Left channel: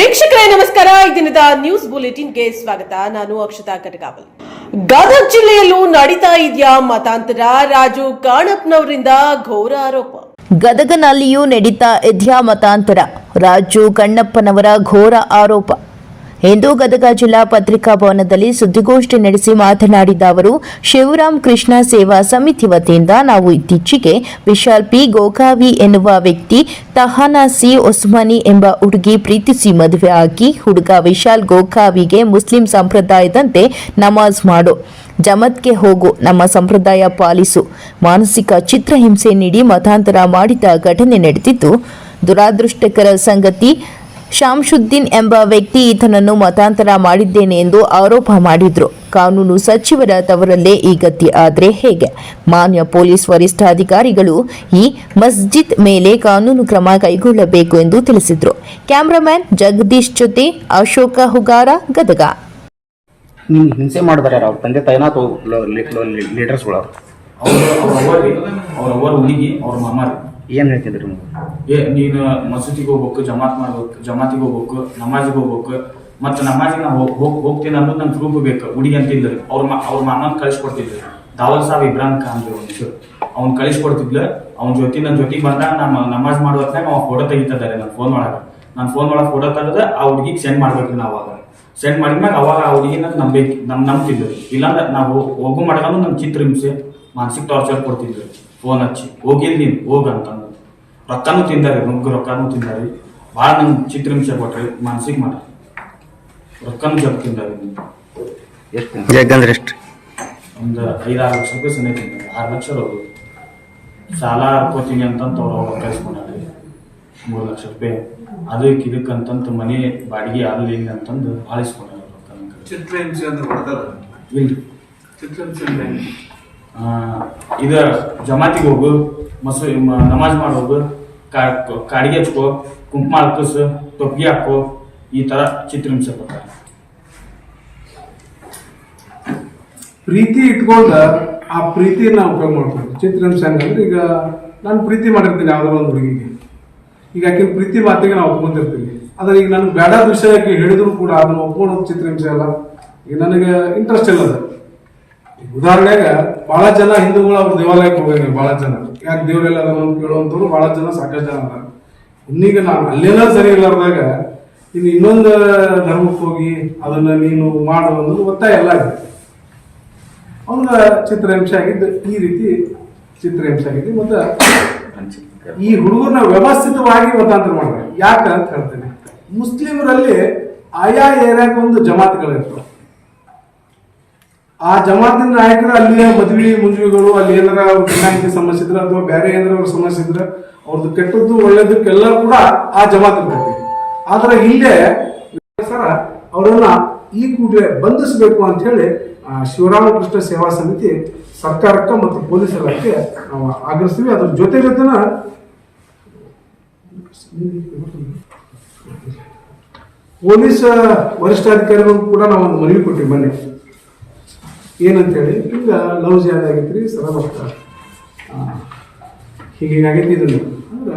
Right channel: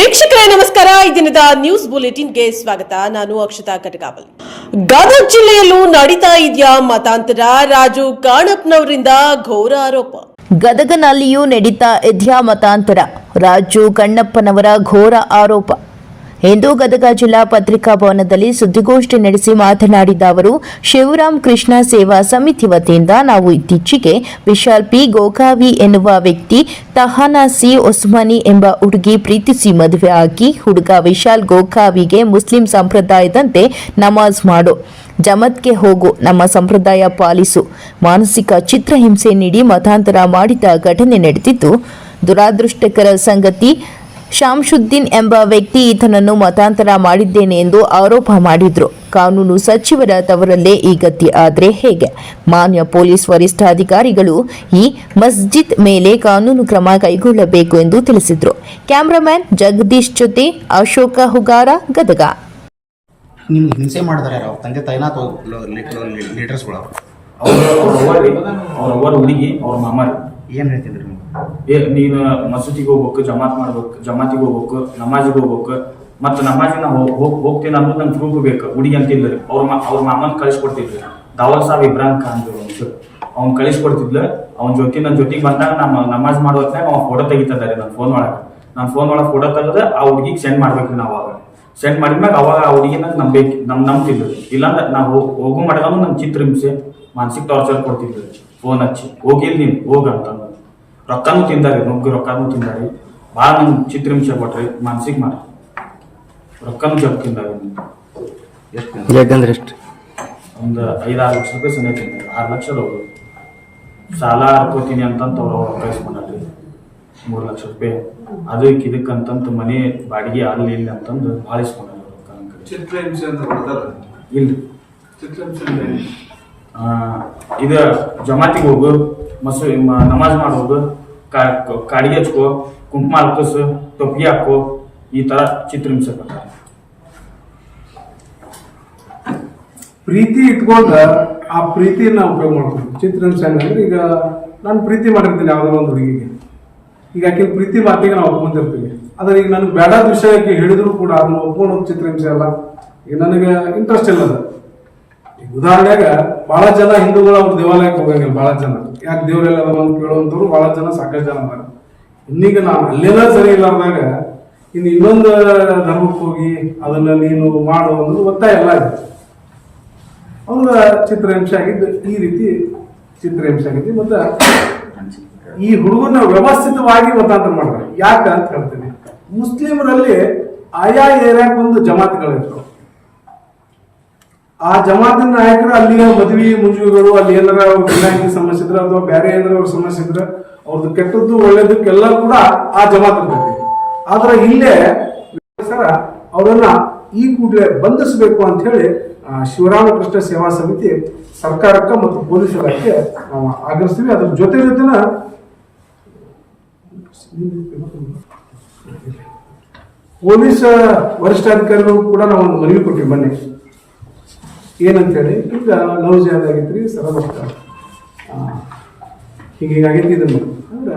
ವೀಕ್ಷಕರೇ ನಮಸ್ಕಾರ. ಈ ದಿನದ ನ್ಯೂಸ್ ಬುಲೆಟಿನ್ಗೆ ಸ್ವಾಗತ. ನಾನು ಅಕ್ಷತಾ ಕಟಕಾವಲ್. ಗದಗ ಜಿಲ್ಲೆಯಲ್ಲೂ ನಡೀತಾ ಇದೆಯಾ ಮತಾಂತರ? ರಾಜು ಕಾಣಪ್ಪನವರಿಂದ ಘೋರ ಆರೋಪ. ಗದಗನಲ್ಲಿಯೂ ನಡೀತಾ ಇದೆಯಾ ಮತಾಂತರ? ರಾಜು ಕಣ್ಣಪ್ಪನವರ ಘೋರ ಆರೋಪ. ಇಂದು ಗದಗ ಜಿಲ್ಲಾ ಪತ್ರಿಕಾ ಭವನದಲ್ಲಿ ಸುದ್ದಿಗೋಷ್ಠಿ ನಡೆಸಿ ಮಾತನಾಡಿದ ಅವರು, ಶಿವರಾಮ್ ಕೃಷ್ಣ ಸೇವಾ ಸಮಿತಿ ವತಿಯಿಂದ ನಾವು ಇತ್ತೀಚೆಗೆ ವಿಶಾಲ್ ಪಿ ಗೋಕಾವಿ ಎನ್ನುವ ವ್ಯಕ್ತಿ ತಹಾನಾ ಸಿ ಒಸ್ಮಾನಿ ಎಂಬ ಹುಡುಗಿ ಪ್ರೀತಿಸಿ ಮದುವೆ ಆಗಿ ಹುಡುಗ ವಿಶಾಲ್ ಗೋಕಾವಿಗೆ ಮುಸ್ಲಿಂ ಸಂಪ್ರದಾಯದಂತೆ ನಮಾಜ್ ಮಾಡು, ಜಮತ್ಗೆ ಹೋಗು, ನಮ್ಮ ಸಂಪ್ರದಾಯ ಪಾಲಿಸು, ಮಾನಸಿಕ ಚಿತ್ರಹಿಂಸೆ ನೀಡಿ ಮತಾಂತರ ಮಾಡಿದ ಘಟನೆ ನಡೆದಿದ್ದು, ದುರಾದೃಷ್ಟಕರ ಸಂಗತಿ ಶಾಂಶುದ್ದೀನ್ ಎಂಬ ವ್ಯಕ್ತಿ ಈತನನ್ನು ಮತಾಂತರ ಮಾಡಿದ್ದೇನೆ ಎಂದು ಆರೋಪ ಮಾಡಿದ್ರು. ಕಾನೂನು ಸಚಿವರ ತವರಲ್ಲೇ ಈ ಗತಿ ಆದರೆ ಹೇಗೆ? ಮಾನ್ಯ ಪೊಲೀಸ್ ವರಿಷ್ಠಾಧಿಕಾರಿಗಳು ಈ ಮಸ್ಜಿದ್ ಮೇಲೆ ಕಾನೂನು ಕ್ರಮ ಕೈಗೊಳ್ಳಬೇಕು ಎಂದು ತಿಳಿಸಿದ್ರು. ಕ್ಯಾಮರಾಮ್ಯಾನ್ ಜಗದೀಶ್ ಜೊತೆ ಅಶೋಕ ಹುಗಾರ, ಗದಗ. ಹಿಂಸೆ ಮಾಡಿದಾರೆ ಅವ್ರ ತಂದೆ ತಾಯಿನ ಲೀಡರ್ಸ್ಗಳು ಅವ್ರ ಹುಡುಗಿ ಅವ್ರ ಮಾಮಾರಿ ಏನ್ ಹೇಳ್ತಿದ್ರಿ ನೀನು ಮಸೂದಿಗೆ ಹೋಗ್ಬೇಕು, ಜಮಾತಿಗೆ ಹೋಗ್ಬೇಕು, ನಮಾಜಿಗೆ ಹೋಗ್ಬೇಕು, ಮತ್ತೆ ನಮಾಜಿಗೆ ನಾ ಹೋಗ್ತೀನಿ ಅನ್ನೋದು ನಂಗೆ ಪ್ರೂಫ್ ಬೇಕು. ಹುಡುಗಿ ಅಂತಿದ್ರಿ ಅವ್ರ ಮಾಮನ್ ಕಳಿಸ್ಕೊಡ್ತಿದ್ರಿ. ದಾವಲ್ ಸಾಬ್ ಇಬ್ರಾಹಿಂ ಖಾನ್ ಅವ್ನು ಕಳಿಸ್ಕೊಡ್ತಿದ್ಲು. ಅವ್ನ ನನ್ನ ಜೊತೆಗೆ ಬಂದಾಗ ನಾನು ನಮಾಜ್ ಮಾಡೋ ಹೊತ್ನಾಗ ಅವ್ನು ಫೋಟೋ ತೆಗಿತಿದ್ದಾರೆ ನನ್ನ ಫೋನ್ ಒಳಗೆ ಫೋಟೋ ತೆಗೆದು ಆ ಹುಡುಗಿಗೆ ಸೆಂಡ್ ಮಾಡ್ಬೇಕ್ರಿ. ನಾವು ಅವಾಗ ಸೆಂಡ್ ಮಾಡಿದ್ಮ್ಯಾಗ ಅವಾಗ ಆ ಹುಡುಗಿನ ನಂಬ್ತಿದ್ವಿ. ಇಲ್ಲಾಂದ್ರೆ ನಾವು ಹೋಗು ಮಾಡ್ಕೊಂಡು ನಮ್ ಚಿತ್ರ ಹಿಂಸೆ, ಮಾನಸಿಕ ಟಾರ್ಚರ್ ಕೊಡ್ತಿದ್ವಿ. ಫೋನ್ ಹಚ್ಚಿ ಹೋಗಿಲ್ ನೀನು ಹೋಗ ಅಂತಂದ. ರೊಕ್ಕನೂ ತಿಂದಾರಿ, ರೊಕ್ಕನೂ ತಿಂದಾರಿ, ಭಾಳ ನಂಗೆ ಚಿತ್ರಹಿಂಸೆ ಕೊಟ್ರಿ, ಮಾನಸಿಕ ಮಾಡ್ರಿ, ರೊಕ್ಕನೂ ಜಪ್ ತಿಂದಾರಿ. ಎಷ್ಟು ಒಂದು 5-6 ಲಕ್ಷ ರೂಪಾಯಿ ಸನೇ ತಿಂದಾರಿ. 6 ಲಕ್ಷ ಹೋಗಿ ಸಾಲ ಹಾಕೋತೀನಿ ಅಂತಂತ ಅವ್ರು ಕಳಿಸ್ಕೊಂಡ್ರಿ 3 ಲಕ್ಷ ರೂಪಾಯಿ. ಅದಕ್ಕೆ ಇದಕ್ಕಂತಂತ ಮನೆ ಬಾಡಿಗೆ ಅಲ್ಲಿ ಇಲ್ಲಿ ಅಂತಂದು ಆಳಿಸ್ಕೊಂಡ್ರಿ. ಚಿತ್ರಹಿಂಸೆ ಅಂತ ಕೊಡ್ತಾರ ಇಲ್ರಿ. ಚಿತ್ರಹಿಂಸೆ ಇದು ಜಮಾತಿಗೆ ಹೋಗು, ನಮಾಜ್ ಮಾಡೋದು, ಕಾಡಿಗೆ ಹಚ್ಕೋ, ಕುಂಕುಮ ಹಾಕಸ್, ಟೊಪ್ಪಿಗೆ ಹಾಕೋ, ಈ ತರ ಚಿತ್ರಹಿಂಸೆ ಕೊಡ್ತಾರೆ. ಪ್ರೀತಿ ಇಟ್ಕೊಂಡ ಆ ಪ್ರೀತಿಯನ್ನ ಉಪಯೋಗ ಮಾಡ್ತೀವಿ. ಚಿತ್ರಹಿಂಸೆ ಹಂಗಂದ್ರೆ ಈಗ ನಾನು ಪ್ರೀತಿ ಮಾಡಿರ್ತೀನಿ ಯಾವ್ದಾರ ಒಂದು ಹುಡುಗಿಗೆ, ಈಗ ಆಕೆ ಪ್ರೀತಿ ಮಾತಿಗೆ ನಾವು ಒಪ್ಕೊಂತಿರ್ತೀವಿ. ಆದ್ರೆ ಈಗ ನನಗೆ ಬೇಡಾದ ವಿಷಯಕ್ಕೆ ಹೇಳಿದ್ರು ಕೂಡ ಅದನ್ನ ಒಪ್ಕೊಂಡು ಚಿತ್ರಹಿಂಸೆ ಅಲ್ಲ. ಈಗ ನನಗೆ ಇಂಟ್ರೆಸ್ಟ್ ಇಲ್ಲ. ಅದು ಉದಾಹರಣೆಗ ಬಹಳ ಜನ ಹಿಂದೂಗಳು ಅವ್ರ ದೇವಾಲಯಕ್ಕೆ ಹೋಗಂಗಿಲ್ಲ. ಬಹಳ ಜನ ಯಾಕೆ ದೇವರೆಲ್ಲ ಅದನ್ನು ಕೇಳುವಂತವ್ರು ಬಹಳ ಜನ, ಸಾಕಷ್ಟು ಜನ ಅದಾರ. ಇನ್ನೀಗ ನಾನು ಅಲ್ಲೇನ ಸರಿ ಇಲ್ಲಾರ್ದಾಗ ಇನ್ನು ಇನ್ನೊಂದು ಧರ್ಮಕ್ಕೆ ಹೋಗಿ ಅದನ್ನ ನೀನು ಮಾಡು ಅನ್ನೋದು ಒತ್ತಾಯ ಎಲ್ಲ ಇದೆ. ಅವ್ನ ಚಿತ್ರಹಿಂಸೆ ಆಗಿದ್ದು ಈ ರೀತಿ ಚಿತ್ರಹಿಂಸೆ ಆಗಿದ್ದು. ಮತ್ತೆ ಈ ಹುಡುಗರನ್ನ ವ್ಯವಸ್ಥಿತವಾಗಿ ಮತಾಂತರ ಮಾಡ್ತಾರೆ. ಯಾಕೆ ಅಂತ ಹೇಳ್ತೇನೆ. ಮುಸ್ಲಿಮರಲ್ಲಿ ಆಯಾ ಏರಿಯಾಕ್ಕೆ ಒಂದು ಜಮಾತ್ಗಳಿರ್ತವೆ. ಆ ಜಮಾತಿನ ನಾಯಕರು ಅಲ್ಲಿಯ ಮದುವೆ ಮುಂಜುಗಳು, ಅಲ್ಲಿ ಏನಾರ ವಿನಾಯಕಿ ಸಮಸ್ಯೆ ಇದ್ರೆ ಅಥವಾ ಬೇರೆ ಏನಾರ ಅವ್ರ ಸಮಸ್ಯೆ ಇದ್ರೆ ಅವ್ರದ್ದು ಕೆಟ್ಟದ್ದು ಒಳ್ಳೇದಕ್ಕೆಲ್ಲ ಕೂಡ ಆ ಜಮಾತ್ ಇರ್ತೈತಿ. ಆದ್ರೆ ಇಲ್ಲೇ ಸರ ಅವರನ್ನ ಈ ಕೂಡಲೇ ಬಂಧಿಸಬೇಕು ಅಂತ ಹೇಳಿ ಶಿವರಾಮಕೃಷ್ಣ ಸೇವಾ ಸಮಿತಿ ಸರ್ಕಾರಕ್ಕೆ ಮತ್ತು ಪೊಲೀಸ್ ಇಲಾಖೆ ನಾವು ಆಗ್ರಹಿಸ್ತೀವಿ. ಅದ್ರ ಜೊತೆ ಪೊಲೀಸ್ ವರಿಷ್ಠಾಧಿಕಾರಿಗಳು ಕೂಡ ನಾವು ಒಂದು ಮನವಿ ಕೊಟ್ಟಿವಿ ಮೊನ್ನೆ. ಏನಂತೇಳಿ, ಈಗ ಲವ್ ಜಾದ ಆಗೈತ್ರಿ, ಸರಬಷ್ಟ ಹೀಗಾಗೈತಿ. ಇದನ್ನು ಅಂದ್ರೆ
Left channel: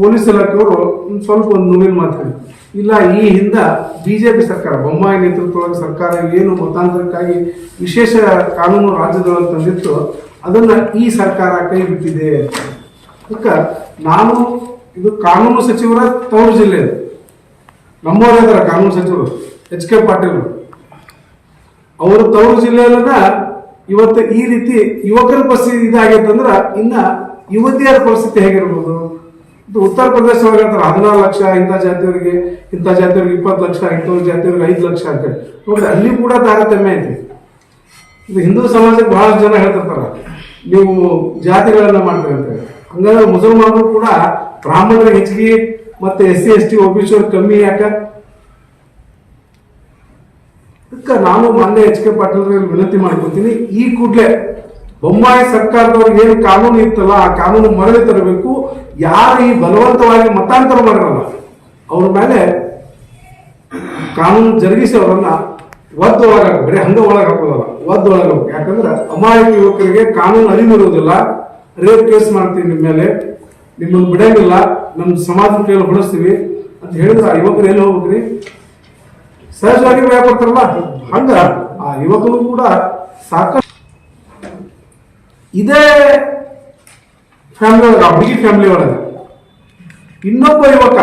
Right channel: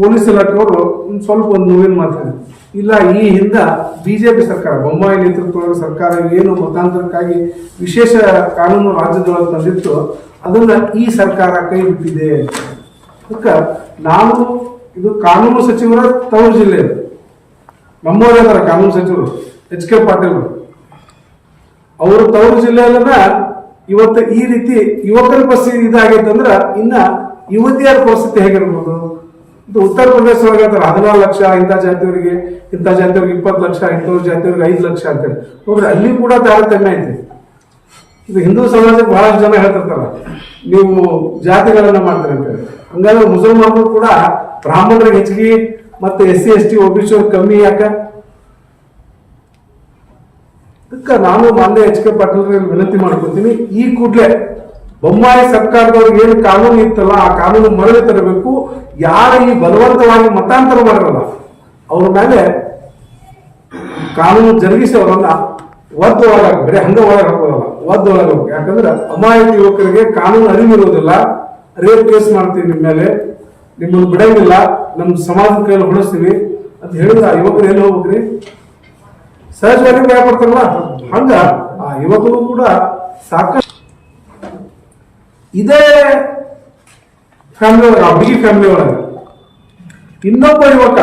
ಪೊಲೀಸ್ ಇಲಾಖೆಯವರು ಸ್ವಲ್ಪ ಒಂದು ನೋವಿನ ಮಾತಾಡಿ ಇಲ್ಲ. ಈ ಹಿಂದ ಬಿಜೆಪಿ ಸರ್ಕಾರ, ಬೊಮ್ಮಾಯಿ ನೇತೃತ್ವದ ಸರ್ಕಾರ ಏನು ಮತಾಂತರಕ್ಕಾಗಿ ವಿಶೇಷ ಕಾನೂನು ರಾಜ್ಯದೊಳಗೆ ತಂದಿತ್ತು, ಅದನ್ನ ಈ ಸರ್ಕಾರ ಕೈ ಬಿಟ್ಟಿದೆ. ಅದಕ್ಕೆ ನಾನು ಇದು ಕಾನೂನು ಸಚಿವರ ತವರು ಜಿಲ್ಲೆ, ನಮ್ಮವರೇ ಅದರ ಕಾನೂನು ಸಚಿವರು HK ಪಾಟೀಲ್ ಅವ್ರ ತವರು ಜಿಲ್ಲೆಯಲ್ಲ. ಇವತ್ತು ಈ ರೀತಿ ಯುವಕರ ಪರಿಸ್ಥಿತಿ ಇದಾಗೈತಂದ್ರ ಇನ್ನ ಯುವತಿಯರ ಪರಿಸ್ಥಿತಿ ಹೇಗಿರ್ಬೋದು? ಇದು ಉತ್ತರ ಪ್ರದೇಶ ಒಳಗೆ 14 ಲಕ್ಷ ಇಂಥ ಜಾತಿಯವರಿಗೆ, ಇಂಥ ಜಾತಿಯವ್ರಿಗೆ 20 ಲಕ್ಷ, ಇಂಥವ್ರ ಜಾತಿಯವ್ರಿಗೆ 5 ಲಕ್ಷ ಅಂತೇಳಿ ನೋಡ್ರಿ. ಅಲ್ಲಿ ಕೂಡ ತಾರತಮ್ಯ ಐತಿ. ಇದು ಹಿಂದೂ ಸಮಾಜಕ್ಕೆ ಬಹಳ ಜನ ಹೇಳ್ತಿರ್ತಾರ ನೀವು ಜಾತಿಗಳನ್ನ ಮಾಡ್ತೀರಿ ಅಂತೇಳಿ. ಹಂಗಾದ್ರೆ ಮುಸಲ್ಮಾನರು ಕೂಡ ಬ್ರಾಹ್ಮಣರಿಗೆ ಹೆಚ್ಚಿಗೆ ಮತ್ತೆ SC ST OBC ಕಮ್ಮಿ ಯಾಕೆ? ಅದಕ್ಕೆ ನಾನು ಮಾನ್ಯ HK ಪಾಟೀಲ್ ವಿನಂತಿ ಮಾಡ್ಕೊತೀನಿ, ಈ ಕೂಡಲೇ ಬೊಮ್ಮಾಯಿ ಸರ್ಕಾರದವ್ರಿಗೆ ಏನು ಕಾನೂನು ಇತ್ತಲ್ಲ ಆ ಕಾನೂನು ಮರಳಿ ತರಬೇಕು. ಯಾರು ಈ ಬಲವಂತವಾಗಿ ಮತಾಂತರ ಮಾಡಿರಲ್ಲ ಅವ್ರ ಮೇಲೆ ಕಾನೂನು ಜರುಗಿಸಿ ಅವರನ್ನ ಒದ್ದೊಳಗ, ಬರೀ ಹಂಗ ಒಳಗೆ ಹಾಕೋದಲ್ಲ, ಒದ್ದೊಳಗಬೇಕು. ಯಾಕಂದ್ರೆ ಅಮಾಯಕ ಯುವಕರಿಗೆ ಕಾನೂನು ಅರಿವಿರುವುದಿಲ್ಲ. ರೇಪ್ ಕೇಸ್ ಮಾಡ್ತೀವಿ ನಿಮ್ಮ ಮೇಲೆ, ನಿಮ್ಮನ್ನು ಬಿಡಂಗಿಲ್ಲ, ನಮ್ಮ ಸಮಾಜದ ಕೈಯಲ್ಲಿ ಹೊಡಿಸ್ತೀವಿ ಅಂತ ಅಂತ ಹೇಳಿದ್ರೆ ಆ ಯುವಕರು ಎಲ್ಲಿ ಹೋಗ್ಬೇಕ್ರಿ? ಸಹಜವಾಗಿ ಭಯ ಪಡ್ತಾರಲ್ಲ, ಹಂಗ ಆ ಯುವಕರು ಕೂಡ ಸಾಕಷ್ಟು ಇದೇ ಫ್ಯಾಮಿಲಿ ಒಳಗೆ, ಆ ಹುಡುಗಿ ಫ್ಯಾಮಿಲಿ ಒಳಗೆ ಇನ್ನೊಬ್ಬ ಯುವಕ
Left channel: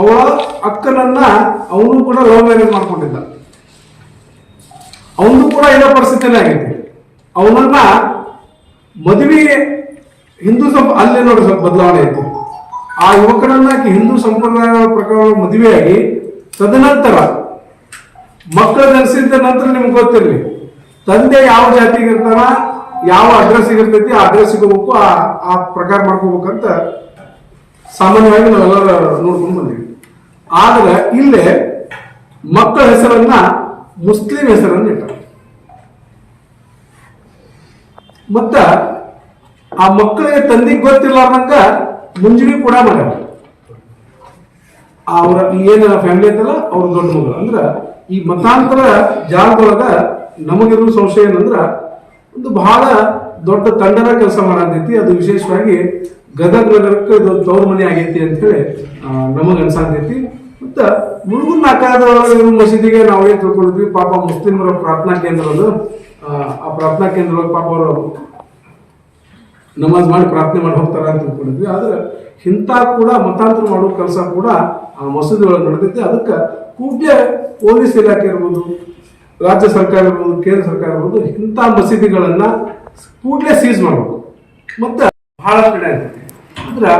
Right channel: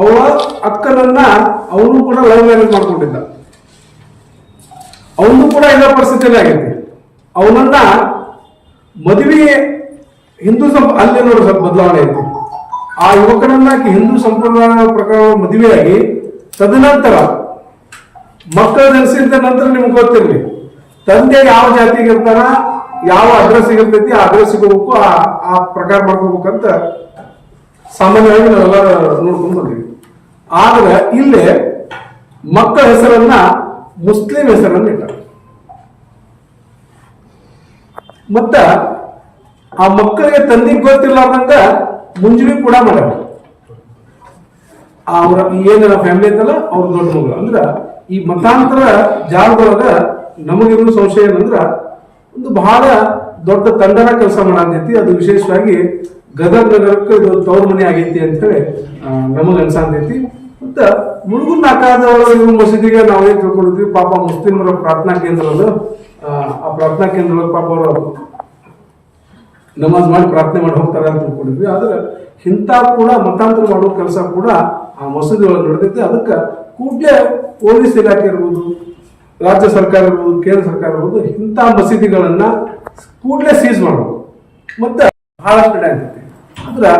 ಅವಳ ಅಕ್ಕನನ್ನ ಅವನು ಕೂಡ ಲವ್ ಮ್ಯಾರೇಜ್ ಮಾಡ್ಕೊಂಡಿದ್ದ. ಅವನು ಕೂಡ ಇದೇ ಪರಿಸ್ಥಿತಿನೇ ಆಗೈತಿ. ಅವನನ್ನ ಮದುವೆ ಹಿಂದೂ ಅಲ್ಲಿ ನೋಡಿ ಸ್ವಲ್ಪ ಬದಲಾವಣೆ ಆಯ್ತು. ಆ ಯುವಕನನ್ನ ಹಿಂದೂ ಸಂಪ್ರದಾಯ ಪ್ರಕಾರ ಮದುವೆಯಾಗಿ ತದನಂತರ ಮಕ್ಕಳ ಜನಿಸಿದ ನಂತರ ನಿಮ್ಗೆ ಗೊತ್ತಿರಲಿ, ತಂದೆ ಯಾವ ಜಾತಿಗೆ ಇರ್ತಾನ, ಯಾವ ಅಡ್ರೆಸ್ ಇರ್ತೈತಿ, ಆ ಅಡ್ರೆಸ್ಗೆ ಹೋಗ್ಬೇಕು, ಆ ಪ್ರಕಾರ ಮಾಡ್ಕೋಬೇಕಂತ ಸಾಮಾನ್ಯವಾಗಿ ನಾವೆಲ್ಲರೂ ನೋಡ್ಕೊಂಡು ಬಂದೀವಿ. ಆದ್ರೆ ಇಲ್ಲೇ ಮಕ್ಕಳ ಹೆಸರನ್ನ ಮುಸ್ಲಿಂ ಹೆಸರನ್ನ ಇಟ್ಟ. ಮತ್ತ ಆ ಮಕ್ಕಳಿಗೆ ತಂದೆಗೆ ಗೊತ್ತಿರ್ಲಾರ್ದಂಗ ಮುಂಜಾನೆ ಕೂಡ ಮಾಡ್ಯಾರ. ಅವ್ರ ಏನೆಲ್ಲ ಫ್ಯಾಮಿಲಿ ಐತಲ್ಲ ಅವ್ರ ದೊಡ್ಡ ಮಗಳು. ಅಂದ್ರ ಈ ಮತಾಂತರ ಜಾಗದೊಳಗ ನಮಗಿರೋ ಸಂಶಯ ಏನಂದ್ರ ಒಂದು ಬಹಳ ದೊಡ್ಡ ತಂಡನ ಕೆಲಸ ಮಾಡತೈತಿ. ಅದು ವಿಶೇಷವಾಗಿ ಗದಗ ನಗರಕ್ಕೆ ಇದು ತವ್ರ ಮನೆ ಆಗೈತಿ ಅಂತ ಹೇಳಿ ನಮಗ್ ಅನ್ಸಾತೈತಿ. ಮತ್ತ ಮುಳುಗುನ್ ನಾಕಾದ ಮಸೀದಿಗೆ ನಾವೇನ್ ತಿಳ್ಕೊಂಡಿದ್ವಿ, ಪಾಪ ಮುಸ್ಲಿಮರ ಪ್ರಾರ್ಥನಾ ಕೇಂದ್ರ ಅದು. ಆ ಪ್ರಾರ್ಥನಾ ಕೇಂದ್ರ ಪಾಪ ಅವರು ನಮಾಜ್ ಮಾಡಿ ಪ್ರಾರ್ಥನೆ ಮಾಡಿ ಹೋಗ್ತಾರ ಅಂತ ತಿಳ್ಕೊಂಡಿದ್ವಿ. ಆದ್ರೆ ಇಂಥ ಕೂಡ ಮತಾಂತರ ಮಾಡೋ ಕೆಲಸ ಕೂಡ ಆ ಮಸೀದಿ ಒಳಗೆ ನಡೆದೈತಿ. ಅದಕ್ಕೆ ಕೂಡಲೇ ಪೊಲೀಸ್ ಇಲಾಖೆ ಇರ್ಬೋದು, ರಾಜ್ಯ ಸರ್ಕಾರ ಇರ್ಬೋದು, ಕೇಂದ್ರ ಸರ್ಕಾರ ಇರ್ಬೋದು, ಇಂಥ ಮಸೀದಿಗಳನ್ನ ಕೂಡಲೇ ಸೀಸ್ ಮಾಡಬೇಕು. ಮತ್ತೆ ಬಹಳ ಕಡೆ ಆಗ್ತೈತಿ ಅಂದ್ರೆ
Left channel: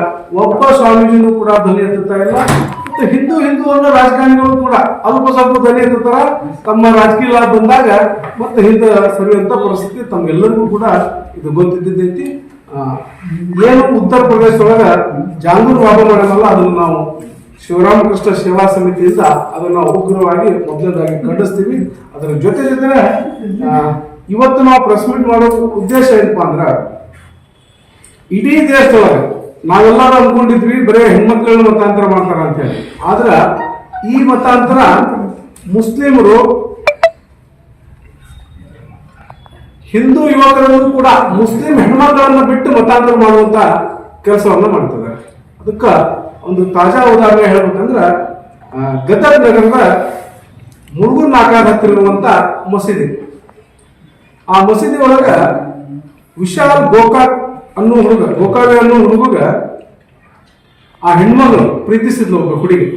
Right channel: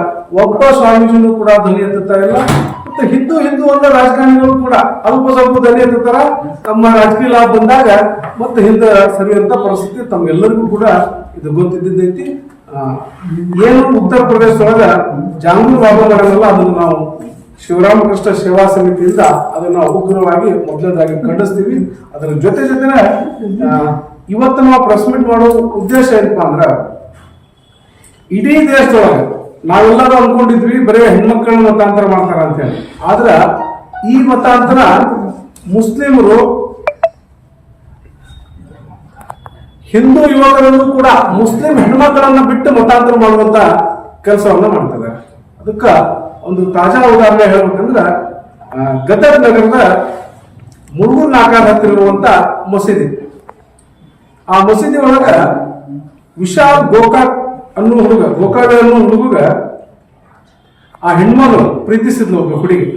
ಒಬ್ಬ ಸ್ವಾಮೀಜಿನೂ ಕೂಡ ಧ್ವನಿ ಎತ್ತುತ್ತಾರಿಲ್ಲ. ಮತ್ತೆ ಹಿಂದೂ ಅನ್ನೋ ರಾಜಕಾರಣಿಗಳು ಕೂಡ ಅಲ್ಪ ಸ್ವಲ್ಪ ಧ್ವನಿ ಎತ್ತುತ್ತಾರ. ತಮ್ಮ ರಾಜಕೀಯ ಲಾಭ ಬಂದಾಗ ಮತ್ತೆ ಹಿಂದೆ ಸರಿಯುವಂತ ಪರಿಸ್ಥಿತಿ ತಮ್ಮೆಲ್ಲರಿಗೂ ಕೂಡ ಇದು ಗೊತ್ತಿದ್ದೈತಿ. ಏನು ಉತ್ತರ ಪ್ರದೇಶದೊಳಗ ಜಾಂಗೂರ್ ಬಾಬಾ ಮಾಡಲ್ಲ, ಅದನ್ನು ನಾವು ಶಿವರಾಮಕೃಷ್ಣ ಸೇವಾ ಸಮಿತಿಯಿಂದ ಅದನ್ನು ಉಗ್ರವಾಗಿ ಮೊದಲನೇದಾಗಿ ಖಂಡಿಸ್ತೀವಿ. ಅದರ ಜೊತೆ ಇವತ್ತು ನಾವು ಪ್ರೆಸ್ ಮೀಟ್ ಮಾಡೋ ಉದ್ದೇಶ ಏನಪ್ಪಾ ಅಂದ್ರ, ಇಡೀ ದೇಶದೊಳಗೆ ನಾವೆಲ್ಲರೂ ಅನ್ಕೊಂಡಿದ್ವಿ ಬರೀ ಹೆಣ್ಮಕ್ಳನ್ನ ಮತಾಂತರ ಮಾಡ್ತಾರ ಅಂತ ಹೇಳಿ. ಆದ್ರ ಈ ಮತಾಂತರ ಮುಸ್ಲಿಮರು ಹಿಂದೂ ಯುವಕರನ್ನು ಕೂಡ ಮುಸ್ಲಿಂ ಹೆಣ್ಮಕ್ಳನ್ನ ಬಿಟ್ಟು ಮತಾಂತರ ಮಾಡುವಂತ ಕೆಲಸವನ್ನ ಮಾಡ್ತಾರೆ. ಅದಕ್ಕ ಒಂದು ತಾಜಾ ಉದಾಹರಣೆ ಹೇಳ್ಬೇಕಂದ್ರ, ಗದಗ ನಗರದ ಮುಳುಗುನ್ ನಾಕಾದ ಹತ್ತಿರ ಇರುವಂತ ಮಸೀದಿ. ಆ ಮಸೀದಿ ಒಳಗ ವಿಶಾಲ್ ಗೋಕಾಕ್ ಅನ್ನೋ ಹುಡುಗ, ಗೋಕಾವೆ ಅನ್ನೋ ಹುಡುಗ ಆ ಹೆಣ್ಮಗಳು ಪ್ರೀತಿಸಿದ್ಲು ಒಬ್ಬ ಹುಡುಗಿ.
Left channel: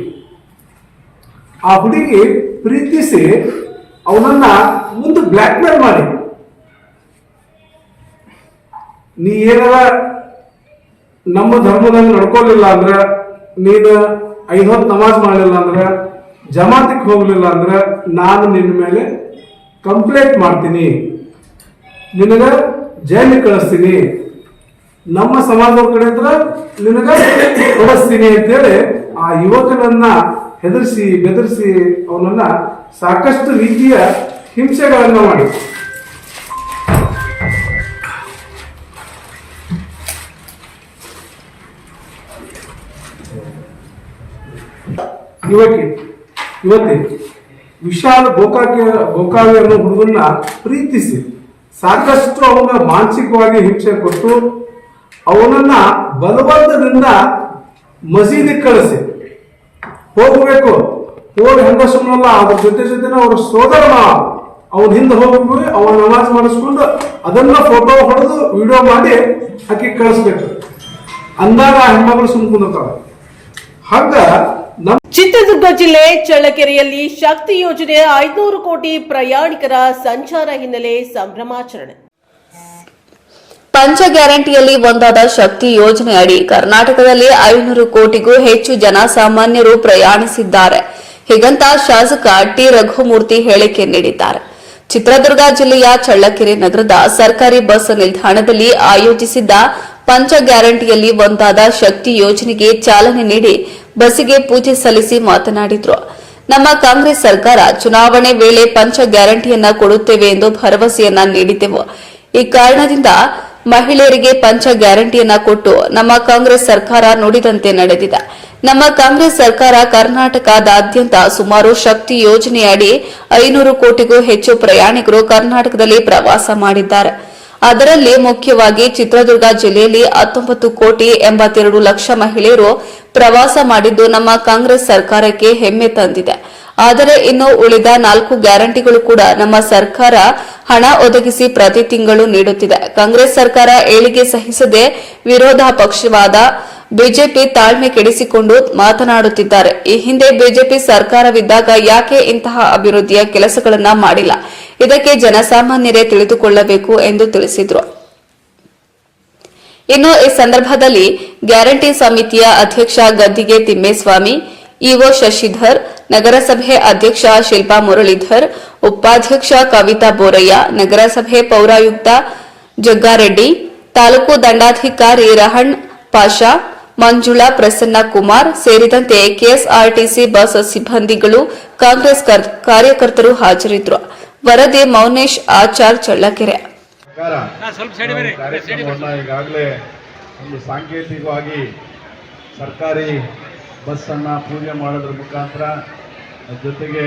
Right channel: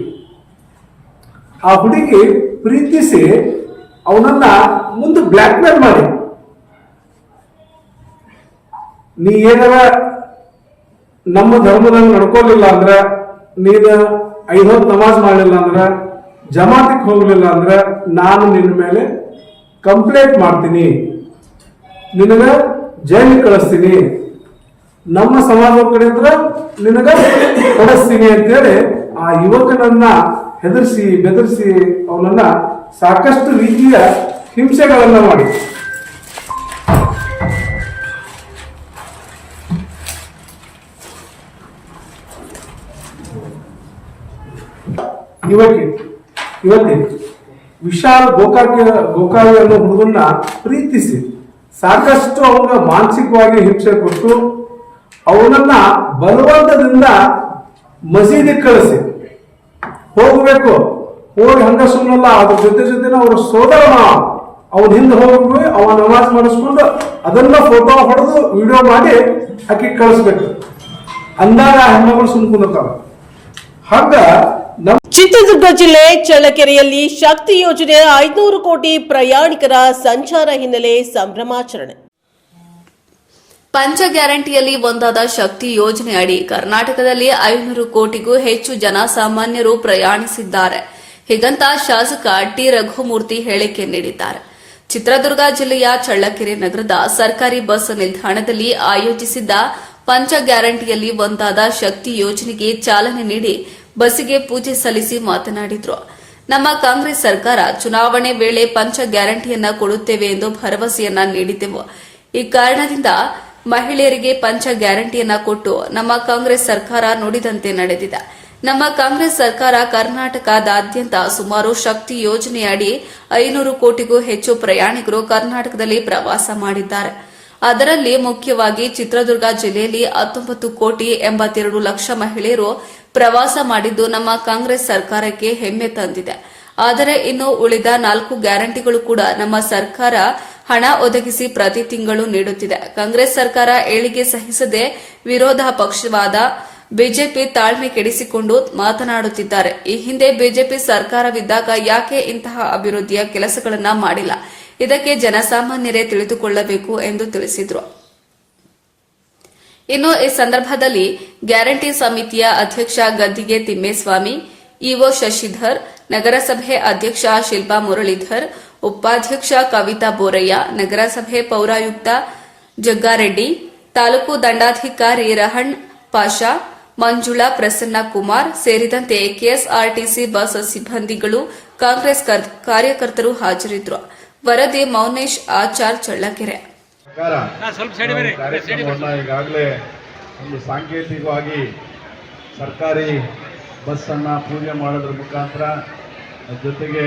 ಆ ಹುಡುಗಿ ಪ್ರೀತಿಸಿ ಅವನನ್ನ ಮುಂದೆ ಬ್ಲ್ಯಾಕ್ ಮೇಲ್ ಮಾಡಿ, ನೀ ಏನಾರ ನಮ್ಮ ಧರ್ಮದಂಗ ನಡ್ಕೋಲಿಲ್ಲ ಅಂದ್ರ, ನೀನು 5 ಹೊತ್ತು ನಮಾಜ್ ಮಾಡಲಿಲ್ಲ ಅಂದ್ರ, ಜಮಾತಿಗೆ ಹೋಗ್ಲಿಲ್ಲ ಅಂದ್ರ ನಾನು ನಿನ್ನ ಮೇಲೆ ಕಂಪ್ಲೇಂಟ್ ಮಾಡ್ತೀನಿ, ನಿನಗ ಜೈಲಿಗೆ ಕಳಿಸ್ತೀನಿ, ನಮ್ಮ ಸಮಾಜದ ಕಡೆ ನಿನಗ ಕೊಡಿಸ್ತೀನಿ ಅಂತೇಳಿ ಆ ಯುವಕನನ್ನ ಹೆದರ್ಸಿ ಬೆದರಿಸಿ ಅವನನ್ನ ಸಾಕಷ್ಟು ರೀತಿಯ ಹಿಂಸೆಗಳನ್ನ ಮಾಡಿ ಇವತ್ತಿ ವಿಶಾಲ್ ಗೋಕಾವಿ ಅನ್ನೋ ಹುಡುಗನ್ನ ಪ್ರೀತಿಸಿ ಸಾಕಷ್ಟು ಅವನ ಮಾನಸಿಕವಾಗಿ ಹಿಂಸೆ ಕೊಟ್ಟು ಅವನನ್ನ ಬಲವಂತದಿಂದ ಮಸೀದಿ ಕಳಿಸಿ ಹೋಗ್ಬೇಕು. ಹೋಗಿ ಹಂಗ ಸುಮ್ಮನಲ್ಲ, ಅದ್ರ ಜೊತೆ ಅವ್ರ ಸೋದರ ಅವನ ಹಿಂದೆ ಹೋಗಿ ಅವ ನಮಾಜ್ ಮಾಡಿಸ್ಕೊಂಡು ಅದನ್ನ ಫೋಟೋ ಹೊಡೆದು ವಿಡಿಯೋ ಮಾಡಿ ಆಕಿ ಕಳಿಸ್ಬೇಕು. ಅಂದಾಗ ಹೆಣ್ಮಗಳು ಸುಮ್ಕೊಂಡಿರ್ತಾವ. ಹಂಗ ಚಿತ್ರದುರ್ಗ ಜಿಲ್ಲೆ ಚಳ್ಳಕೆರೆಯಲ್ಲಿ ಶಕ್ತಿ ಯೋಜನೆ 500 ಕೋಟಿ ಪ್ರಯಾಣಿಕರ ಸಂಚಾರ ಹಿನ್ನೆಲೆ ಸಂಭ್ರಮಾಚರಣೆ. ಪಂಚ ಗ್ಯಾರಂಟಿಯಲ್ಲಿ ಒಂದಾದ ಶಕ್ತಿ ಯೋಜನೆ ಅಡಿ ಕರ್ನಾಟಕದಲ್ಲಿ 500 ಕೋಟಿಗೂ ಹೆಚ್ಚು ಜನಸಾಮಾನ್ಯರು ಪ್ರಯಾಣಿಸಿದ್ದಾರೆ. ಹೀಗಂತ ಶಾಸಕ ಟಿ ರಘುಮೂರ್ತಿ ಹೇಳಿಕೆ ನೀಡಿದ್ದಾರೆ. ಚಿತ್ರದುರ್ಗ ಜಿಲ್ಲೆಯ ಚಳ್ಳಕೆರೆ ನಗರದ ಸರ್ಕಾರಿ ಬಸ್ ನಿಲ್ದಾಣದಲ್ಲಿ ಆಯೋಜಿಸಿದ್ದ ಪಂಚ ಗ್ಯಾರಂಟಿಯಲ್ಲಿ ಒಂದಾದ ಶಕ್ತಿ ಯೋಜನೆಗೆ ಚಾಲನೆ ನೀಡಿ ಬಸ್ಸಿಗೆ ಪೂಜೆ ಸಲ್ಲಿಸಿ ಮಾತನಾಡಿದರು. ನಮ್ಮ ಕಾಂಗ್ರೆಸ್ ಸರ್ಕಾರ ಚುನಾವಣೆ ವೇಳೆ ಪಂಚ ಗ್ಯಾರಂಟಿಯನ್ನ ಕೊಡುತ್ತೇವೆ ಎಂದು ಭರವಸೆಯನ್ನ ನೀಡಿದ್ದೆವು. ಈ ಕಾರಣದಿಂದ ಮಹಿಳೆಯರಿಗೆ ಪಂಚ ಗ್ಯಾರಂಟಿಯನ್ನ ಕೊಟ್ಟು ನಮ್ಮ ಕಾಂಗ್ರೆಸ್ ಸರ್ಕಾರ ನುಡಿದಂತೆ ನಡೆದಿದೆ. ನಮ್ಮ ಕಾಂಗ್ರೆಸ್ ಸರ್ಕಾರ ಕರ್ನಾಟಕದಾದ್ಯಂತ ಸುಮಾರು ಶಕ್ತಿ ಯೋಜನೆಯಡಿ 500 ಕೋಟಿಗೂ ಹೆಚ್ಚು ಪ್ರಯಾಣಿಕರು ಕರ್ನಾಟಕದಲ್ಲಿ ಪ್ರವಾಸ ಮಾಡಿದ್ದಾರೆ. ಅದರಲ್ಲಿ ಮುಖ್ಯವಾಗಿ ಚಿತ್ರದುರ್ಗ ಜಿಲ್ಲೆಯಲ್ಲಿ 19,82,00,000 ಮಹಿಳೆಯರು ಪ್ರವಾಸ ಮಾಡಿದ್ದು ನಮ್ಮ ಕಾಂಗ್ರೆಸ್ ಸರ್ಕಾರಕ್ಕೆ ಹೆಮ್ಮೆ ತಂದಿದೆ. ಆದರೆ ಇನ್ನು ಉಳಿದ 4 ಗ್ಯಾರಂಟಿಗಳು ಕೂಡ ನಮ್ಮ ಸರ್ಕಾರ ಹಣ ಒದಗಿಸಿ ಪ್ರತಿ ತಿಂಗಳು ನೀಡುತ್ತಿದೆ. ಕಾಂಗ್ರೆಸ್ ಸರ್ಕಾರ ಏಳಿಗೆ ಸಹಿಸದೆ ವಿರೋಧ ಪಕ್ಷವಾದ ಬಿಜೆಪಿ ತಾಳ್ಮೆ ಕೆಡಿಸಿಕೊಂಡು ಮಾತನಾಡುತ್ತಿದ್ದಾರೆ. ಈ ಹಿಂದೆ ಬಿಜೆಪಿ ಸರ್ಕಾರವಿದ್ದಾಗ ಯಾಕೆ ಇಂತಹ ಅಭಿವೃದ್ಧಿಯ ಕೆಲಸಗಳನ್ನ ಮಾಡಿಲ್ಲ, ಇದಕ್ಕೆ ಜನಸಾಮಾನ್ಯರೇ ತಿಳಿದುಕೊಳ್ಳಬೇಕು ಎಂದು ತಿಳಿಸಿದರು. ಇನ್ನು ಈ ಸಂದರ್ಭದಲ್ಲಿ ಗ್ಯಾರಂಟಿ ಸಮಿತಿಯ ಅಧ್ಯಕ್ಷ ಗದ್ದಿಗೆ ತಿಮ್ಮೇಸ್ವಾಮಿ, ಇಒ ಶಶಿಧರ್, ನಗರಸಭೆ ಅಧ್ಯಕ್ಷ ಶಿಲ್ಪಾ ಮುರಳೀಧರ್, ಉಪಾಧ್ಯಕ್ಷ ಕವಿತಾ ಬೋರಯ್ಯ, ನಗರಸಭೆ ಪೌರಾಯುಕ್ತ ಜಗ್ಗಾರೆಡ್ಡಿ, ತಾಲೂಕು ದಂಡಾಧಿಕಾರಿ ರಹಣ್ ಪಾಷಾ, ಮಂಜುಳಾ ಪ್ರಸನ್ನ ಕುಮಾರ್ ಸೇರಿದಂತೆ ಕೆಎಸ್ಆರ್ಟಿಸಿ ಬಸ್ ಸಿಬ್ಬಂದಿಗಳು, ಕಾಂಗ್ರೆಸ್ ಕಾರ್ಯಕರ್ತರು ಹಾಜರಿದ್ದರು. ವರದಿ ಮೌನೇಶ್ ಆಚಾರ್ ಚಳ್ಳಕೆರೆ. ಕಾರ್ಯಕ್ರಮವನ್ನು ಈಗಾಗಲೇ ಒಂದು ಸಾಂಕೇತಿಕವಾಗಿ ಸರ್ಕಾರಿ ಬಸ್ಸನ್ನು ಪೂಜೆ ಮಾಡೋದ್ರ ಮುಖಾಂತರ ಜೊತೆಗೆ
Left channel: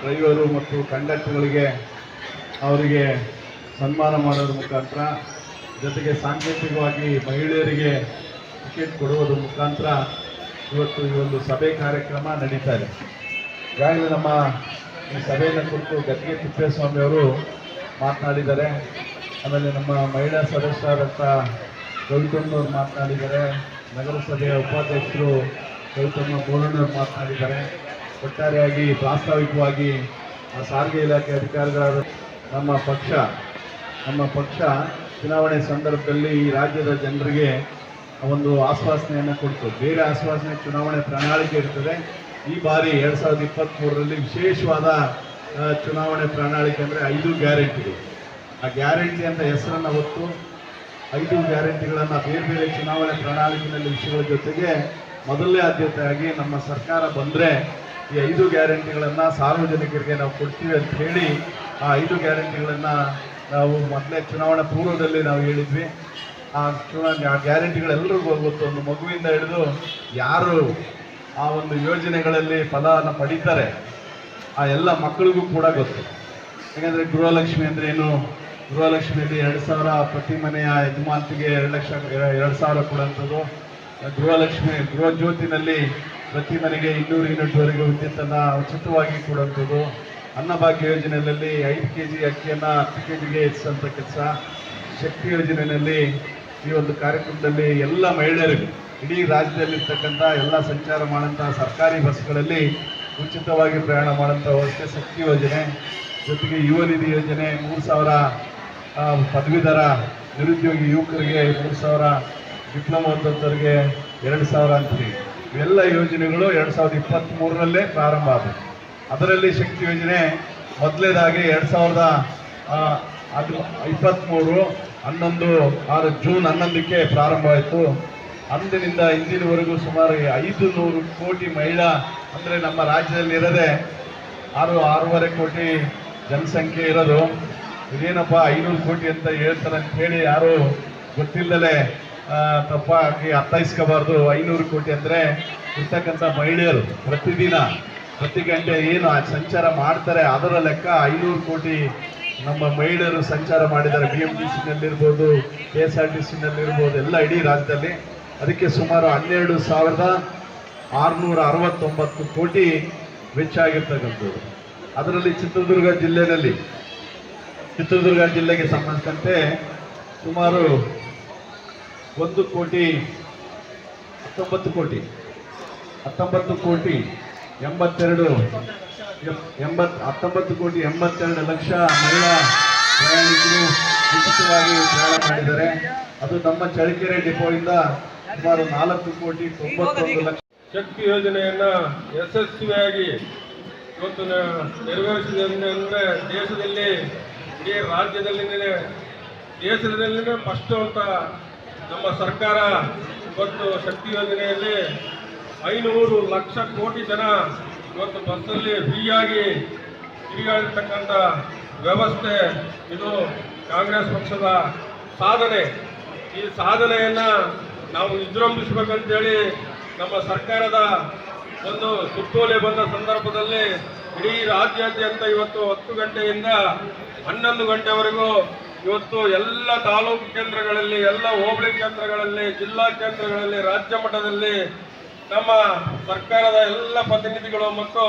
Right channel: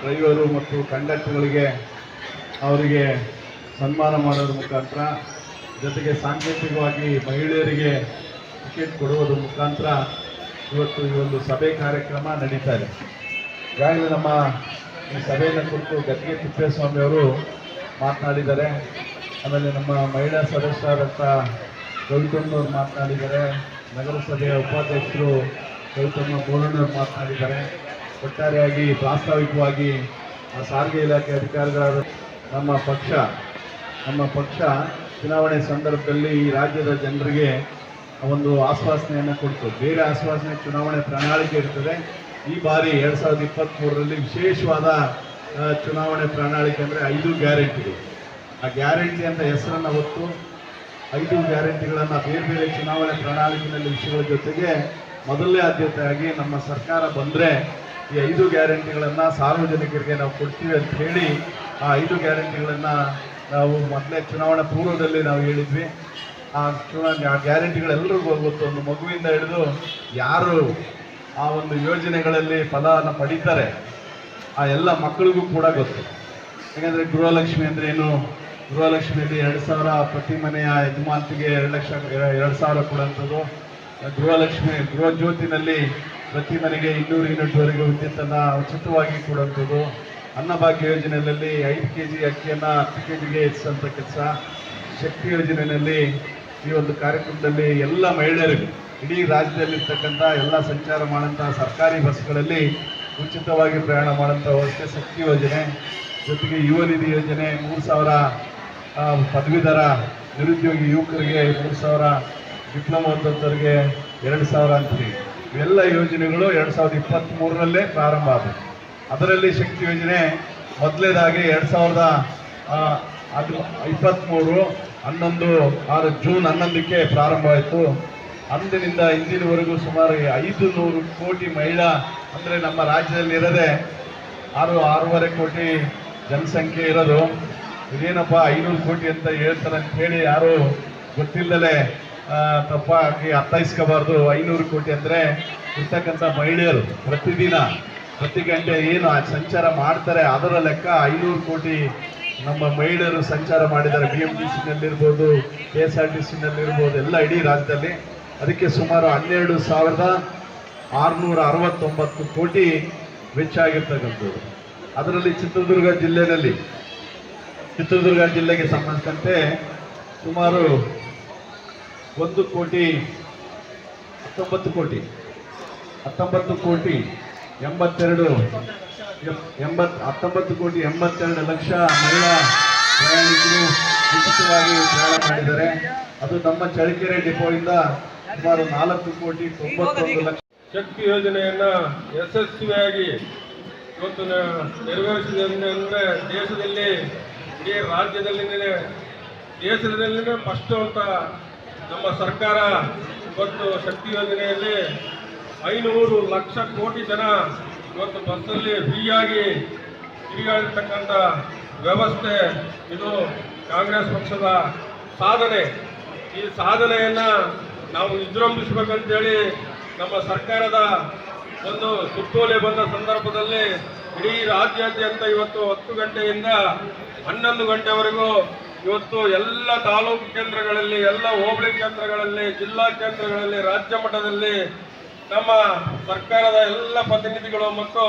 ಡ್ರೈವರು ಮತ್ತು ಕಂಡಕ್ಟರ್ಗಳಿಗೆ ಅವರಿಗೆ ಸನ್ಮಾನ ಮಾಡೋದ್ರ ಮುಖಾಂತರ ಜೊತೆಗೆ ಸಾಂಕೇತಿಕವಾಗಿ ಮಹಿಳೆಯರಿಗೆ ಟಿಕೆಟ್ ಕೊಡುವುದರ ಮುಖಾಂತರ ಇವತ್ತು ಈ ಒಂದು ಸಭೆ ಕಾರ್ಯಕ್ರಮ ನಡೀತಾ ಇದೆ. ಈಗಾಗಲೇ ನಮ್ಮ ಈ ಸಭೆಯನ್ನು ಕುರಿತು ಗದ್ದಿಗೆ ತಿಪ್ಪೇಸ್ವಾಮಿ ಅವರು ಮಾತನಾಡಿದ್ದಾರೆ. ಆಮೇಲೆ ನಮ್ಮ ಮಹಿಳಾ ಸದಸ್ಯರಾದಂಥ ಕವಿತಮ್ಮನವರು ಮಾತನಾಡಿದ್ದಾರೆ. ನಗರಸಭೆಯ ಉಪಾಧ್ಯಕ್ಷರು ಕವಿತಮ್ಮ ಬೋರಣ್ಣವರು ಮಾತನಾಡಿದ್ದಾರೆ. ಒಟ್ಟಾರೆಯಾಗಿ ಪ್ರಾಸ್ತಾವಿಕವಾಗಿ ಸಾರಿಗೆ ಇಲಾಖೆ ಅಧಿಕಾರಿಗಳಾದ ನಮ್ಮ ಪಕ್ಷ ಚುನಾವಣೆ ಸಂದರ್ಭದಲ್ಲಿ ಈ ರಾಜ್ಯದ ಜನರಿಗೆ ಒಂದು ಆಶ್ವಾಸನೆಯನ್ನು ಕೊಡ್ತು. ಬೇರೆ ಆಶ್ವಾಸನೆ ಚುನಾವಣೆ ಪ್ರಣಾಳಿಕೆ ಇರ್ತದೆ. ಈ ಬಾರಿ 2023ರಲ್ಲಿ ವಿಶೇಷವಾದ ಚುನಾವಣೆ ಪ್ರಣಾಳಿಕೆ ಅಂದರೆ 5 ಗ್ಯಾರಂಟಿಗಳು. ಆ ಗ್ಯಾರಂಟಿ ಅಂತ ಹೆಸರನ್ನು ಹೊತ್ತು 5 ಗ್ಯಾರಂಟಿಗಳನ್ನು ಬೇರೆ ಬೇರೆ ಚುನಾವಣೆ ಪ್ರಣಾಳಿಕೆಯಲ್ಲಿ ವಿಷಯಗಳ ಜೊತೆಗೆ ಮೊದಲನೇ ಆದ್ಯತೆಯಾಗಿ ನಮ್ಮ ಸರ್ಕಾರ ಬಂದರೆ ಈ 5 ಗ್ಯಾರಂಟಿಗಳನ್ನು ಸಾರ್ವಜನಿಕರಿಗೆ ನಾವು ಕೊಡ್ತೀವಿ ಅಂತ ಹೇಳಿ ಆ 5 ಗ್ಯಾರಂಟಿಗಳನ್ನು ನಾವು ಮೊದಲೇ ಚುನಾವಣಾ ಪೂರ್ವದಲ್ಲಿ ನಾವು ಹೇಳಿದ್ವಿ. ಆ ಗ್ಯಾರಂಟಿಗಳೆಲ್ಲರಿಗೂ ಗೊತ್ತು. ಒಂದು ಮಗುವಿಂದ ಹಿಡಿದು ಯಾರು ಆ ಒಂದು ಯೋಜನೆಗಳಲ್ಲಿ ಫಲವನ್ನು ಪಡೀತಾರೆ ಆ ಎಲ್ಲ ಮಕ್ಕಳಿಗೂ ಕೂಡ ಗೊತ್ತು. ಯಾಕಂದರೆ ಗೃಹಲಕ್ಷ್ಮಿ ಅಂದರೆ ಏನು, ಗೃಹಲಕ್ಷ್ಮಿಯಲ್ಲಿ 2,000 ಪ್ರತಿ ಮನೆಯ ಯಜಮಾನ್ತಿಗೆ 2,000 ಕೊಡುವಂಥದ್ದು. ಗೃಹ ಜ್ಯೋತಿನಲ್ಲಿ ಪ್ರತಿ ಮನೆಗೆ 200 ಯೂನಿಟ್ವರೆಗೆ ವಿದ್ಯುತ್ತನ್ನು ಉಚಿತವಾಗಿ ಕೊಡುವಂಥದ್ದು. ಅನ್ನಭಾಗ್ಯ ಯೋಜನೆಯಲ್ಲಿ 5 kg ಅಕ್ಕಿಯನ್ನು 10 kgಗೆ ಹೆಚ್ಚಿಸುವಂಥ ಕೆಲಸ. ಶಕ್ತಿ ಯೋಜನೆಯಲ್ಲಿ ಈ ಒಂದು ಕಾರ್ಯಕ್ರಮದಲ್ಲಿ ಎಲ್ಲ ಮಹಿಳೆಯರಿಗೂ ಇಡೀ ರಾಜ್ಯದಲ್ಲಿರ್ತಕ್ಕಂಥ ಎಲ್ಲ ಸಂಚಾರ ಮಾಡುವಂಥ ಸರ್ಕಾರಿ ಬಸ್ಗಳಲ್ಲಿ ಉಚಿತವಾಗಿ ಪ್ರಯಾಣ ಮಾಡುವಂಥ ವ್ಯವಸ್ಥೆ ಶಕ್ತಿ ಯೋಜನೆ. ಜೊತೆಗೆ ಯುವ ನಿಧಿ ಯೋಜನೆ 3,000 ಪದವೀಧರ ನಿರುದ್ಯೋಗಿ ಯುವಕರಿಗೆ 3,000, ಡಿಪ್ಲೊಮಾ ಓದೋರಿಗೆ 2,000 ಅಂತೀವಿ. ಇವೆಲ್ಲ ಯೋಜನೆಗಳು 2023ರಲ್ಲೇ ಪ್ರಾರಂಭ ಆದವು. ಅದರಲ್ಲಿ ಶಕ್ತಿ ಯೋಜನೆ ಮೊದಲನೇದಾಗಿ 2023 ಜೂನ್ 11ಕ್ಕೆ ಪ್ರಾರಂಭ ಆಯಿತು. ಅಂದಿನಿಂದ ಇಂದಿನವರೆಗೂ ಸುಮಾರು 500 ಕೋಟಿ ಮಹಿಳಾ, ಅಂದರೆ ನಮ್ಮ ರಾಜ್ಯದಲ್ಲಿ ಇರೋದೇ 6.5 ಕೋಟಿ ಜನಸಂಖ್ಯೆ ಇರೋದು. ಇದೇನಪ್ಪ 500 ಕೋಟಿ ಅಂತ ಹೇಳ್ತಾರೆ ಅಂತ ಹೇಳಿ ಯಾರು ಗೊತ್ತಿಲ್ಲದಲೇ ತಪ್ಪಾಗಿ ಅರ್ಥೈಸ್ಕೋಬಾರ್ದು. 500 ಕೋಟಿ ಅಂದರೆ ಇರ್ತಕ್ಕಂಥ ಮಹಿಳೆಯರು ಪ್ರತಿ ಗಂಟೆ ಏನು ಸಂಚಾರ ಮಾಡ್ತಾರೆ ಅದರ ಲೆಕ್ಕ 500 ಕೋಟಿ ನಮ್ಮ ಮಹಿಳೆಯರು ಸಂಚಾರ ಮಾಡಿದ್ದಾರೆ. BMTCನಲ್ಲಿರ್ಬೋದು, KSRTCನಲ್ಲಿರ್ಬೋದು, ಎಲ್ಲ ಇಡೀ ರಾಜ್ಯದಲ್ಲಿ. ಅದಕ್ಕೆ ಸುಮಾರು 12,669 ಕೋಟಿ ವೆಚ್ಚ ಆಗಿರ್ತಕ್ಕಂಥದ್ದು. ಅದರಲ್ಲಿ ಚಿತ್ರದುರ್ಗ ಜಿಲ್ಲೆಗೆ ಸಂಬಂಧಿಸಿದಂತೆ ಸುಮಾರು 19 ಕೋಟಿ 82 ಲಕ್ಷ ಮಹಿಳಾ ಪ್ರಯಾಣಿಕರು ಉಚಿತವಾಗಿ ಪ್ರಯಾಣ ಮಾಡಿದ್ದಾರೆ. ಅದು ನಮ್ಮ ಚಳ್ಳಕೆರೆ ಡಿಪೋಯಿಂದ ಸುಮಾರು 4,91 ಲಕ್ಷ. ಶಕ್ತಿ ಯೋಜನೆಯನ್ನು ಯಶಸ್ವಿಯಾಗಿ ಇವತ್ತು ನೆರವೇರಿಸಿದೆ ಅಂದರೆ ದೇಶದಲ್ಲಿ ಇಡೀ ರಾಜ್ಯದಲ್ಲಿನೇ ಫಸ್ಟು ಅಂತ ನಮ್ಮ ಸರ್ಕಾರ ಇವತ್ತು ಶಕ್ತಿ ಯೋಜನೆಯಲ್ಲಿ 500 ಲಕ್ಷ ಕೋಟಿ ಜನ ಇವತ್ತು ಬಸ್ಸಲ್ಲಿ ಫ್ರೀಯಾಗಿ ತಿರುಗಾಡಿರ್ತಕ್ಕಂಥ ವ್ಯವಸ್ಥೆ ಇದು ಕಾಂಗ್ರೆಸ್ ಪಕ್ಷದ ಸಾಧನೆ. ಈ ಸಾಧನೆಯನ್ನು ನಾವು ವಿಜೃಂಭಿಸಬೇಕಂತೇಳಿ ನಮ್ಮ ಸರ್ಕಾರದ ಒಂದು ಸುತ್ತೋಲೆ ಬಂದ ಸಂದರ್ಭದಲ್ಲಿ ಇಡೀ ರಾಜ್ಯಾದ್ಯಂತ ಇವತ್ತು 10 ಗಂಟೆಯಿಂದ 11 ಗಂಟೆವರೆಗೂ ಇವತ್ತು ಎಲ್ಲ ತಾಲೂಕು ಕೇಂದ್ರಗಳಲ್ಲಿ, ಎಲ್ಲ ಹೋಬಳಿ ಕೇಂದ್ರಗಳಲ್ಲಿ, ಜಿಲ್ಲಾ ಕೇಂದ್ರಗಳಲ್ಲಿ, ರಾಜ್ಯ ಮಟ್ಟದಲ್ಲಿ ನಮ್ಮ ಸರ್ಕಾರದ ಎಲ್ಲ ಪ್ರತಿನಿಧಿಗಳು ಮತ್ತು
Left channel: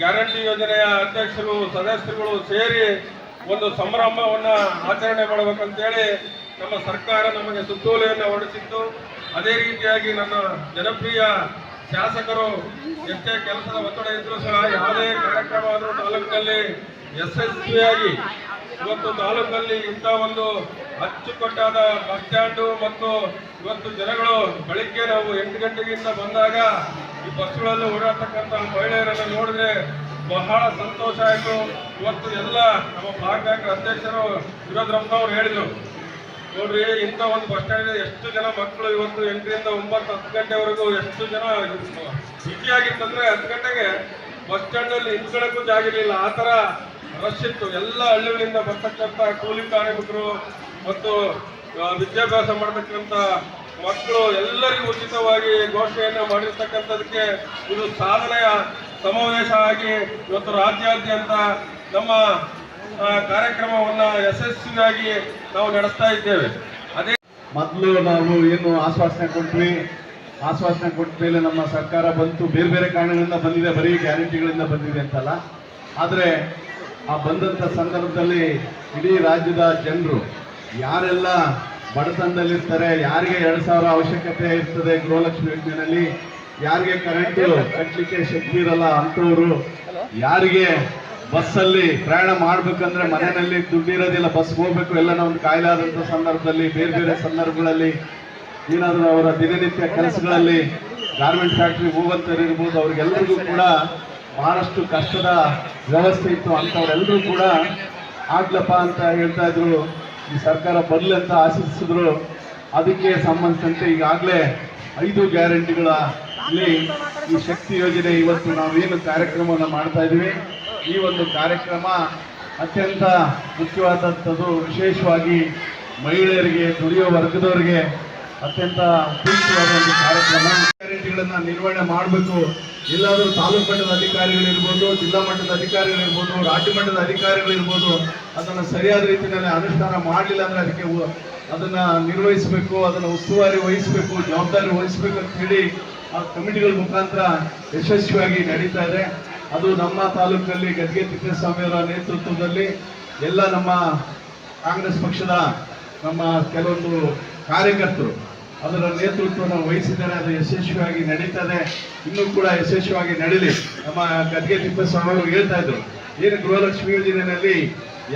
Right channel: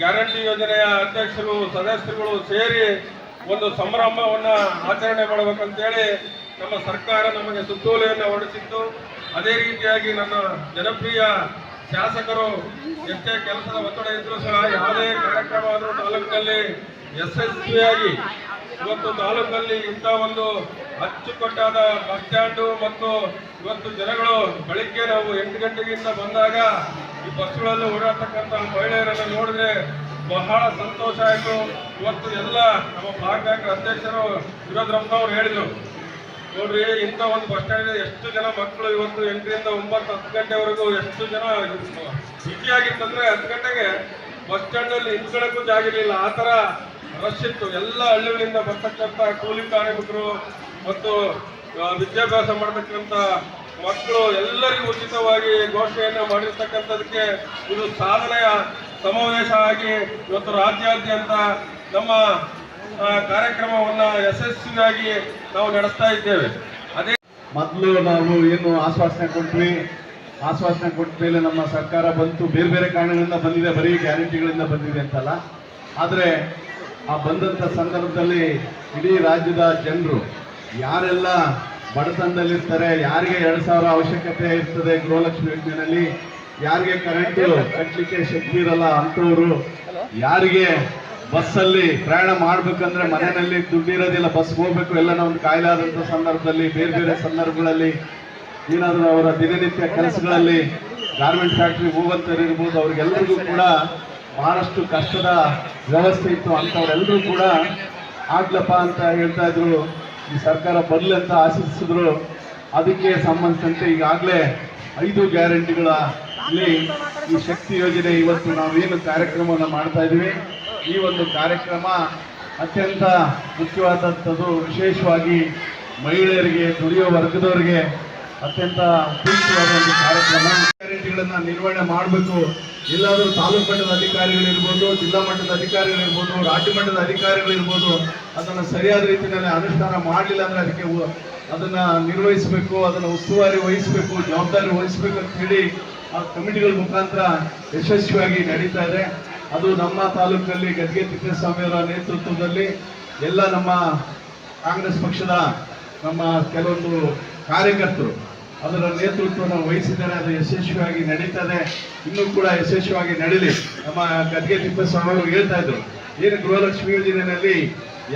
ಗ್ಯಾರಂಟಿ ಯೋಜನೆಯ ಅಧ್ಯಕ್ಷರು, ಸದಸ್ಯರುಗಳು ಸೇರಿ ಒಂದು ಸಂಭ್ರಮವನ್ನು ಆಚರಣೆ ಮಾಡಬೇಕಂತೇಳಿ ನಮ್ಮ ಸರ್ಕಾರ ನಮಗೆ ಸುತ್ತೋಲೆಯನ್ನು ಹೊರಡಿಸಿತ್ತು. ಅದೇ ರೀತಿಯಾಗಿ ನನ್ನ ಜನಪ್ರಿಯ ಶಾಸಕರು ಎಷ್ಟೇ ಕೆಲಸದ ಒತ್ತಡ ಇದ್ರೂ ಸಹ ಯಾವುದೇ ಕಾರ್ಯಕ್ರಮ ಆದರೂ ತಾಲೂಕಿನಲ್ಲಿ ಯಶಸ್ವಿಯಾಗಿ ಇವತ್ತು ತಾಲೂಕಲ್ಲಿ ಇಂಥ ಒಂದು ಅಚ್ಚುಕಟ್ಟಾದ ಬಸ್ ಸ್ಟ್ಯಾಂಡು ಮತ್ತು ಇವತ್ತು ಜನಗಳು ಬೆಳಿಗ್ಗೆ ನಾವು 8 ಗಂಟೆಗಿಂತ ಬಂದಾಗ ಈ ಬಸ್ಗಳಲ್ಲಿ ಓಡಾಡ್ತಕ್ಕಂಥ ಮಹಿಳೆಯರನ್ನು ನೋಡಿದ್ರೆ ಬಹಳ ಸಂತೋಷ ಆಯಿತು. ಇವತ್ತು ಎಲ್ಲ ನಮ್ಮ ಬ್ಲಾಕ್ ಕಾಂಗ್ರೆಸ್ ಅಧ್ಯಕ್ಷರು ವಿರೋಧರಪ್ಪನವ್ರು ಹೇಳಿದರು, ನೋಡ್ರಿ ಇಂಥ ಒಂದು ಬಸ್ ಸ್ಟ್ಯಾಂಡ್ ಎಷ್ಟು ಜನ ಮಕ್ಕಳು ಇವತ್ತು 8 ರಿಂದ 9, 10 ಗಂಟೆವರೆಗೂ ಎಷ್ಟು ಜನ ಬಿಸಿಯಾಗಿತ್ತಂದ್ರೆ 10 ಗಂಟೆಗೆ ಬಸ್ ಸ್ಟ್ಯಾಂಡಲ್ಲಿ ನಿಂತ್ಕೊಳ್ಳೋಕ್ಕೂ ಜಾಗ ಇರಲಿಲ್ಲ, ಆ ಥರ ರಶ್ ಇತ್ತು. ಎಲ್ಲ ಹಳ್ಳಿಗಳಿಂದ ಬರ್ತಕ್ಕಂಥ ಕೂಲಿ ಕಾರ್ಮಿಕರು ಮತ್ತು ವಿದ್ಯಾಭ್ಯಾಸ ಮಾಡತಕ್ಕಂಥ ಮಕ್ಕಳು ಎಲ್ಲರಿಗೂ ಉಚಿತವಾಗಿ ಘೋಷಣೆಯನ್ನು ಮಾಡಿರ್ತಕ್ಕಂಥದಕ್ಕೆ ಇದು ಸಾಧನೆಯ ಸಮಾವೇಶ ಆಗಿ ಇವತ್ತು ರಾಜ್ಯಾದ್ಯಂತ ನಮ್ಮ ಕಾರ್ಯಕ್ರಮವನ್ನು ಯಶಸ್ವಿಯಾಗಿ ನಾವು ನಡೆಸ್ತಾ ಇದ್ದೇವೆ. ಅದೇ ಮೊದಲು ನಾವು ಏನು ಆಶ್ವಾಸನೆ ಕೊಟ್ವಿ, ಆಶ್ವಾಸನೆ ಕೊಟ್ಟ ಮೇಲೆ ನಮ್ಮ ಸರ್ಕಾರ ಬಂತು, ಬೇರೆ ಬೇರೆ ಕಾರಣಗಳಿಂದ ಬಂದಿದೆ, ಬರೀ ಗ್ಯಾರಂಟಿಗಳಿಂದ ಬಂದಿದೆ ಅಂತಲ್ಲ. ಆದರೆ ಆ ಬಂದಂಥ ಸಂದರ್ಭದಲ್ಲಿ ಇಡೀ ರಾಜ್ಯದ ಜನರು ಯಾರೆಲ್ಲ ಬಡತನದಲ್ಲಿರ್ತಾರೆ, ಯಾರಿಗೆ 2,000 ಅವಶ್ಯಕತೆ ಇರ್ತದೆ ಗೃಹಲಕ್ಷ್ಮಿ ಯೋಜನೆಯಲ್ಲಿ, ಯಾರಿಗೆ ಕರೆಂಟು ಕಟ್ಟಲಿಕ್ಕೆ ಶಕ್ತಿ ಇರಲ್ಲ ಅಂಥವ್ರು, ಯಾರಿಗೆ ಬಸ್ಸಲ್ಲಿ ಪ್ರಯಾಣ ಮಾಡಬೇಕಂದ್ರೆ ಮನೆಯಲ್ಲಿ ದುಡ್ಡಿರೋದಿಲ್ಲ, ಬಸ್ಗೆ ಹೋಗ್ಬೇಕು, ಎಲ್ಲ ಒಂದು ಕಾಯಿಲೆ ಆದಂಥ ಸಂದರ್ಭದಲ್ಲಿ, ಬೇರೆ ಬೇರೆ ಸಂದರ್ಭಗಳಲ್ಲಿ ಏನಾದರೂ ಅವರ ದಿನನಿತ್ಯ ಕೆಲಸಗಳಲ್ಲಿ ಗಾರ್ಮೆಂಟ್ ಫ್ಯಾಕ್ಟ್ರಿಗೆ ಹೋಗುವಂಥವ್ರು ಇರ್ಬೋದು, ಅವ್ರಿಗೆಲ್ಲರಿಗೂ ಕೂಡ ಬಹಳಷ್ಟು ಕಷ್ಟದ ವ್ಯವಸ್ಥೆ ಇತ್ತು. ಅಂಥವ್ರೆಲ್ಲರೂ ಕೂಡ ಆಗ್ಲಪ್ಪ ಅಂತ ಹೇಳ್ತಾ ಇದ್ರು, ಈ ಸರ್ಕಾರ ಬರಲಿ ಅಂತ ಆಶಿಸಿದ್ರು. ಅದಕ್ಕೆ ಸಂಬಂಧಿಸಿದಂತೆ ಈಗಾಗಲೇ 5 ಗ್ಯಾರಂಟಿಗಳಲ್ಲಿ ಈ ಶಕ್ತಿ ಯೋಜನೆ ಇವತ್ತು ನಾವೇನು ಕಾರ್ಯಕ್ರಮವನ್ನು ಮಾಡ್ತಾ ಇದ್ದೀವಿ, ಈ ಒಂದು ಕಾರ್ಯಕ್ರಮ ಅತ್ಯಂತ ಮುಖ್ಯವಾದಂಥದ್ದು. ವಿಶೇಷವಾಗಿ ಮಹಿಳೆಯರಿಗೆ, ದುಡಿಯುವ ವರ್ಗದವರಿಗೆ ಅತ್ಯಂತ ಉಪಯುಕ್ತವಾದ ಒಂದು ಕಾರ್ಯಕ್ರಮ. ಗ್ಯಾರಂಟಿಗಳನ್ನು ನಿರ್ವಹಣೆ ಮಾಡಬೇಕು. ಎಲ್ಲಾದರೂ ತಾಲೂಕು ಮಟ್ಟದ ಅಧಿಕಾರಿಗಳಿರ್ಬೋದು, ಜಿಲ್ಲಾ ಮಟ್ಟದ ಅಧಿಕಾರಿಗಳಿರ್ಬೋದು, ರಾಜ್ಯ ಮಟ್ಟದ ಅಧಿಕಾರಿಗಳಿರ್ಬೋದು, ಅದನ್ನು ಸರಿಯಾದ ರೀತಿಯಲ್ಲಿ ಅನುಷ್ಠಾನ ಮಾಡಲಿಲ್ಲ ಅಂದರೆ ಅದಕ್ಕೆ ಅದನ್ನು ನಿರ್ವಹಿಸಬೇಕು, ಅದನ್ನು ಉಸ್ತುವಾರಿ ವಹಿಸಬೇಕು, ಜವಾಬ್ದಾರಿ ವಹಿಸಬೇಕು ಅಂತ ಹೇಳಿ ಆ ಕಮಿಟಿಗಳ ಮುಖಾಂತರ ಯಶಸ್ವಿಯಾಗಿ ನಡೀತಾ ಇದೆ. ಅದು ನಮ್ಮ ತಾಲೂಕಲ್ಲಿ ಗದ್ಗೆ ತಿಪ್ಪೇಸ್ವಾಮಿ ಅವರ ನೇತೃತ್ವದಲ್ಲಿ ಎಲ್ಲ ನಮ್ಮ ಕಾಂಗ್ರೆಸ್ ಪಕ್ಷದ ನಮ್ಮ ಕೆಲವೊಂದು ಕಾರ್ಯಕರ್ತರು ಅದರ ನೇತೃತ್ವವನ್ನು ವಹಿಸಿದ್ದಾರೆ. ಅದು ಯಶಸ್ವಿಯಾಗಿ ನಡೀತದೆ, ಇನ್ನೂ ಕೂಡ ಯಶಸ್ವಿಯಾಗಿ ನಡೀಲಿ. ನಮ್ಮ ಗದ್ಗೆ ತಿಪ್ಪೇಸ್ವಾಮಿ ಅವರು ಹೇಳ್ತಾ ಇದ್ರು, ಏನು ಗೃಹಲಕ್ಷ್ಮಿ ಯೋಜನೆಯಲ್ಲಿ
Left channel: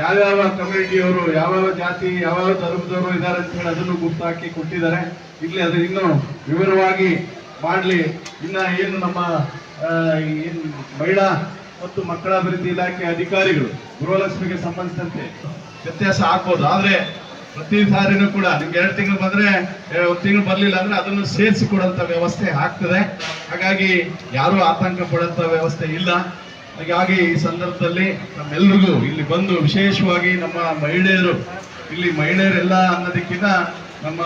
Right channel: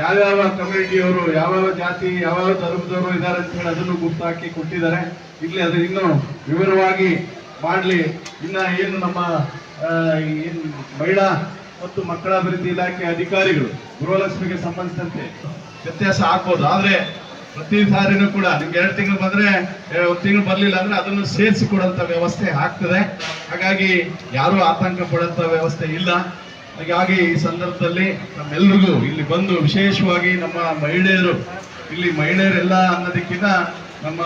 ಯಾವ್ಯಾವ ಕಮ್ಯುನಿಟಿಯವರು, ಯಾವ್ಯಾವ ಜಾತಿ, ಯಾವ್ಯಾವ ಧರ್ಮದವರು ಇದ್ದಾರೆ ಅಂತ ಹೇಳಿ ಅದನ್ನು ಗುರ್ತಾಕಿ ಕೊಟ್ಟಿದ್ದಾರೆ. ಇಲ್ಲಿ ಅದು ಇನ್ನೂ ವಿವರವಾಗಿ ಮಾಡಲಿ. ಇನ್ನು ಏನು ನಮ್ಮ ಏನು ಮಹಿಳಾ ಮತ್ತು ಮಕ್ಕಳ ಅಭಿವೃದ್ಧಿ ಇಲಾಖೆ ಅಧಿಕಾರಿಗಳು ಗೃಹಲಕ್ಷ್ಮಿಗೆ ಸಂಬಂಧಿಸಿದಂತೆ ವ್ಯತ್ಯಾಸ ಆಗ್ಬೋದು, ಆದರೆ ಪ್ರತಿ ಸಾರಿನೂ ಕೂಡ ನಿಮ್ಗೆ 2 ತಿಂಗಳು ಬಂದರೆ 1 ತಿಂಗಳು ಬರಲಿಲ್ಲ ಅಂದರೆ ಅದನ್ನು ಸೇರಿಸಿ ಕೊಡುವಂಥ ವ್ಯವಸ್ಥೆ ಆಗ್ತದೆ. ಹಾಗಾಗಿ ಯಾರೂ ಆತಂಕ ಪಡುವಂಥ ವ್ಯವಸ್ಥೆ ಇಲ್ಲ. ಹಾಗಾಗಿ ಈ ಸಂದರ್ಭದಲ್ಲಿ ನಮ್ಮೆಲ್ಲರಿಗೂ ಇಲ್ಲಿ ಬಂದು, ವಿಶೇಷವಾಗಿ ನಮ್ಮ ಮಹಿಳೆಯರು, ಇಲ್ಲಿ ಮಹಿಳೆಯರೆಲ್ಲ ಅನ್ನೋದಕ್ಕಿಂತ ನಮ್ಮ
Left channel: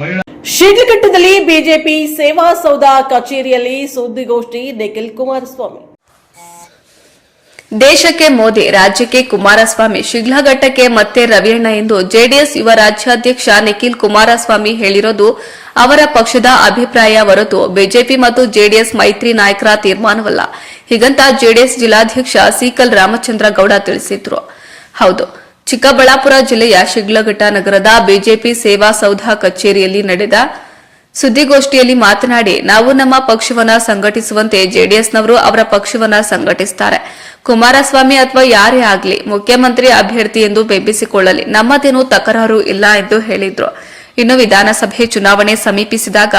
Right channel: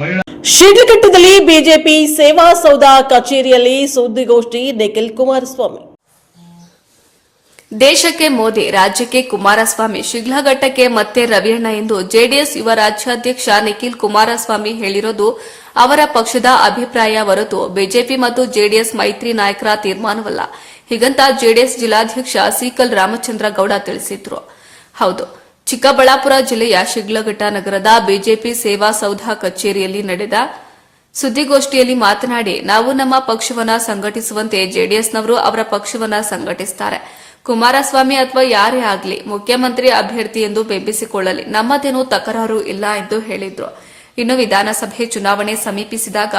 ಮಹಿಳಾ ಶಿಡ್ಲಘಟ್ಟದಲ್ಲಿ ಬಿಜೆಪಿ ಸೇವಾ ಸೌಧ ಕಚೇರಿಯಲ್ಲಿ ಸುದ್ದಿಗೋಷ್ಠಿ ನಿಖಿಲ್ ಕುಮಾರಸ್ವಾಮಿ. ದೇಶಕ್ಕೆ ಮೋದಿ, ರಾಜ್ಯಕ್ಕೆ ಕುಮಾರಸ್ವಾಮಿ, ಶಿಡ್ಲಘಟ್ಟಕ್ಕೆ ಮತ್ತೆ ರವಿಯಣ್ಣ ಎಂದು ಜೆಡಿಎಸ್ ಯುವ ರಾಜ್ಯಾಧ್ಯಕ್ಷ ನಿಖಿಲ್ ಕುಮಾರಸ್ವಾಮಿ ಹೇಳಿರೋದು ಅವರ ಪಕ್ಷದ ಅಭಿಪ್ರಾಯ ಹೊರತು ಬಿಜೆಪಿ ಮತ್ತು ಜೆಡಿಎಸ್ ಮೈತ್ರಿ ನಾಯಕರ ತೀರ್ಮಾನವಲ್ಲ. ಹೀಗಂತ ಜೆಡಿಎಸ್ ಜಿಲ್ಲಾಧ್ಯಕ್ಷ ಸಿಕಲ್ ರಾಮಚಂದ್ರ ಗೌಡ ತಿಳಿಸಿದ್ರು. ಹೌದು, ಚಿಕ್ಕಬಳ್ಳಾಪುರ ಜಿಲ್ಲೆಯ ಶಿಡ್ಲಘಟ್ಟ ನಗರದ ಬಿಜೆಪಿ ಸೇವಾ ಸೌಧ ಕಚೇರಿಯಲ್ಲಿ ನಡೆದ ಸುದ್ದಿಗೋಷ್ಠಿಯಲ್ಲಿ ಮಾತನಾಡಿ, ನಾವು ನಮ್ಮ ಪಕ್ಷವನ್ನ ಸಂಘಟಿಸುವಂತೆ ಜೆಡಿಎಸ್ನವರು ಅವರ ಪಕ್ಷವನ್ನ ಸಂಘಟಿಸುತ್ತಾರೆ. ಕುಮಾರಸ್ವಾಮಿ ಅಥವಾ ಯಾರೇ ಆಗಲಿ ಮುಖ್ಯಮಂತ್ರಿ ಅಭ್ಯರ್ಥಿ ಎಂದು ಬೆಂಬಲಿಸಿಕೊಳ್ಳಲಿ, ನಮ್ಮದೇನೂ ತಕರಾರು ಇಲ್ಲ ಎಂದು ಹೇಳಿದ್ರು. ಇನ್ನು ವಿಧಾನಸಭೆ ಚುನಾವಣೆ ಸಮೀಪಿಸಿದಾಗ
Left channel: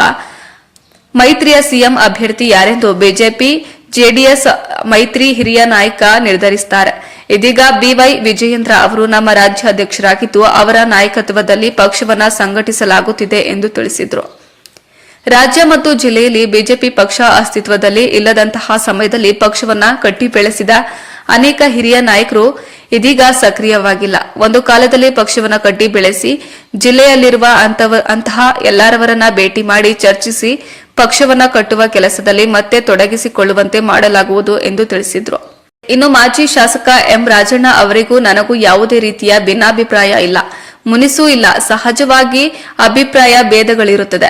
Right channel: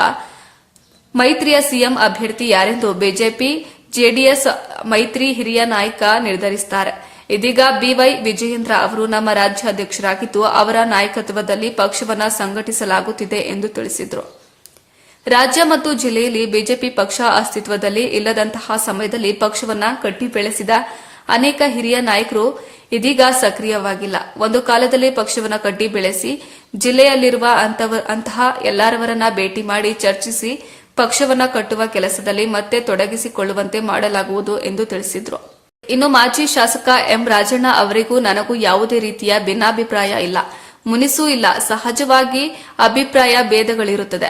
ಮೈತ್ರಿಯ ಸಿಎಂ ಅಭ್ಯರ್ಥಿ ಯಾರೆಂದು ಬಿಜೆಪಿ ಜೆಡಿಎಸ್ ಮೈತ್ರಿ ಹಿರಿಯ ನಾಯಕ ನಿರ್ಧರಿಸುತ್ತಾರೆ. ಇದೀಗ ಬಿವೈ ವಿಜಯೇಂದ್ರ ಅವರು ನಮ್ಮ ರಾಜ್ಯಾಧ್ಯಕ್ಷರಾಗಿದ್ದು ಅವರ ನಾಯಕತ್ವದಲ್ಲಿ ಪಕ್ಷವನ್ನ ಸಂಘಟಿಸಲಾಗುತ್ತಿದೆ ಎಂದು ತಿಳಿಸಿದರು. ರಾಜ್ಯ ಮತ್ತು ಜಿಲ್ಲೆಯಲ್ಲಿ ಬಿಜೆಪಿ ಪಕ್ಷ ಅಸ್ತಿತ್ವದಲ್ಲಿ ಇಲ್ಲದಂತಹ ಸಮಯದಲ್ಲಿ ಪಕ್ಷವನ್ನ ಕಟ್ಟಿ ಬೆಳೆಸಿದ ಅನೇಕ ಹಿರಿಯ ನಾಯಕರು ಇದೀಗ ಸಕ್ರಿಯವಾಗಿಲ್ಲ. ಒಂದು ಕಾಲದಲ್ಲಿ ಪಕ್ಷವನ್ನ ಕಟ್ಟಿ ಬೆಳೆಸಿ ಜಿಲ್ಲೆಯಲ್ಲಿರುವ ಅಂತಹ ಎಲ್ಲರವರನ್ನ ಭೇಟಿ ಮಾಡಿ ಚರ್ಚಿಸಿ ಪಕ್ಷವನ್ನ ಕಟ್ಟುವ ಕೆಲಸದಲ್ಲಿ ಮತ್ತೆ ತೊಡಗಿಸಿಕೊಳ್ಳುವಂತೆ ಮಾಡಲಾಗುವುದು ಎಂದು ತಿಳಿಸಿದರು. ಇನ್ನು ಮಾಜಿ ಶಾಸಕ ಎಂ ರಾಜಣ್ಣ ಅವರಿಗೂ ನನಗೂ ಯಾವುದೇ ರೀತಿಯ ಭಿನ್ನಾಭಿಪ್ರಾಯ ಇಲ್ಲ, ಮುನಿಸೂ ಇಲ್ಲ. ಸಹಜವಾಗಿ ಅಭಿಪ್ರಾಯ ಭೇದಗಳಿರುತ್ತದೆ.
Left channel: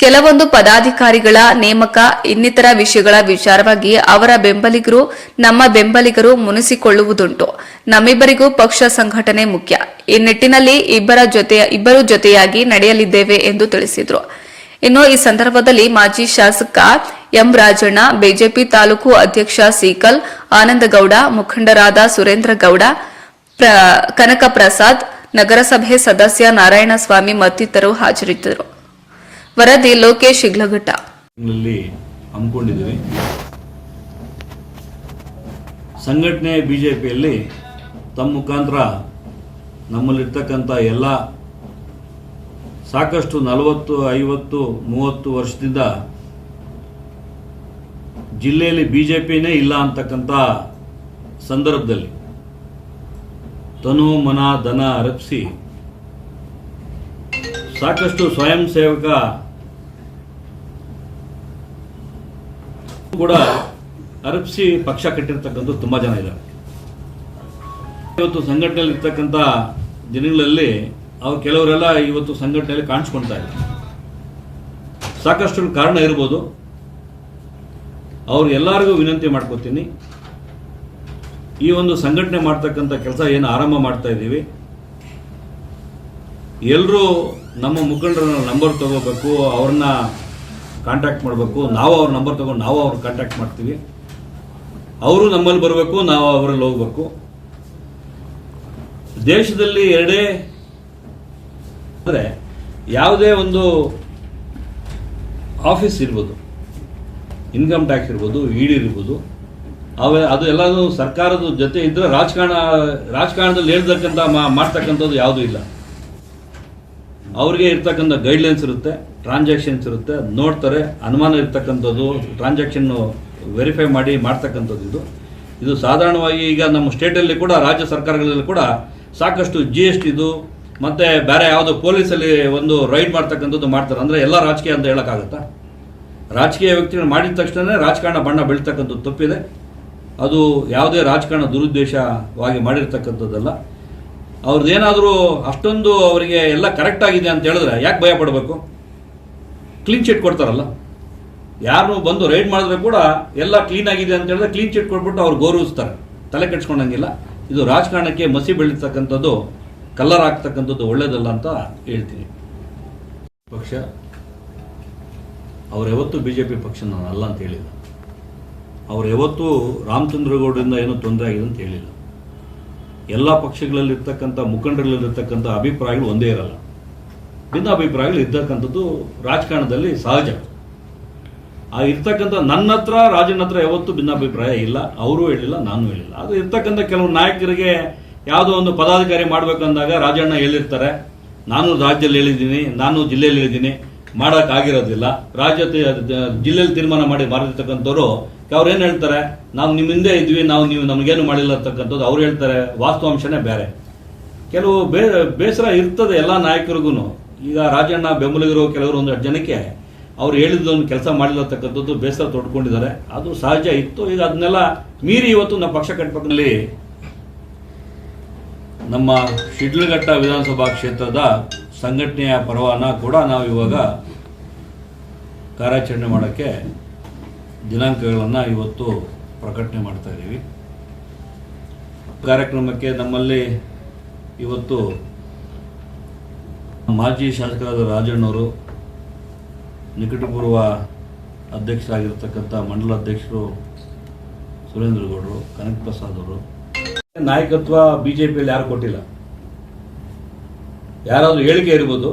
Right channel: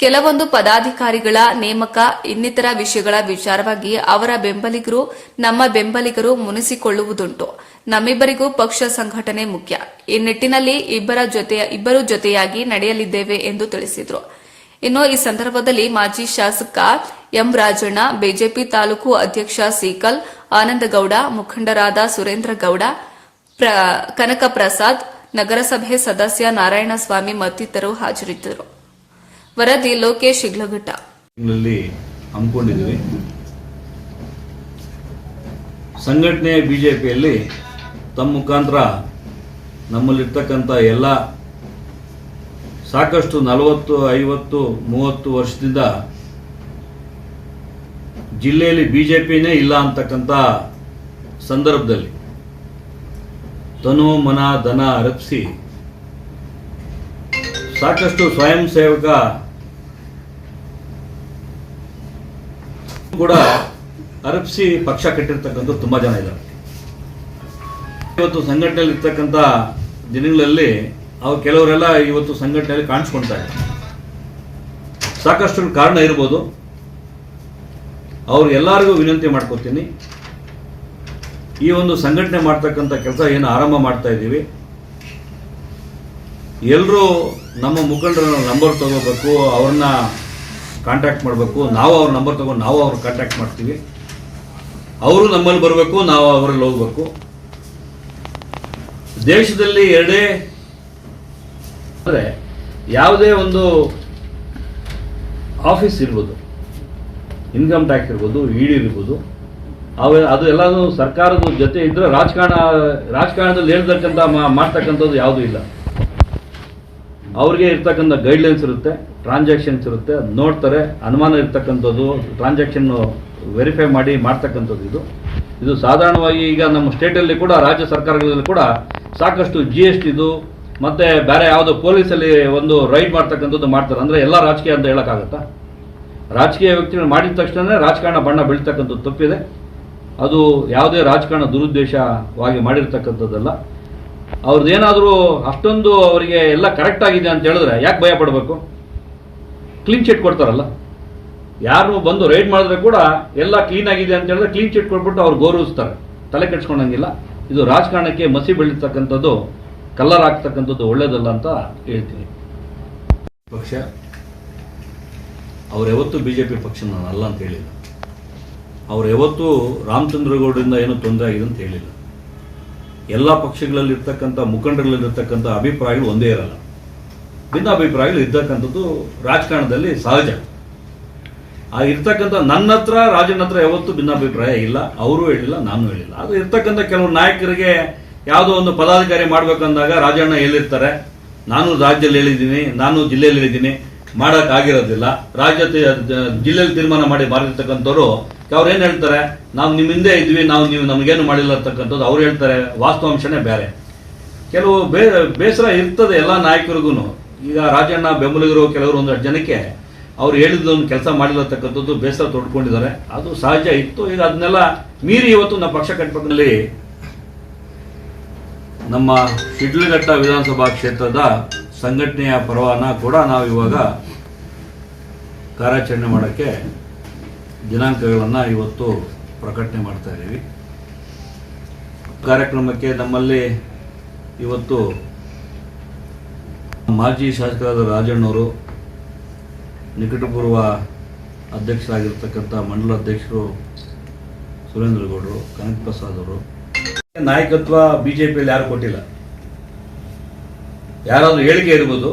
ಕೆಲವೊಂದು ಪದಾಧಿಕಾರಿಗಳ ನೇಮಕ ಇನ್ನಿತರ ವಿಷಯಗಳ ವಿಚಾರವಾಗಿ ಅವರ ಬೆಂಬಲಿಗರು ನಮ್ಮ ಬೆಂಬಲಿಗರು ಮುನಿಸಿಕೊಳ್ಳುವುದುಂಟು. ನಮ್ಮಿಬ್ಬರಿಗೂ ಪಕ್ಷ ಸಂಘಟನೆ ಮುಖ್ಯ. ಈ ನಿಟ್ಟಿನಲ್ಲಿ ಇಬ್ಬರು ಜೊತೆಯಾಗಿ ನಡೆಯಲಿದ್ದೇವೆ ಎಂದು ತಿಳಿಸಿದರು. ಇನ್ನು ಈ ಸಂದರ್ಭದಲ್ಲಿ ಮಾಜಿ ಶಾಸಕ ಎಂ ರಾಜಣ್ಣ, ಬಿಜೆಪಿ ತಾಲೂಕು ಅಧ್ಯಕ್ಷ ಸೀಕಲ್ ಆನಂದಗೌಡ, ಮುಖಂಡರಾದ ಸುರೇಂದ್ರ ಗೌಡ, ಕನಕ ಪ್ರಸಾದ್, ನಗರಸಭೆ ಸದಸ್ಯ ನಾರಾಯಣಸ್ವಾಮಿ ಮತ್ತಿತರರು ಹಾಜರಿದ್ದರು. ವರದಿ ಲೋಕೇಶ್ ಶಿಗ್ಲಘಟ್ಟ. ಹಮ್ಮಿಕೊಂಡಿದ್ದೀವಿ. ಸಂಘಟನೆ ಬಿಜೆಪಿಯಲ್ಲಿ ತಮ್ಮ ಮುಖಾಂತರ ನಮ್ಮಲ್ಲಿರ್ತಕ್ಕಂಥ ಎಲ್ಲ ಸಾಕಷ್ಟು 40, 50, 30 ವರ್ಷದಿಂದ ಜಿಲ್ಲೆಯಲ್ಲಿ ಬಿಜೆಪಿನೇ ಇಲ್ಲ ಅಂತಕ್ಕಂಥ ಸಂದರ್ಭದಲ್ಲಿ ತನು ಮನ ಧನ ಅರಪಿಸಿ ಸಾಕಷ್ಟು ಸ್ವಯಂ ಸೇವಕ ಕೂಡ ಅರಪಿಸಿ ಪಕ್ಷ ಕಟ್ಟಿರ್ತಕ್ಕಂಥ ತುಂಬಾ ಜನ ಇದ್ದಾರೆ. ಇವತ್ತು ಸಂಘಟನೆಯಲ್ಲಿ ಇರ್ತಕ್ಕಂಥ ದಿನಗಳಲ್ಲಿ ಅವ್ರು ಕೆಲವರೆಲ್ಲ ಇವತ್ತು ಸಂಘಟನೆಯಲ್ಲಿ ಕಾಣಿಸ್ಕೊಳ್ತಾ ಇದ್ದಾರೆ. ಸಾಕಷ್ಟು ಕಾರಣ ಇರ್ಬೋದು. ಅವ್ರು ಎಲ್ಲರಿಗೂ ವಿನಂತಿ ಮಾಡ್ಕೋತೀನಿ, ಈ ಒಂದು ಸಂಘಟನೆ ಮಾಡ್ತಕ್ಕಂಥ ಕೆಲಸ ಏನು ಆರಂಭ ಮಾಡ್ತಾ ಇದ್ದೀವಿ, ಎಲ್ಲರೂ ನಮ್ಮ ಮುಖಂಡರ ನಂಬರ್ ತಗೋಬೇಕು, ಅವ್ರನ್ನ ಕಾಂಟ್ಯಾಕ್ಟ್ ಮಾಡಬೇಕು. ನಾವು ಅವ್ರ ನಂಬರ್ ತಗೊಂಡು ನಾವು ಅವ್ರ ಕಾಂಟ್ಯಾಕ್ಟ್ ಮಾಡ್ತೀವಿ. ಅವರು ನಮ್ಮಲ್ಲಿ ಬರಬೇಕು, ನಾವು ಅವರಲ್ಲಿ ಹೋಗ್ಬೇಕು. ದೇಶದಲ್ಲಿ ಎರಡೇ ಅಂದರೆ ಯಾವುದೇ ಒಂದು ಆಫೀಸ್ ಇರ್ಬೋದು, ಇನ್ಕಮ್ ಟ್ಯಾಕ್ಸ್ ಇರ್ಬೋದು, ಇಡಿ ಇರ್ಬೋದು, ಅದು ಎಲ್ಲಾನು ಸರ್ಕಾರದ ಜೊತೆ ಇದ್ರೆ ರಾಜಕಾರಣದಲ್ಲಿ ಹೇಳ್ತಕ್ಕಂಥ ಮಾಡ್ತಕ್ಕಂಥದ್ದು ಯಾವುದೂ ಇಲ್ಲ. ಅವ್ರಿಗೆ ಇರ್ತಕ್ಕಂಥ ಗೈಡ್ಲೈನ್ಸ್ ಇರುತ್ತೆ, ಟ್ರಾನ್ಸಾಕ್ಷನ್ಸ್ ಇರುತ್ತೆ, ನೋಡ್ತಾರೆ. ಅನುಮಾನ ಇರ್ತಕ್ಕಂಥದ್ದು ಟ್ರಾನ್ಸಾಕ್ಷನ್ ವೆರಿಫೈ ಮಾಡಿ ಮಾಡ್ತಕ್ಕಂಥದ್ದು ಇದು ಸಾಧಾರಣವಾಗಿ ಈಗ ನಮ್ಮ ಸ್ಟೇಟಲ್ಲಿ ಕೂಡ ರಾಜ್ಯ ಸರ್ಕಾರಗಳಲ್ಲಿ ಕೂಡ ಸಾಕಷ್ಟು GSTದು ಮತ್ತೆ ಬೇರೆ ಯಾವುದೋ ಪೊಲೀಸಲ್ಲಿ ಒಂದು ರೈಡ್ ಮಾಡ್ತಕ್ಕಂಥದ್ದು ಮಾಡ್ತಾರೆ. ಅಂದರೆ ಎಲ್ಲ ರಾಜಕೀಯ ಅಂತ ಹೇಳೋಕ್ಕಾಗತ್ತಾ? ರಾಜಕೀಯ ವ್ಯಕ್ತಿಗಳು ಮಾಡಿದ ತಕ್ಷಣ ರಾಜಕಾರಣ ಬಣ್ಣ ಬೀಳ್ತಕ್ಕಂಥದ್ದು ತಪ್ಪಿದೆ. ಅದು ಯಾವುದೇ ರಾಜಕಾರಣ ದುರುದ್ದೇಶವಾಗಿ ಮಾಡಿರ್ತಕ್ಕಂಥದ್ದಲ್ಲ. ಅವ್ರದ್ದೇನಾದರೂ ಅಷ್ಟೊಂದು ಅವರಿಗೆ ಎಲ್ಲ ಕರೆಕ್ಟ್ ಆಗಿದೆ ಅಂತ ಹೇಳಿದ್ರೆ ಯಾಕೆ ಭಯ ಪಡಬೇಕು? ಕ್ಲೀನ್ ಚಿಟ್ ಕೊಡ್ತಾರಲ್ಲ, ಯಾರು ಬಂದು ರೈಡ್ ಮಾಡಿದ್ರೆ ಕೂಡ ಎಲ್ಲ ಕ್ಲೀನ್ ಆಗಿದೆ ಅಂತ ಹೇಳಿದ್ರೆ ಕ್ಲೀನ್ ಚಿಟ್ ಕೊಟ್ಬಿಟ್ಟು ಅವ್ರು ಗೌರವಿಸ್ತಾರೆ, ತಲೆ ಕೆಡ್ಸ್ಕೊಂಡಂಗಿಲ್ಲ. ಇದು ರಾಜಕಾರಣಕ್ಕೆ ಮಸಿ ಬೆಳೀತಕ್ಕಂಥದ್ದು, ಕಲ್ಲರ್ ಆಗ್ತಕ್ಕಂಥದ್ದು ಒಳ್ಳೇದಲ್ಲ ಅಂತ ಹೇಳ್ತೀನಿ. ಪಕ್ಷ ಅವ್ರು ಯಾವತ್ತೂ ಬಿಜೆಪಿ ಪಕ್ಷ ನಾನು ಅಲ್ಲ ಅಂತ ಹೇಳಿಲ್ಲ. ಅವ್ರು ಯಾವತ್ತೂ ರಾಮಚಂದ್ರಗೌಡರಿಂದ ಏನೂ ತೊಂದರೆ ಆಗಿದೆ ಅಂತ ಹೇಳಿಲ್ಲ. ಎಲ್ಲ ಪಕ್ಷಗಳಲ್ಲಿರ್ತಕ್ಕಂಥ ಮುಖಂಡರಲ್ಲಿರ್ತಕ್ಕಂಥ ಅಭಿಪ್ರಾಯಗಳು ಒಂದೇ ಇರಲ್ಲ, ಭಿನ್ನ ಅಭಿಪ್ರಾಯಗಳು ಇರ್ತಕ್ಕಂಥದ್ದು ರಾಜಕಾರಣದಲ್ಲಿ ಸಹಜ. ಆ ಇರ್ತಕ್ಕಂಥ ನನ್ನ ಹತ್ರ ರಾಜನ ಹತ್ರ ಯಾವತ್ತೂ ಭಿನ್ನಾಭಿಪ್ರಾಯ ಇಲ್ಲ, ಅವರು ಹೇಳಿಲ್ಲ, ನಾನು ಹೇಳಿಲ್ಲ. ಅದು ಇರ್ತಕ್ಕಂಥ ಕೆಲವು ನಾಯಕರಿಗೆ ಯಾವುದೋ ಒಂದು ಪದಾಧಿಕಾರಿ ಮಾಡ್ಬೇಕಂದಾಗ ರಾಜಣ್ಣ ಹೇಳಿರ್ತಾರೆ, ನಾನು ರಾಜ್ಯದಲ್ಲಿ ಹೇಳಿದ್ದೀನಿ, ನಾನು ಜಿಲ್ಲೆಯಲ್ಲಿ ಹೇಳಿದ್ದೀನಿ, ಮಾಡೋಕ್ಕಾಗಿರೋದಿಲ್ಲ. ಜಿಲ್ಲೆಯಲ್ಲಿ ತೀರ್ಮಾನ ಮಾಡಿ ಮಾಡಿರ್ತಕ್ಕಂಥವ್ರು ಅವ್ರು ಏನು ಹೇಳ್ತಾರೆ, ನಾವು ನಿಮ್ಮ ಹಿಂದೆ ಇದ್ವಿ, ನೀವು ನಮಗೇನು ಮಾಡಿಲ್ಲ ಅಂತಕ್ಕಂಥದ್ದು ಅವ್ರು ಹೇಳ್ತಾರೆ. ವಾಸ್ತವಾಂಶನೇ ಬೇರೆ. ಕೆಲವು ಬೇಸರ ಇರ್ತದೆ ಎಲ್ಲ ನಾಯಕರಿಗೂ. ಈಗ ರಾಜಣ್ಣ ಬೆಂಬಲಿಗರು ಕೆಲವರು 1 ಜನಕ್ಕೆ ಅವ್ರು ಹೇಳಿದ್ದೊಂದು ಕೆಲಸ ಮಾಡಿಲ್ಲತಕ್ಕಂಥದ್ದು ಬೇಸರ ತೊಡ್ಕೊಂಡಿದ್ದಾರೆ. ಅದು ಸಹಜ ಇತ್ತು. ಈಗ ಅದನ್ನೆಲ್ಲ ಮೀರಿ ಇವತ್ತು ನಮ್ಮ ಪಕ್ಷ ಕಟ್ಟಬೇಕಲ್ಲಿ ನಮ್ಮ ಶಿಡ್ಲಘಟ್ಟ ವಿಧಾನಸಭಾ ಕ್ಷೇತ್ರದ ಸಂಘಟನೆಯ ಪರವಾನ ಕೂಡ ನಾವು ಇವಾಗ ಕಾರ್ಯಾಚರಣೆ ಮಾಡೋಕ್ಕೆ ದಿನಾಂಕಗಳನ್ನು ಇವತ್ತು ಪ್ರಕಟಣೆ ಮಾಡ್ತಾ ಇದ್ದೀವಿ. ಕಾರ್ಯಕ್ರಮಕ್ಕೆ ನಮ್ಮಲ್ಲಿ ಇವತ್ತು ಮಾಜಿ ಶಾಸಕರಾದ ರಾಜಣ್ಣವರು, ನಿಕಟಪೂರ್ವ ಅಧ್ಯಕ್ಷರಾಗಿರ್ತಕ್ಕಂಥ ಮಂಡಲ ಅಧ್ಯಕ್ಷರು ಸುರೇಂದ್ರಗೌಡರು, ಕನಕ ಪ್ರಸಾದ್ ಅವರು. ನಾಯಕತ್ವ ಬಿಜೆಪಿಯಲ್ಲಿ ಯಾರು ಕೊಟ್ಟಿಲ್ಲ. ಯಾರಾದರೂ ಹೇಳಿಕೆ ಇರ್ಬೋದು,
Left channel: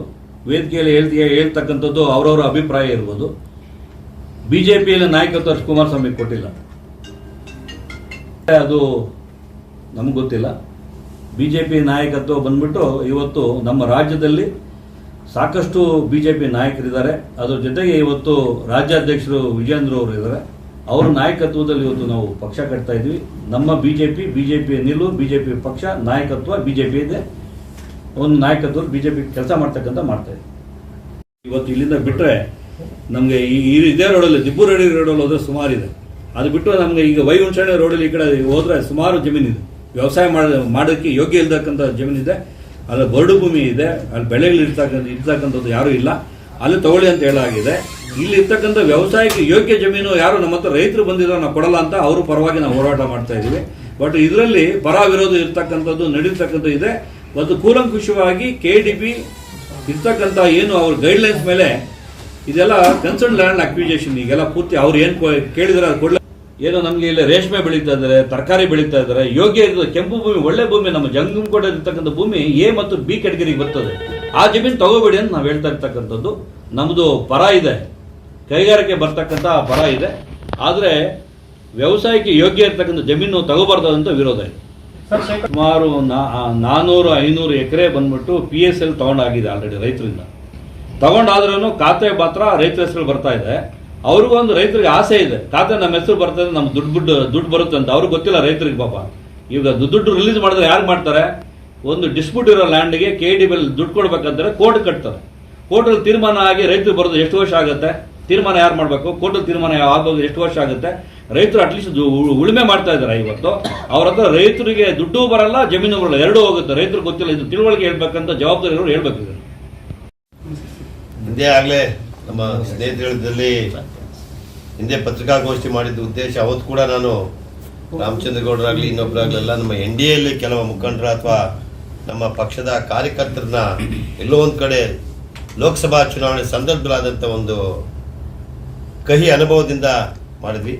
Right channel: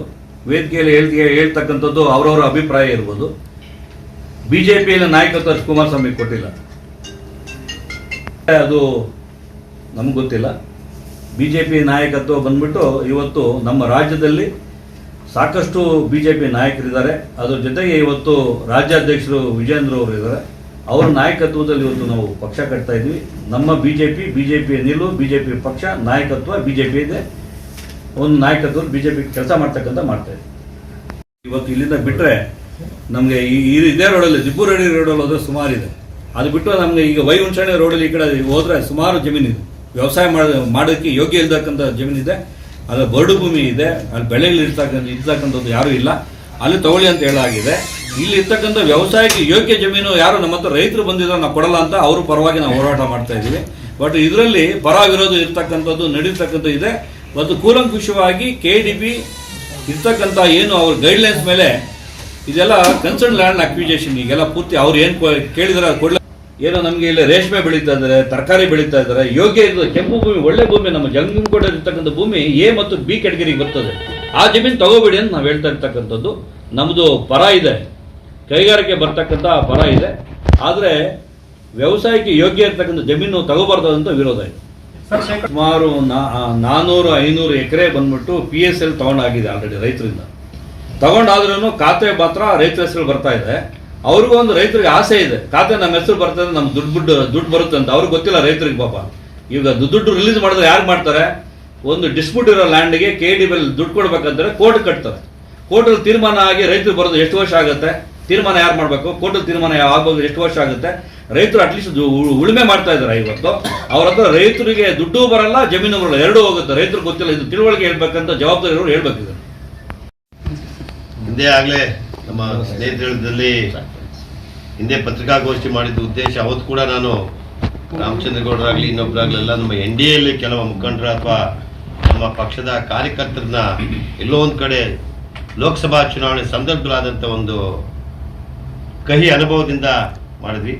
ವೇದಿಕೆಯಲ್ಲಿ ಹೇಳ್ತಕ್ಕಂಥದ್ದು ಅವರವರ ಅಭಿಪ್ರಾಯ ಇರ್ಬೋದು. ಬಿಜೆಪಿಯಲ್ಲಿ ನಾಯಕತ್ವ ಕುಮಾರಸ್ವಾಮಿ ಕೊಟ್ಟಿಲ್ಲ, ಅದು ನಮ್ಗೆ ಗೊತ್ತಿಲ್ಲ. ಬಿಜೆಪಿ ನಾಯಕತ್ವ ಬಂದ್ಬಿಟ್ಟು ಇವತ್ತು ನಮ್ಮ ರಾಜ್ಯದಲ್ಲಿ ಸಾಕಷ್ಟು ಬಿಜೆಪಿ ನಾಯಕರಿದ್ದಾರೆ. ಅದ್ರ ಜೊತೆಗೆ ಇವತ್ತು ರಾಜ್ಯಾಧ್ಯಕ್ಷರು ವಿಜೇಂದ್ರ ಅವರು ಇದ್ದಾರೆ. ಅವರ ನಾಯಕತ್ವದಲ್ಲಿ ಇವತ್ತು ನಾವು ಪಕ್ಷ ಕಟ್ತಾ ಇದ್ವಿ. ನಮ್ಮ ಬಿಜೆಪಿ ನಿಲುವು, ಬಿಜೆಪಿ ಪಕ್ಷ ನಾಯಕತ್ವ ಬಿಜೆಪಿ ಇದೆ. ಒಂದು ನಾಯಕತ್ವ ಬಿಜೆಪಿ ಕೆಲಸ ಮಾಡ್ತಾ ಇದ್ವಿ. ಇವತ್ತು ಇಲ್ಲಿಂದ ಬಿಟ್ಟರೆ ನಮಗೆ ಇದೇ ರೋಡಲ್ಲಿ ದಿಬ್ಬೂರಡಿ ರೋಡಲ್ಲಿ ಹೋದ್ರೆ ಸುಮಾರಿದೆ. ಅದು ಬಿಟ್ಟು ನಮಗೆ ಈಗ ವೈಹುಣಸೆ ರೋಡಲ್ಲಿ ಈ ಕಡೆ ಹೋದರೆ ಸುಮಾರು ಜಮೀನಿದೆ, ವ್ಯವಸಾಯ ಮಾಡೋಕ್ಕೆ ಯೋಗ್ಯ ಇರ್ತಕ್ಕಂಥ ಜಮೀನಿದೆ, ಅಲ್ಲಿ ಬರಡು ಭೂಮಿ ಇದೆ, ಅಲ್ಲಿ ಬೆಳೆಗಳು ಇರ್ತಕ್ಕಂಥದ್ದು ಯಾರೂ ಇಲ್ಲ, ಅಲ್ಲಿ ತಗೊಳ್ಳಿ ಅಂತ ಹೇಳಾಗಿದೆ. ಇಲ್ಲಿ ಇರ್ತಕ್ಕಂಥ ವ್ಯವಸಾಯಕ್ಕೆ ಯೋಗ್ಯ ಜಮೀನು ಯಾರು ನಮ್ಮ ಹತ್ರ ರೈತರು ಬಂದಿದ್ರು ನಾವು ಕೊಡಲ್ಲ ಅಂತ ಅವರು ಪರವಾಗಿ ನಾವು ಹೋರಾಟ ಮಾಡ್ತಾ ಇದ್ದೀವಿ. ಬಟ್ ಇದರಲ್ಲಿ ಪರ ವಿರೋಧ ಇರ್ತಕ್ಕಂಥದ್ದು ನಡೀತಕ್ಕಂಥ ಇದೆ. ಮತ್ತು ಕೂಲಂಕುಷವಾಗಿ KDP ಇರ್ತಕ್ಕಂಥ ಏನು ಅವ್ರ ಗೈಡ್ಲೈನ್ಸ್ ಮೇಲೆ ಇದೆಲ್ಲ ಕನ್ಸರ್ನ್ ಲ್ಯಾಂಡ್ ಅಕ್ವಿಜೇಷನ್ ಈಗೆಲ್ಲ ಪೂರ್ತಿ ಅವ್ರು ಏನು ಕೇಳಿದ್ರೆ ಅದು ಕೊಡಲ. ಏನೋ ನಮಗೆ ಇಲ್ಲಿ ರೇಷ್ಮೆ ಬೆಳೀತಾ ಇದ್ದಾರೆ, ತರಕಾರಿ ಬೆಳೀತಾ ಇದ್ದಾರೆ, ಯೋಗ್ಯ ಇದು ಕೆಂಪು ಭೂಮಿ, ಒಳ್ಳೆ ಭೂಮಿ, ನಮ್ಮ ಜಂಗಮಕೋಟೆ ಇರ್ತಕ್ಕಂಥ ಭೂಮಿ A ಮತ್ತು B ಕ್ಯಾಟಗರಿಗೆ ಬರ್ತದೆ. ಆ ಜಮೀನು ತಗೋಬೇಡಿ ಅಂತ ನಾವು ಹೇಳ್ತಾ ಇರ್ತಕ್ಕಂಥದ್ದು. ನಮ್ಮದು ಪರ ಇದೆ, ಕೈಗಾರಿಕೆ ಬರ್ತಕ್ಕಂಥ ಪರ ಇದೆ, ಆದರೆ ವ್ಯವಸಾಯಕ್ಕೆ ಯೋಗ್ಯ ಇರ್ತಕ್ಕಂಥ ಜಮೀನು ತಗೋಬಾರ್ದು ಅಂತ ವಿರೋಧ ಇದೆ. ಸುಮಾರು 400-500 ಎಕರೆ ಬಂದ್ಬಿಟ್ಟು PSL ತಗೊಂಡಾಗಿದೆ ಆಲ್ರೆಡಿ ರೈತರಿಂದ. ತಗೊಂಡಾದ್ರೂ ಖಾತೆ ಮಾತ್ರ ರೈತರ ಹೆಸರು ಬರ್ತಾ ಇದೆ. ಅವ್ರಿಗೂ ಒಂದು ರೈತರಿಗೆ ಆಸೆ ಇದೆ, ಖಾತೆ ನಮ್ಮ ಹೆಸರು ಬರ್ತದೆ, ನಮ್ಗೆ ದುಡ್ಡು ಬರುತ್ತೆ ಅಂತ. ಅವ್ರಿಗೆ ಗೊತ್ತಿಲ್ಲ ರೈತರಿಗೆ ಪಾಪ. ಈಗ ದುಡ್ಡು ರಿಲೀಸ್ ಮಾಡಿದ್ರೆ ಯಾರು ಮಾಡ್ತಾರೆ? ಒಂದು ಡಿಸ್ಪ್ಯೂಟ್ ಇರೋ ಲ್ಯಾಂಡ್ಗೆ KDP ದುಡ್ಡು ಕೊಡ್ಬೇಕಂತಾರೆ ಕೋರ್ಟ್ ಕಟ್ತಾರೆ. ಕೋರ್ಟಲ್ಲಿ ತೀರ್ಮಾನ ಆಗಿ ರೈತರು ಬರೋದು ಎಷ್ಟು ವರ್ಷ ಆಗುತ್ತೆ? ತೀರ್ಮಾನ ಯಾರು ಮಾಡಬೇಕು? ಕೋರ್ಟಲ್ಲಿ ತೀರ್ಮಾನ ಆಗೋದು ಎಷ್ಟು ವರ್ಷ ಆಗುತ್ತೆ? ರೈತರು ಅಟ್ಲೀಸ್ಟ್ ಉಳುಮೆ ಮಾಡ್ತಾ ಇದ್ದಾರೆ. ಇವತ್ತು ಅವ್ರ ಹತ್ರ ರೈತರಿಗೆ ದುಡ್ಡು ಬರಲ್ಲ, ಜಮೀನು ಬರಲ್ಲ, ಎರಡೂ ಹೋಗುತ್ತೆ. ರೈತರಿಗೆ ಗೊತ್ತಿಲ್ಲ, ಇದು ತಿಳುವಳಿಕೆ ಹೇಳ್ಬೇಕಂತ ಜವಾಬ್ದಾರಿ ಇರೋರು ಹೇಳ್ಬೇಕಿದೆ. ಹಿಂದೆ ಆಗಲೇ ನಮ್ಮ ಸ್ನೇಹಿತರಲ್ಲಿ ಹಿಂದೆ ಪತ್ರಿಕಾಗೋಷ್ಠಿ ಮಾಡಿದ್ದ ಉದ್ದೇಶ, ಅವತ್ತು ಕೂಡ ನಾನು ರಾಮಚಂದ್ರಗೌಡರಾಗಲಿ ಇನ್ನೊಬ್ಬರಾಗಲಿ ಎಲ್ಲ ನಮ್ಮ NDAಯಲ್ಲಿ ಕೆಲವು ಮುಖಂಡರ ಅಥವಾ ನಮ್ಮ ಪಕ್ಷದ ಕಾರ್ಯಕರ್ತರನ್ನ ಎಲ್ಲೋ ಒಂದು ಕಡೆ ಲೋಕಸಭಾ ಚುನಾವಣೆ ಸಂದರ್ಭದಲ್ಲಾದಂಥ ಒಂದು ಕಹಿ ಅನುಭವದಿಂದ ಮಾಡಿದ್ವಿ.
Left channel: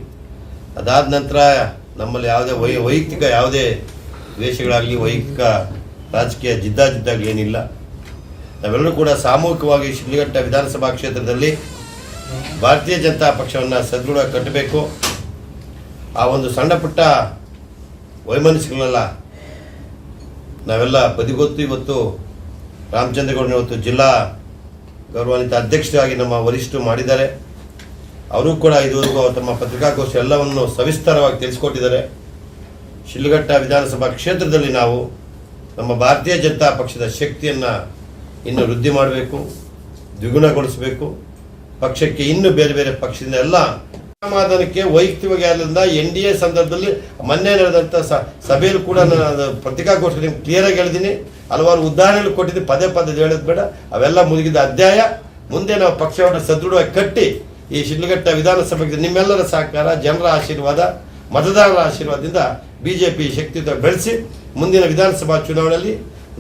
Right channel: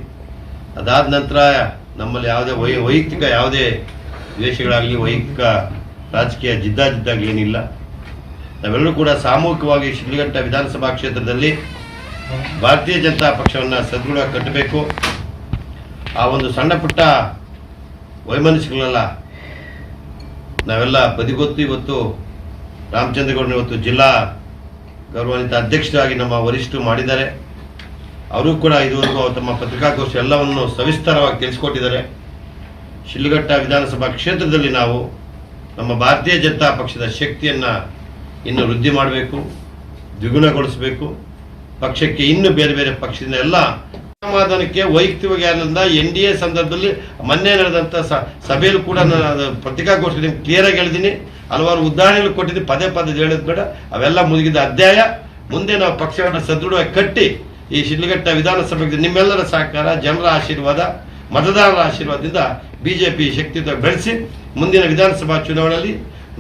ಅದಾದ ನಂತರ ನಮ್ಮಲ್ಲಿ ಯಾವುದೇ ವೈಯಕ್ತಿಕ ಯಾವುದೇ ದ್ವೇಷಗಳಾಗಲಿ, ವೈಯಕ್ತಿಕ ರಾಜಕೀಯ ಜಿದ್ದಾಗಲಿ ಏನಿಲ್ಲ. ನಾವೆಲ್ಲರೂ ಕೂಡ ಸಾಮೂಹಿಕವಾಗಿ ಶಿಡ್ಲಘಟ್ಟ ವಿಧಾನಸಭಾ ಕ್ಷೇತ್ರದಲ್ಲಿ ಭಾರತೀಯ ಜನತಾ ಪಕ್ಷವನ್ನು ಸದೃಢ ಕಟ್ಟಬೇಕು. ಆ ಒಂದು ಸಣ್ಣ ಪುಟ್ಟ ವೈಮನಸ್ಸುಗಳನ್ನೆಲ್ಲ ನಾವೆಲ್ಲ ಬದಿಗೊತ್ತು. ಇವತ್ತು ರಾಮಚಂದ್ರಗೌಡನ ಇವತ್ತು ಜಿಲ್ಲಾ ಗೌರವಾನ್ವಿತ ಅಧ್ಯಕ್ಷರಾಗಿ ನಮ್ಮ ವರಿಷ್ಠರು ಮಾಡಿದ್ದಾರೆ. ಅವರು ಕೂಡ ಇದುವರೆಗೂ ತಮ್ಮ ಪತ್ರಿಕಾಗೋಷ್ಠಿ ಎಲ್ಲವನ್ನು ಸವಿಸ್ತಾರವಾಗಿ ತಿಳಿಸ್ಕೊಟ್ಟಿದ್ದಾರೆ. ಶಿಡ್ಲಘಟ್ಟ ವಿಧಾನಸಭಾ ಕ್ಷೇತ್ರದಲ್ಲಿ ನಾವು ನಮ್ಮ ಭಾರತೀಯ ಜನತಾ ಪಕ್ಷದ ಶಕ್ತಿಯನ್ನು ಇನ್ನು ವೃದ್ಧಿ ಮಾಡಬೇಕು, ದ್ವಿಗುಣಗೊಳಿಸಬೇಕು. ಪಕ್ಷಕ್ಕೆ ಇನ್ನು ಬೇರೆ ಬೇರೆ ಪಕ್ಷದಿಂದ ಎಲ್ಲ ಸಮಾಧಾನಕ್ಕೆ ವೈಯಕ್ತಿಕವಾಗಿ ಆದ್ರಿಂದ NDA ಸಂದರ್ಭದಲ್ಲಿ ಮೊನ್ನೆ ನಡೆದಂಥ ಸಭೆಯಲ್ಲೂ ಕೂಡ ನಾನು ಪತ್ರಿಕಾಗೋಷ್ಠಿ ನಿಮ್ಗೆ ಕ್ಲಿಯರಾಗಿ ಹೇಳಿದ್ದೀನಿ. ಹಲವಾರು ಉದಾಹರಣೆಗಳು ಕೊಟ್ಟಿದ್ದೀನಿ, ಪದೇ ಹೇಳೋದು ಬೇಡ. ಅವೆಲ್ಲ ಮುಗಿದ ಅಧ್ಯಾಯ. ಮುಂದೆ ನಾವು ಪಕ್ಷವನ್ನು ಸದೃಢವಾಗಿ ಕಟ್ಟಿ ಈ ಶಿಡ್ಲಘಟ್ಟ ವಿಧಾನಸಭೆಗೆ ನಿಮ್ಮೆಲ್ಲರ ಸಹಕಾರ, ಜನರ ಆಶೀರ್ವಾದ, ಮತದಾರರ ಆಶೀರ್ವಾದದಿಂದ BJP ಶಕ್ತಿಯುತ ಬೆಳೆಸಿ ಮುಂದಿನ ವಿಧಾನಸಭಾ ಚುನಾವಣೆಯಲ್ಲಿ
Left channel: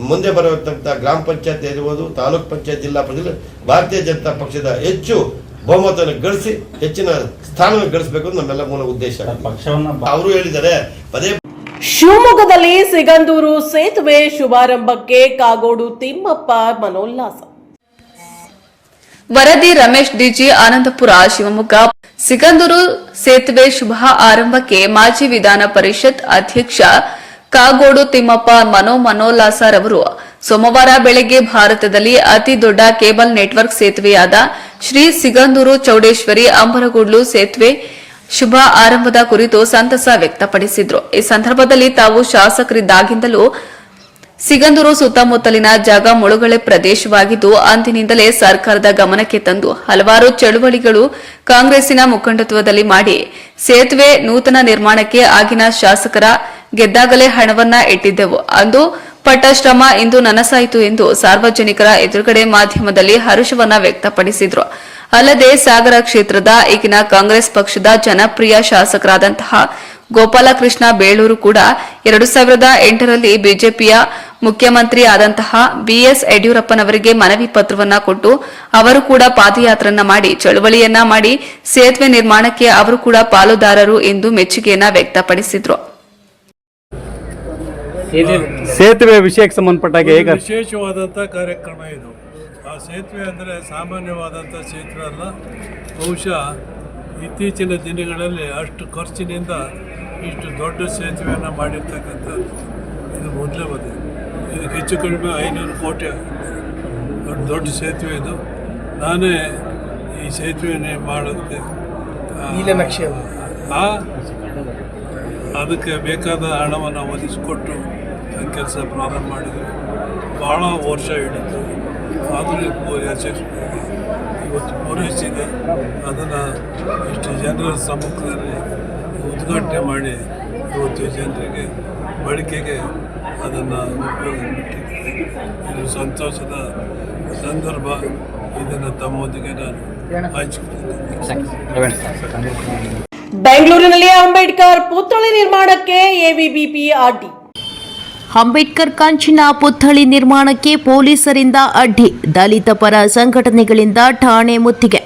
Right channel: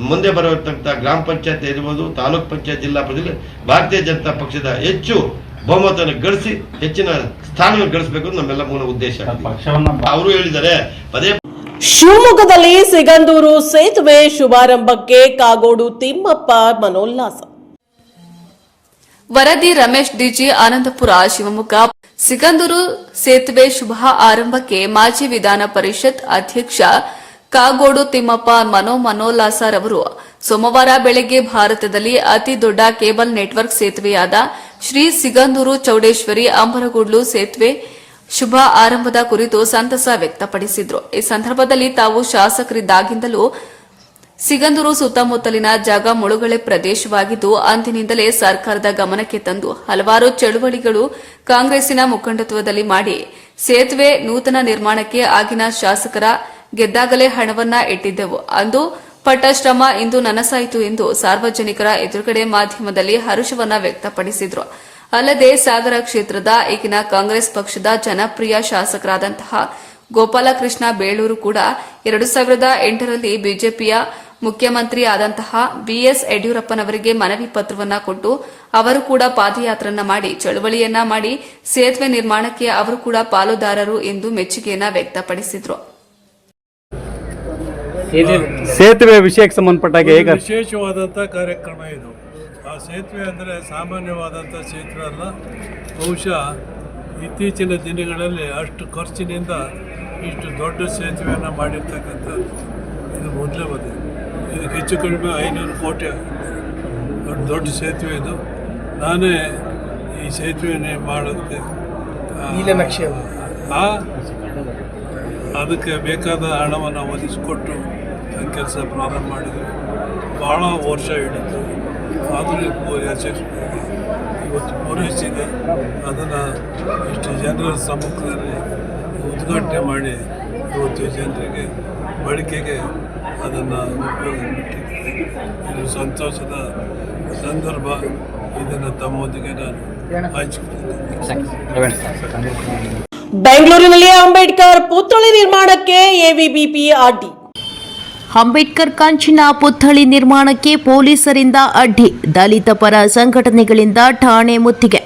ಮುಂದೆ ಬರುವಂಥ ಗ್ರಾಮ ಪಂಚಾಯತ್ ಇರ್ಬೋದು, ತಾಲೂಕ್ ಪಂಚಾಯತ್, ಜಿಲ್ಲಾ ಪಂಚಾಯತ್ ಭಾರತೀಯ ಜನತಾ ಪಕ್ಷದ ಹೆಚ್ಚು ಬಹುಮತವನ್ನು ಗಳಿಸಿ ಹೆಚ್ಚಿನ ಸ್ಥಾನವನ್ನು ಗಳಿಸಬೇಕು ಅಂತ ನಮ್ಮೆಲ್ಲ ಮೂಲ ಉದ್ದೇಶ. ಅವರು ಹೇಳಿದ್ದಾರೆ ಪದೇ. ಶಿವಮೊಗ್ಗದಲ್ಲಿ ಸಿಗಂದೂರು ಸೇತುವೆ ಶುಭಾರಂಭಕ್ಕೆ ಕಾಗೋಡು ತಿಮ್ಮಪ್ಪ ಮನೋಲ್ಲಾಸ. ವರದಿ ರಮೇಶ್ ಡಿಜಿ, ಆನಂದಪುರ, ಶಿವಮೊಗ್ಗ. ಸಿಗಂದೂರು ಸೇತುವೆ ಶುಭ ಆರಂಭಕ್ಕೆ ಮಾಜಿ ವಿಧಾನ ಪರಿಷತ್ ಅಧ್ಯಕ್ಷ ಕಾಗೋಡು ತಿಮ್ಮಪ್ಪ ಮನೋಲ್ಲಾಸರವರು ಸೋಮವಾರ ಬೆಳಗ್ಗೆ ಭಾರತದಲ್ಲಿ ಅತಿ ದೊಡ್ಡ ಕೇಬಲ್ ನೆಟ್ವರ್ಕ್ ಸೇತುವೆಯಾದ ಶ್ರೀ ಸಿಗಂದೂರು ಚೌಡೇಶ್ವರಿ ಅಂಬರಗೂಡ್ಲು ಸೇತುವೆ ಶುಭ ಆರಂಭದ ಕುರಿತು ಸಂತಸ ವ್ಯಕ್ತಪಡಿಸಿದ್ರು. ಈ ಸಂದರ್ಭದಲ್ಲಿ ತಾವು ಶಾಸಕರಿದ್ದಾಗಿಂದಲೂ ಸಿಗಂದೂರು ಸುತ್ತಮುತ್ತಲಿನ ಜಾಗ ಮುಳುಗಡೆ ಪ್ರದೇಶವಾಗಿದ್ದು, ಅಂದಿನಿಂದಲೇ ಸರ್ಕಾರದ ಗಮನಕ್ಕೆ ತಂದು ಹಲವಾರು ಚಳುವಳಿಗಳು ಕಾಂಗ್ರೆಸ್ಸಿನ ಮುಖಂಡತ್ವದಲ್ಲಿ ಮಾಡಿ ಸೇತುವೆ ನೂತನ ನಿರ್ಮಾಣಕ್ಕೆ ಆಗಿನ ಶಾಸಕರ ಗೆದ್ದಾಗಲೇ ಹಣವನ್ನ ಇಟ್ಟಿದ್ದೆವು. ಅಂದು ಪಟ್ಟ ಶ್ರಮ ಇಂದು ನನಸಾಯಿತು ಎಂದು ಸಾರ್ವಜನಿಕರ ಎದುರುಗಡೆ ಮಾಧ್ಯಮದಲ್ಲಿ ಹರ್ಷವನ್ನ ವ್ಯಕ್ತಪಡಿಸಿದ್ರು. ಅಲ್ಲದೆ ಸಾಗರ ಕ್ಷೇತ್ರದ ಈಗಿನ ಕಾಂಗ್ರೆಸ್ ಪಕ್ಷದ ಜನಪ್ರಿಯ ಶಾಸಕರಾದಂತಹ ಗೋಪಾಲಕೃಷ್ಣ ಬೇಳೂರು ಕೂಡ 2008ರಲ್ಲಿ ಬಿಜೆಪಿಯ ಮುಖ್ಯಮಂತ್ರಿ ಆದಂತಹ BS ಯಡಿಯೂರಪ್ಪನವರಿಗೆ ಮನವಿ ಪತ್ರವನ್ನ ಕೊಟ್ಟು ಅವರು ಕೂಡ ಪಾದಯಾತ್ರೆಯನ್ನ ಮಾಡಿ ಚಳವಳಿಯನ್ನ ಮಾಡಿ ಸೇತುವೆ ನಿರ್ಮಾಣಕ್ಕೆ ಅವರು ಕೂಡ ಪಾಲುದಾರರು ಎಂದು ಮೆಚ್ಚುಗೆಯನ್ನ ವ್ಯಕ್ತಪಡಿಸಿದ್ರು. ಸೇತುವೆ ವಿಷಯಕ್ಕೆ ಸಂಬಂಧಪಟ್ಟಾಗ ವಿಶೇಷವಾದಂಥ ಕಾರ್ಯಕ್ರಮ ಇದು. ಆ ಸೇತುವೆ ಅಂದರೆ ಸಾಮಾನ್ಯವಾದಂಥ ಸೇತುವೆ ಅಲ್ಲ. ಬಹುಶಃ ಇತ್ತೀಚಿನ ದಿನಗಳಲ್ಲಿ ಅಷ್ಟು ಖರ್ಚಿನಿಂದ ಇಷ್ಟು ದೊಡ್ಡ ಸೇತುವೆಯನ್ನು ಮಾಡಿರ್ತಕ್ಕಂಥದ್ದು ಇದು ಮೊದಲೇ ಬಂದಿದೆ. ಇದಕ್ಕೆ ಹೆಚ್ಚು ಕಡಿಮೆ 500 ಕೋಟಿ ದೊಡ್ಡ ಸೇತುವೆ ಇದು. ನಾನೇ ಈ ಸೇತುವೆ ಮಾಡೋಕ್ಕೆ ಅದಕ್ಕೆ ಬೇಕಾದ ಹಣವನ್ನು ಒದಗಿಸಿಕೊಟ್ಟು ಕೆಲಸ ಪ್ರಾರಂಭ ಮಾಡಿದ್ವಿ. ಭಾಳ ವರ್ಷ ಹಿಡಿತು, ಆದರೂ ಯಶಸ್ವಿಯಾಗಿ ಇವತ್ತು ಪೂರೈಸಿದೆ. ಅದನ್ನು ಇಷ್ಟು ಜನರ ಸಮ್ಮುಖದಲ್ಲಿ ಉದ್ಘಾಟನೆ ಮಾಡಿ ಇವತ್ತು ಜನರಿಗೆ ಬಳಕೆಗೆ ಅದನ್ನು ಉಪಯೋಗಿಸಿದ್ದಾರೆ. ಇದು ಸಂತೋಷದ ಸಂದರ್ಭ. ಇದನ್ನು ತಮ್ಮೊಂದಿಗೆ ನಾನು ಹಂಚಿಕೊಂಡಿದ್ದೇನೆ. ಬೆಂಗಳೂರಿನಲ್ಲಿ ಅಂಬೇಡ್ಕರ್ ಪುತ್ಥಳಿ ನಿರ್ಮಾಣಕ್ಕೆ ಎವಿಬಿಪಿ ಅಡ್ಡಿ. ಅಂಬೇಡ್ಕರ್ ಕಂಚಿನ ಪುತ್ಥಳಿ ನಿರ್ಮಾಣಕ್ಕೆ ಪೊಲೀಸರಿಂದ ಅಡ್ಡಿ, ದಲಿತ ಪರ ಸಂಘಟನೆಗಳಿಂದ ಠಾಣೆ ಮುತ್ತಿಗೆ.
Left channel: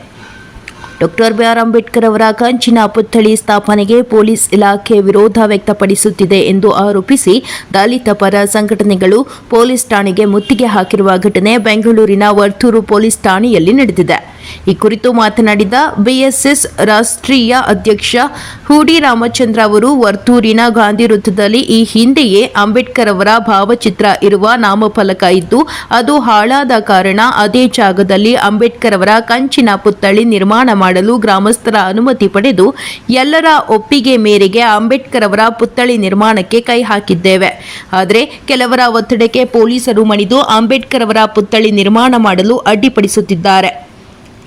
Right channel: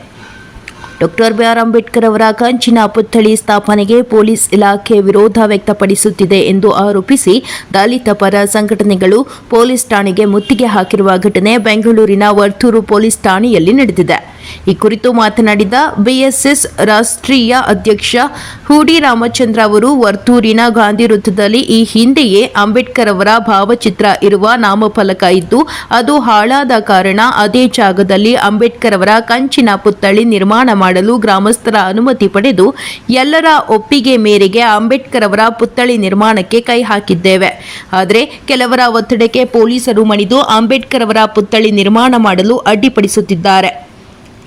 ಡಾಕ್ಟರ್ ಬಿಆರ್ ಅಂಬೇಡ್ಕರ್ ಅವರ ಕಂಚಿನ ಪುತ್ಥಳಿ ಸ್ಥಾಪನೆಗೆ ಪೊಲೀಸ್ ಇಲಾಖೆ ವಿರೋಧ ವ್ಯಕ್ತಪಡಿಸುತ್ತಿದೆ ಎಂದು ಆರೋಪಿಸಿ ದಲಿತ ಪರ ಸಂಘಟನೆಗಳು ಪೊಲೀಸ್ ಠಾಣೆಗೆ ಮುತ್ತಿಗೆ ಹಾಕಿರುವ ಘಟನೆ ಬೆಂಗಳೂರಿನ ವರ್ತೂರು ಪೊಲೀಸ್ ಠಾಣೆಯಲ್ಲಿ ನಡೆದಿದೆ. ಈ ಕುರಿತು ಮಾತನಾಡಿದ ಬಿಎಸ್ಎಸ್ ರಾಷ್ಟ್ರೀಯ ಅಧ್ಯಕ್ಷ ಹೂಡಿ ರಾಮಚಂದ್ರ ಅವರು, ವರ್ತೂರಿನ ಗಾಂಧಿ ವೃತ್ತದಲ್ಲಿ ಈ ಹಿಂದೆಯೇ ಅಂಬೇಡ್ಕರ್ ಅವರ ಭಾವಚಿತ್ರ ಇರುವ ನಾಮಫಲಕ ಇದ್ದು ಅದು ಹಾಳಾದ ಕಾರಣ ಅದೇ ಜಾಗದಲ್ಲಿ ಅಂಬೇಡ್ಕರ್ ಅವರ ಕಂಚಿನ ಪುತ್ಥಳಿ ನಿರ್ಮಾಣ ಮಾಡಲು ಗ್ರಾಮಸ್ಥರ ಅನುಮತಿ ಪಡೆದು ಎಲ್ಲರ ಒಪ್ಪಿಗೆ ಮೇರೆಗೆ ಅಂಬೇಡ್ಕರ್ ಅವರ ಪುತ್ಥಳಿ ನಿರ್ಮಾಣಕ್ಕೆ ಕೈ ಹಾಕಿದ್ದೇವೆ. ಆದರೆ ಕೆಲವರ ಒತ್ತಡಕ್ಕೆ ಪೊಲೀಸರು ಮಣಿದು ಅಂಬೇಡ್ಕರ್ ಅವರ ಪುತ್ಥಳಿ ನಿರ್ಮಾಣ ಮಾಡಲು ಅಡ್ಡಿಪಡಿಸುತ್ತಿದ್ದಾರೆ.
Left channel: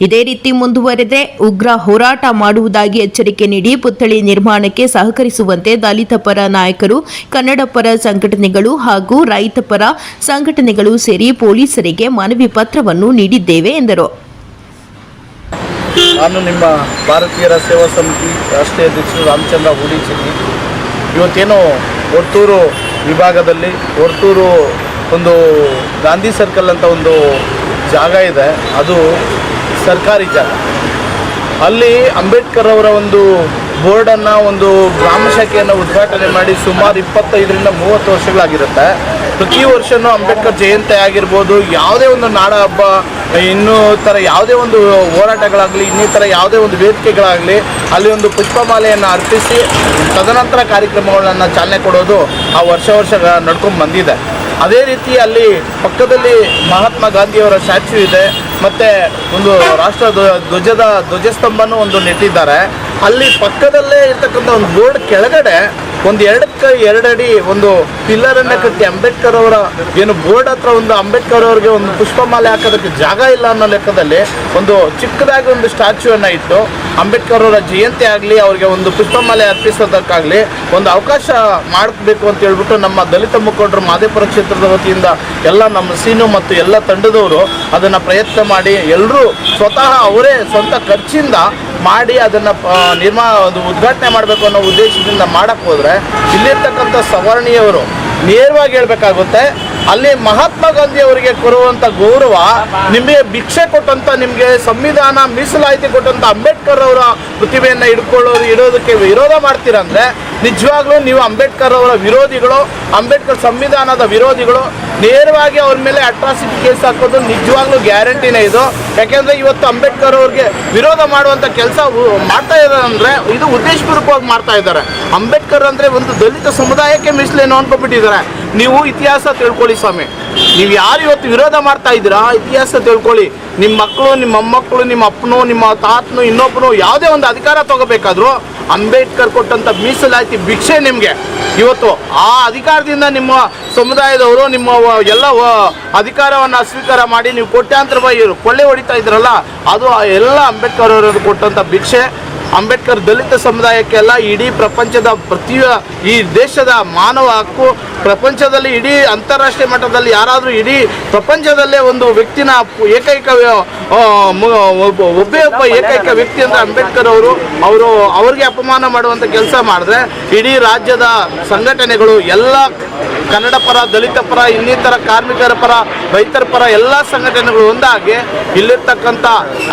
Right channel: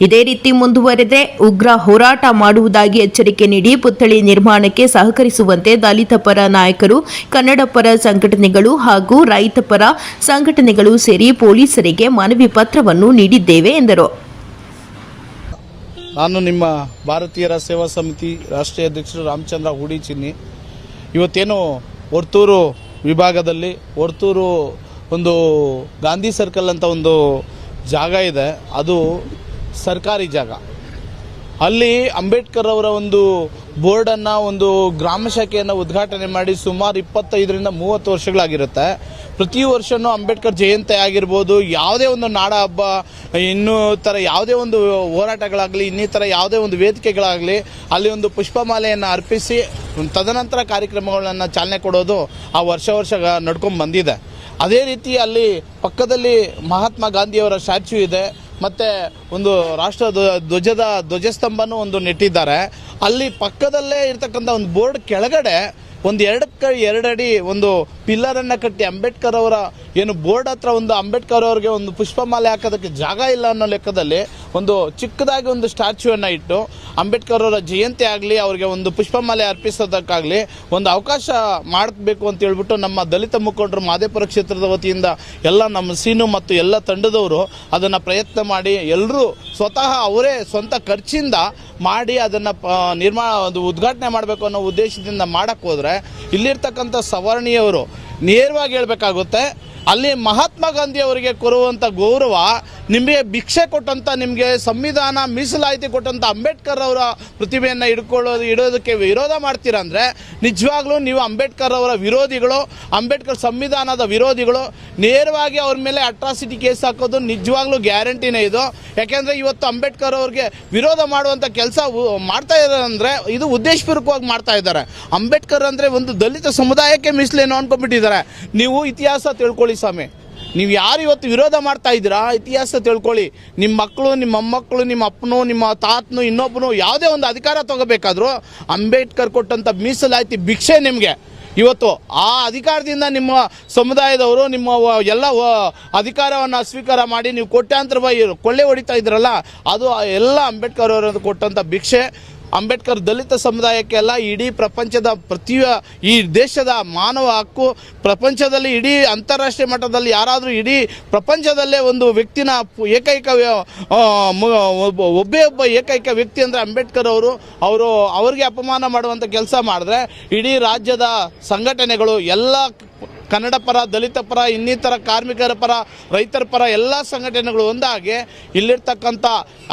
ಇದೇ ರೀತಿ ಮುಂದುವರೆದರೆ ಉಗ್ರ ಹೋರಾಟ ಮಾಡುವುದಾಗಿ ಎಚ್ಚರಿಕೆ ನೀಡಿ ಪುತ್ಥಳಿ ನಿರ್ಮಾಣಕ್ಕೆ ಸಹಕರಿಸುವಂತೆ ದಲಿತ ಪರ ನಾಯಕರು, ಕನ್ನಡ ಪರ ಸಂಘಟನೆಗಳು ಹಾಗೂ ರೈತ ಪರ ಸಂಘಟನೆಗಳು ಸೇರಿ ಪೊಲೀಸರಿಗೆ ಮನವಿ ಪತ್ರವನ್ನು ನೀಡಿದ್ದೇವೆ ಎಂದರು. ನಾನು ನಿಮ್ಮ ಭಾರತೀಯರ ಸೇವಾ ಸಮಿತಿ ರಾಷ್ಟ್ರೀಯ ಅಧ್ಯಕ್ಷರು ರಾಮಚಂದ್ರ ಹೂಡಿಚಿನ್ನಿ. ಇವತ್ತೇನು ವರ್ತೂರು ವಿಭಾಗದಲ್ಲಿ ವರ್ತೂರು ಒಂದು ಗಾಂಧಿ ಸರ್ಕಲ್ ಅಂತ ಒಂದು ಜಾಗ ಇದೆ, ಅದು ಸರ್ಕಾರಿ ಜಾಗ. ಅಲ್ಲಿ ಅಂಬೇಡ್ಕರ್ ಅವರ ಒಂದು ಬೋರ್ಡನ್ನು, ಒಂದು ಗ್ರಾಮ ಶಾಖೆಯನ್ನು ಉದ್ಘಾಟನೆ ಮಾಡಿ ಸುಮಾರು 25ರಿಂದ 30 ವರ್ಷಗಳಾಗಿರುತ್ತೆ. ಪ್ರತಿ ವರ್ಷವೂ ಅಂಬೇಡ್ಕರ್ ಜಯಂತಿ ಆಗಿರ್ಬೋದು, ಯಾವುದೇ ಒಂದು ನಾಡ ಹಬ್ಬ, ಇನ್ನೂ ಥರ ಯಾವುದೇ ಒಂದು ಹೋರಾಟಗಳಾಗಲಿ, ಇನ್ನಿತರ ಯಾವುದೇ ಒಂದು ವೇದಿಕೆಗಳಾಗಲಿ, ಅಲ್ಲಿ ಒಂದು ಪುಷ್ಪಮಾಲೆಯನ್ನು ಅರ್ಪಿಸಿ ತದನಂತರ ಕಾರ್ಯಕ್ರಮಗಳನ್ನು ಚಾಲನೆ ಕೊಡೋದು ಆ ವರ್ಷ ನಡ್ಕೊಂಡು ಬಂದಿದೆ. ಅದೇ ರೀತಿ ಅಲ್ಲಿ ಪಕ್ಕದಲ್ಲಿ ಮಹಾತ್ಮ ಗಾಂಧಿಯವರ ಸ್ಟ್ಯಾಚ್ಯೂ ಇದೆ, ಮತ್ತು ಒಂದು ರಾಷ್ಟ್ರ ಧ್ವಜಸ್ತಂಭನೂ ಒಂದು ನೆಟ್ಟಿದ್ದಾರೆ. ಅಲ್ಲಿ ಪಕ್ಕದಲ್ಲೇ ಇರ್ತಕ್ಕಂಥ ಒಂದು ಬೋರ್ಡ್ ಕೆಳಗಡೆ ಒಂದು 2 ಅಡಿ ಒಂದು ಪಿಲ್ಲರನ್ನು ಕಟ್ಟಿ ಅಂಬೇಡ್ಕರ್ ಅವರ ಏನು ಬೋರ್ಡ್ ಹತ್ರ ಒಂದು ಅಂಬೇಡ್ಕರ್ ಅವರಿಗೆ ಒಂದು ಪುಷ್ಪಮಾಲೆ ಹಾಕೋದಕ್ಕೆ ಜಾಗ ಇಲ್ಲ ಅನ್ನೋ ಲೆಕ್ಕದಲ್ಲಿ ಒಂದು ಚಿಕ್ಕದಾಗಿ ಒಂದು ಸ್ಟ್ಯಾಚ್ಯೂವನ್ನು ಇಟ್ಟು ಅಂಬೇಡ್ಕರ್ ಅವರ ಜಯಂತಿ ಆಗಲಿ, ಅವರಿಗೆ ಒಂದು ಪುಷ್ಪಮಾಲೆ ಅರ್ಪಿಸೋದಕ್ಕಾಗಲಿ ಒಂದು ಅವಕಾಶ ಮಾಡಬೇಕು ಅಂತ ಹೇಳ್ಬಿಟ್ಟು ನಮ್ಮ ದಲಿತ ಮುಖಂಡರು ಮಾದೇಪುರ ಕ್ಷೇತ್ರದ ವತಿಯಿಂದ ಎಲ್ಲ ನಮ್ಮ ಸೀನು ಮತ್ತು ಎಲ್ಲ ತಂಡದವರು ಅದನ್ನು ಪ್ರಯತ್ನ ಮಾಡಿ ಎಲ್ಲರೂ ಸ್ವತಃ ಅವರೇ ಸ್ವಂತ ಖರ್ಚಿಂದ ಮಾಡಿ ಅದನ್ನು ಉದ್ಘಾಟನೆ ಮಾಡಬೇಕು ಅನ್ನೋ ಉದ್ದೇಶದಿಂದ ಮಾಡಕ್ಕೆ ಹೋದರೆ ಇಲ್ಲಿರ್ತಕ್ಕಂಥ ಸವರ್ಣೀಯವರು ನೇರವಾಗಿ ಹೇಳಬೇಕಾಗುತ್ತೆ, ಅಲ್ಲಿ ಮಹಾತ್ಮ ಗಾಂಧಿ ಅವರಿಗೆ ಕೊಡುವಂಥ ಗೌರವ ನಿಮಗೆ ಭಿಕ್ಷೆ ಕೊಟ್ಟಂಥ, ನಿಮಗೆ ಸಂವಿಧಾನ ಮೀಸಲಾತಿ ಕೊಟ್ಟಂಥ ಅಂಬೇಡ್ಕರ್ ಅವರ ಪ್ರತಿಭೆಯನ್ನು ಇಡೋದಕ್ಕೆ ವಿರೋಧ ಮಾಡ್ತೀರಂದರೆ ನಿಜವಾಗ್ಲೂ ನೀವು ಅಂಬೇಡ್ಕರ್ ಅವರ ವಿರೋಧಿಗಳು, ಅಂಬೇಡ್ಕರ್ ಸಂವಿಧಾನದ ವಿರೋಧಿಗಳು. ನೇರವಾಗಿ ಅವ್ರ ಮೇಲೆ ಅಟ್ರಾಸಿಟಿ ಕೇಸ್ ಹಾಕೋದು ನಿಜವಾಗ್ಲೂ ಗ್ಯಾರಂಟಿನೇ ಇದು. ಯಾಕೆಂದರೆ ಇವತ್ತು ಅಂಬೇಡ್ಕರ್ ಅವ್ರಿಗೆ ವಿರೋಧ ಮಾಡುವಂಥ ಕೆಲಸ ಮಾಡ್ತಾ ಇದ್ದಾರೆ ಅಂದರೆ ಇದು ಉದ್ದೇಶಪೂರ್ವಕವಾಗಿ ಮಾಡ್ತಾ ಇದ್ದಾರೆ. ಅಂಬೇಡ್ಕರ್ ಅಂದರೆ ಒಂದು ದಲಿತ ಸಮುದಾಯಕ್ಕೆ ಮೀಸಲೇನೋ ಅನ್ಕೊಂಡ್ಬಿಟ್ಟಿದ್ದಾರೆ. ನೀವು ಇತಿಹಾಸ ತಿಳ್ಕೊಳ್ಳಿ ಸ್ವಾಮಿ, ನೀವು ಯಾರು ಇವತ್ತು ವಿರೋಧ ಮಾಡ್ತಾ ಇದ್ದೀರಾ ಇತಿಹಾಸ ತಿಳ್ಕೊಳ್ಳಿ. ನಿಮ್ಮ ಮಕ್ಕಳು, ನಿಮ್ಮ ಮೊಮ್ಮಕ್ಕಳು, ನಿಮ್ಮ ಅಪ್ಪನೋ, ನಿಮ್ಮ ತಾತನೋ, ಇನ್ನೊಬ್ಬನೋ ಯಾವುದೇ ಒಂದು ಅಧಿಕಾರ ತಗೋಬೇಕಾದ್ರೂ ಅಂಬೇಡ್ಕರ್ ಕೊಟ್ಟಂಥ ಮೀಸಲಾತಿ ಭಿಕ್ಷೆ ನಿಮಗೆ. ಇವತ್ತು ಆ ಅಧಿಕಾರದಿಂದ ನಿಮ್ಮ ಸಮುದಾಯದವರು ನಿಮ್ಮ ಎಲ್ಲ ಅಧಿಕಾರವನ್ನು ಸ್ವೀಕಾರ ಮಾಡಿ ನೀವು ಕೋಟ್ಯಾಂತರ ರೂಪಾಯಿ ಕೊಳ್ಳೆ ಹೊಡಿತಾ ಇದ್ರಲ್ಲ, ಅದು ಎಲ್ಲ ಅಂಬೇಡ್ಕರ್ ಅವರು ಕೊಟ್ಟಂಥ ಭಿಕ್ಷೆ. ಅಂಬೇಡ್ಕರ್ ದಲಿತ ಸಮುದಾಯಕ್ಕೆಲ್ಲ ಇಡೀ ಪ್ರಪಂಚದ ಈ ದೇಶದ ಮಾನವ ಹಕ್ಕು, ಪ್ರಪಂಚದಲ್ಲಿ ಇಡೀ ಅಂತಾರಾಷ್ಟ್ರೀಯ ಮಟ್ಟದಲ್ಲಿ ಯಾರಾದರೂ ಇಡೀ ಪ್ರಪಂಚದಲ್ಲೇ ಒಂದು ವ್ಯಕ್ತಿನ ಒಬ್ಬ ಏಕೈಕ ವ್ಯಕ್ತಿ ಅಂದರೆ ಅಂಬೇಡ್ಕರ್ ಅವ್ರಿಗೆ ಅಪಮಾನ ಮಾಡುವಂಥ ಕೆಲಸ ಮಾಡಿದ್ರೆ ಇಡೀ ರಾಜ್ಯದ ಸಂಘಟನೆಗಳು ಎಲ್ಲ ಕನ್ನಡ ಪರ, ದಲಿತ ಪರ, ಇನ್ನಿತರ ಕಾರ್ಮಿಕರ ಪರ, ರೈತರ ಪರ ಎಲ್ಲ ಸಂಘಟನೆಗಳು ಒಂದಾಗಿ ಇಲ್ಲಿರ್ತಕ್ಕಂಥ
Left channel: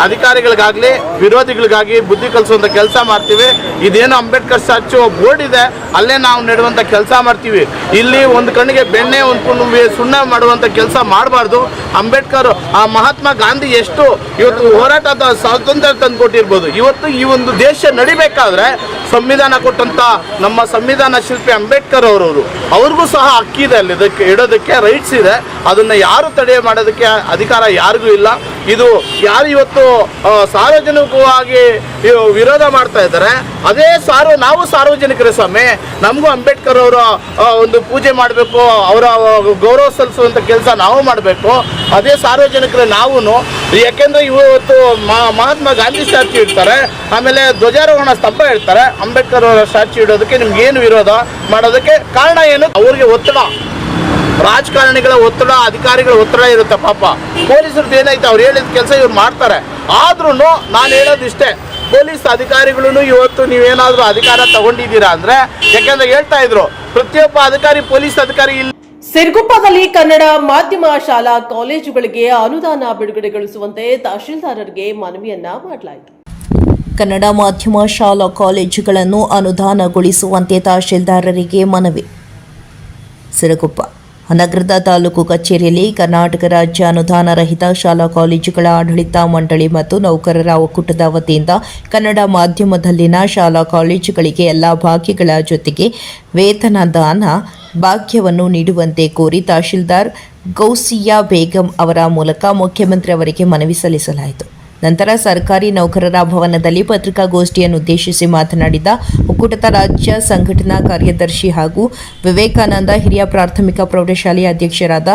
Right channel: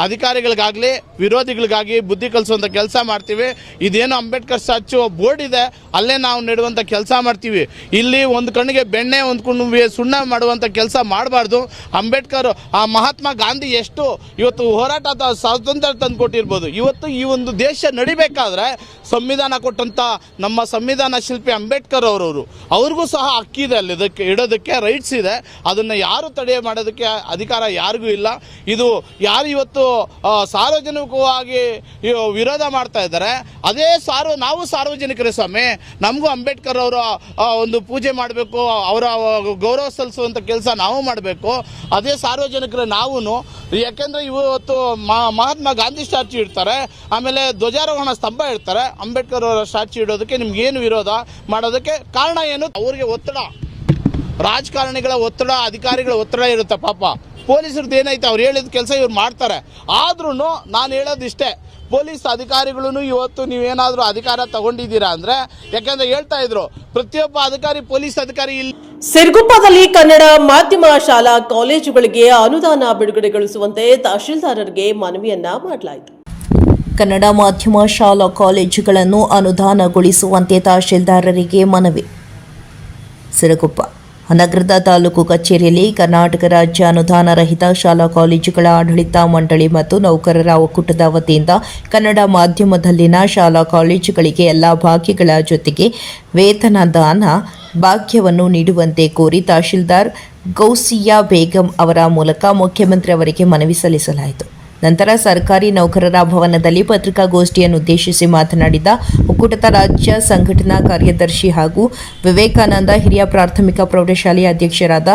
ಅಧಿಕಾರಿಗಳಿಗಾಗಲಿ ವಿರೋಧಿಗಳಿಗಾಗಿ ಬುದ್ಧಿ ಕಲಿಸುವಂಥ ಕೆಲಸ ಮಾಡ್ತೀವಿ. ಇದೇನು ಅಂಬೇಡ್ಕರ್ ಸ್ಟ್ಯಾಚ್ಯೂ ಬೋರ್ಡ್ ಇದೆ ಅಲ್ಲೇ ನಾವು ನೆಡುವಂಥ ಕೆಲಸ ಮಾಡ್ತೀವಿ. ಇಲ್ಲಿ ಒಂದು ಕಣ್ಣಿಗೆ ಬೆಣ್ಣೆ, ಒಂದು ಕಣ್ಣಿಗೆ ಸುಣ್ಣ ಮಾಡುವಂಥ ಕೆಲಸ ಮಾಡಬಾರ್ದು. ಅಂಬೇಡ್ಕರ್, ಆ ಮಹಾತ್ಮ ಗಾಂಧಿ ಎಷ್ಟು ಇವತ್ತು ಹೋರಾಟದ ಸ್ವಾತಂತ್ರ್ಯ ತಂದು ಕೊಟ್ಟಿರ್ಬೋದು. ಇವತ್ತು ಈ ಒಂದು ದೇಶ ನಡಿಬೇಕಾದ್ರೆ ಸಂವಿಧಾನ ಕೊಟ್ಟಂಥ ನಮ್ಮ ಸಂವಿಧಾನ ಶಿಲ್ಪಿ ಅಂಬೇಡ್ಕರ್ ಅವ್ರಿಗೂ ಸಹ ಹಕ್ಕಿದೆ, ಅಲ್ಲಿ ಇದಕ್ಕೆ ಇಡೋದಕ್ಕೆ ರೈಟ್ಸ್ ಇದೆ. ಅದನ್ನು ಯಾರು ತಡೆ ಮಾಡೋದಕ್ಕೆ ಅಧಿಕಾರ ಯಾರಿಗೂ ಇಲ್ಲ. ಇದು ಯಾರು ಇವತ್ತು ಸಾರ್ವಜನಿಕವಾಗಿ ವಿರೋಧ ಮಾಡ್ತಾ ಇದ್ದಾರೆ, ಅದೇ ನಾವು ಸಾರ್ವಜನಿಕರೇ ಸ್ವಾಮಿ. ನಮಗೂ ಅಂಬೇಡ್ಕರ್ ಅವರ ಒಂದು ಪೂಜೆ ಮಾಡಬೇಕು, ಅವರ ಗೌರವ ಸಲ್ಲಿಸುವಂಥ ಕೆಲಸ ನಾವು ಮಾಡಬೇಕು. ಅದೇ ಸಾರ್ವಜನಿಕರೇ ನಾವು ಯಾಕೆಂದರೆ ಇವತ್ತು ಮಹಾತ್ಮ ಗಾಂಧಿ ಸ್ಟ್ಯಾಚ್ಯೂ ಇಡ್ತಾರೆ, ಆಮೇಲೆ ಧ್ವಜಾರೋಹಣ ಸ್ತಂಭ ಇಡ್ತಾರೆ, ಅಂಬೇಡ್ಕರ್ ಅವರ ಸ್ಟ್ಯಾಚ್ಯೂ ಇಡೋದಕ್ಕೆ ನಿಮ್ಗೆ ಏನು ವಿರೋಧ ಮಾಡೋದಕ್ಕೆ ಕಾರಣ ಏನು? ಅವ್ರಿಗೆ ಒತ್ತಡ, ರಾಜಕಾರಣಿಗಳ ಒತ್ತಡ, ಅಧಿಕಾರಿಗಳ ಒತ್ತಡ ಇರುತ್ತೆ. ಪಾಪ ಪೊಲೀಸರದ್ದು ಏನೈತೆ, ಅವ್ರು ಹೇಳಿದ ಕೆಲಸ ಇವ್ರು ಮಾಡ್ತಾರೆ. ಆದ್ರೂ ನಾನು ಹೇಳೋದು ಇಷ್ಟೇ, ಪೊಲೀಸ್ ಅಧಿಕಾರಿಗಳು ಇವತ್ತು ನೀವೇನಾದರೂ ಅಧಿಕಾರ ತಗೊಂಡಿದ್ದೀರಾ ಅಂದರೆ, ಯಾಕೆಂದರೆ ಹೇಳ್ತಾ ಇದ್ರು ಪ್ರತಿಯೊಬ್ಬ ಅಧಿಕಾರಿ ಪೊಲೀಸ್ ಅಧಿಕಾರಿ ಇಲ್ಲ. ಸಿರುಗುಪ್ಪದಲ್ಲಿ ಕನ್ನಡ ಮಾಧ್ಯಮ ಶಾಲಾ ಕಾಲೇಜುಗಳಿಗೆ ಅನುದಾನ ಬಿಡುಗಡೆಗೊಳಿಸುವಂತೆ ತಹಶೀಲ್ದಾರರಿಗೆ ಮನವಿಯನ್ನ ಮಾಡಲಾಯಿತು. ಕನ್ನಡ ಮಾಧ್ಯಮ ಶಾಲಾ ಕಾಲೇಜುಗಳನ್ನು ಅನುದಾನಗೊಳಿಸುವಂತೆ ತಹಶೀಲ್ದಾರರಿಗೆ ಮನವಿ. ಸಿರುಗುಪ್ಪ ನಗರದ ತಾಲೂಕು ಕಚೇರಿಯಲ್ಲಿ ಕರ್ನಾಟಕ ರಾಜ್ಯ ಅನುದಾನ ರಹಿತ ಶಾಲಾ ಕಾಲೇಜುಗಳ ಆಡಳಿತ ಮಂಡಳಿ ಮತ್ತು ನೌಕರರ ಒಕ್ಕೂಟದ ವತಿಯಿಂದ ಕನ್ನಡ ಮಾಧ್ಯಮದಲ್ಲಿನ ಶಾಲಾ ಕಾಲೇಜುಗಳಿಗೆ ಎಲ್ಲ ಭಾಗ್ಯಗಳ ಜೊತೆಗೆ ವೇತನದಾನ ಭಾಗ್ಯವನ್ನು ನೀಡುವಂತೆ ಕೋರಿ ತಹಶೀಲ್ದಾರ್ ಗೌಸಿಯಾ ಬೇಗಂ ಅವರ ಮೂಲಕ ಮುಖ್ಯಮಂತ್ರಿ ಅವರಿಗೆ ಮನವಿ ಸಲ್ಲಿಸಲಾಯಿತು. ನಂತರ ಸರ್ಕಾರಿ ನೌಕರರ ಭವನದಲ್ಲಿ ಪತ್ರಿಕಾಗೋಷ್ಠಿಯನ್ನು ಉದ್ದೇಶಿಸಿ ಮಾತನಾಡಿದ ಒಕ್ಕೂಟದ ರಾಜ್ಯ ಸಂಘಟನಾ ಕಾರ್ಯದರ್ಶಿ ಹಾಗೂ ವಿವೇಕಾನಂದ ಹಿರಿಯ ಪ್ರಾಥಮಿಕ ಪ್ರೌಢಶಾಲೆಯ ಅಧ್ಯಕ್ಷರಾದ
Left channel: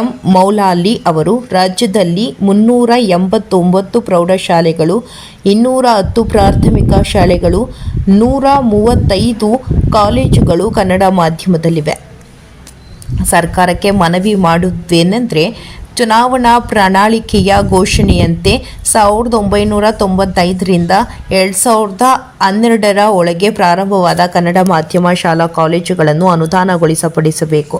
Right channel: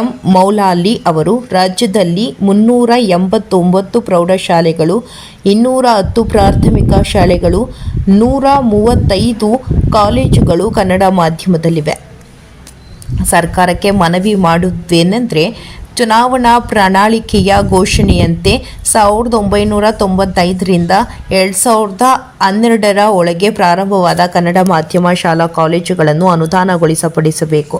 ಎಂ ಮೌಲಾಲಿ ಅವರು, ರಾಜ್ಯದಲ್ಲಿ 389 ಪ್ರೌಢಶಾಲೆಗಳು, 210 ಪ್ರಾಥಮಿಕ ಶಾಲೆಗಳು, 135 ಕಾಲೇಜುಗಳು ಕನ್ನಡ ಮಾಧ್ಯಮದಲ್ಲಿವೆ. ಸರ್ಕಾರಕ್ಕೆ ಮನವಿ ಮಾಡುವುದೇನೆಂದರೆ, ಚುನಾವಣಾ ಪ್ರಣಾಳಿಕೆಯ ಘೋಷಣೆಯಂತೆ 1995ರಿಂದ 2012ರ ಒಳಗೆ ಪ್ರಾರಂಭವಾದ ಕನ್ನಡ ಮಾಧ್ಯಮ ಶಾಲಾ ಕಾಲೇಜುಗಳನ್ನು ಅನುದಾನಗೊಳಿಸಪಡಿಸಬೇಕು.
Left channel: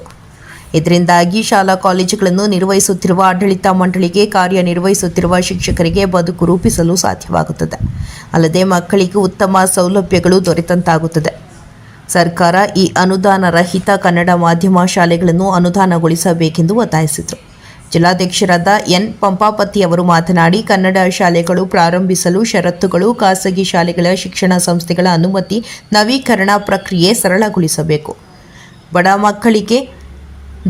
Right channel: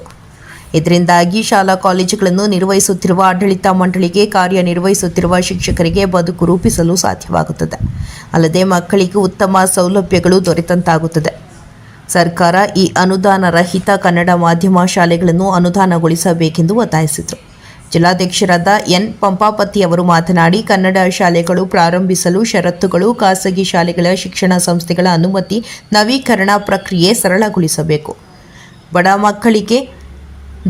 ಇದರಿಂದಾಗಿ ಶಾಲಾ ಕಾಲೇಜುಗಳನ್ನು ನಿರ್ವಹಿಸುತ್ತಿರುವ ಆಡಳಿತ ಮಂಡಳಿಗೆ, ಕಾರ್ಯನಿರ್ವಹಿಸುತ್ತಿರುವ ಶಿಕ್ಷಕರಿಗೆ ಬದುಕು ರೂಪಿಸಲು ಸಾಧ್ಯವಾಗುತ್ತದೆ. ಅಲ್ಲದೆ ಮಕ್ಕಳಿಗೆ ಉತ್ತಮ ಸೌಲಭ್ಯಗಳು ದೊರೆತಂತಾಗುತ್ತದೆ. ಸರ್ಕಾರ ಈ ಅನುದಾನ ರಹಿತ ಕನ್ನಡ ಮಾಧ್ಯಮ ಶಾಲೆಗಳನ್ನು ಅನುದಾನಗೊಳಿಸಬೇಕೆಂದು ಒತ್ತಾಯಿಸಿದರು. ಜಿಲ್ಲಾಧ್ಯಕ್ಷರಾದ ಎನ್ ಪಂಪಾಪತಿ ಅವರು ಮಾತನಾಡಿ, ಕನ್ನಡ ಶಾಲೆಗಳು ಪ್ರಾರಂಭಿಸಲು ಷರತ್ತುಗಳು, ಖಾಸಗಿ ಶಾಲೆಗಳ ಶಿಕ್ಷಣ ಸಂಸ್ಥೆಗಳ ಅನುಮತಿ, ನವೀಕರಣ ಪ್ರಕ್ರಿಯೆ ಸರಳಗೊಳಿಸಬೇಕು. ಬಡ ಮಕ್ಕಳಿಗೆ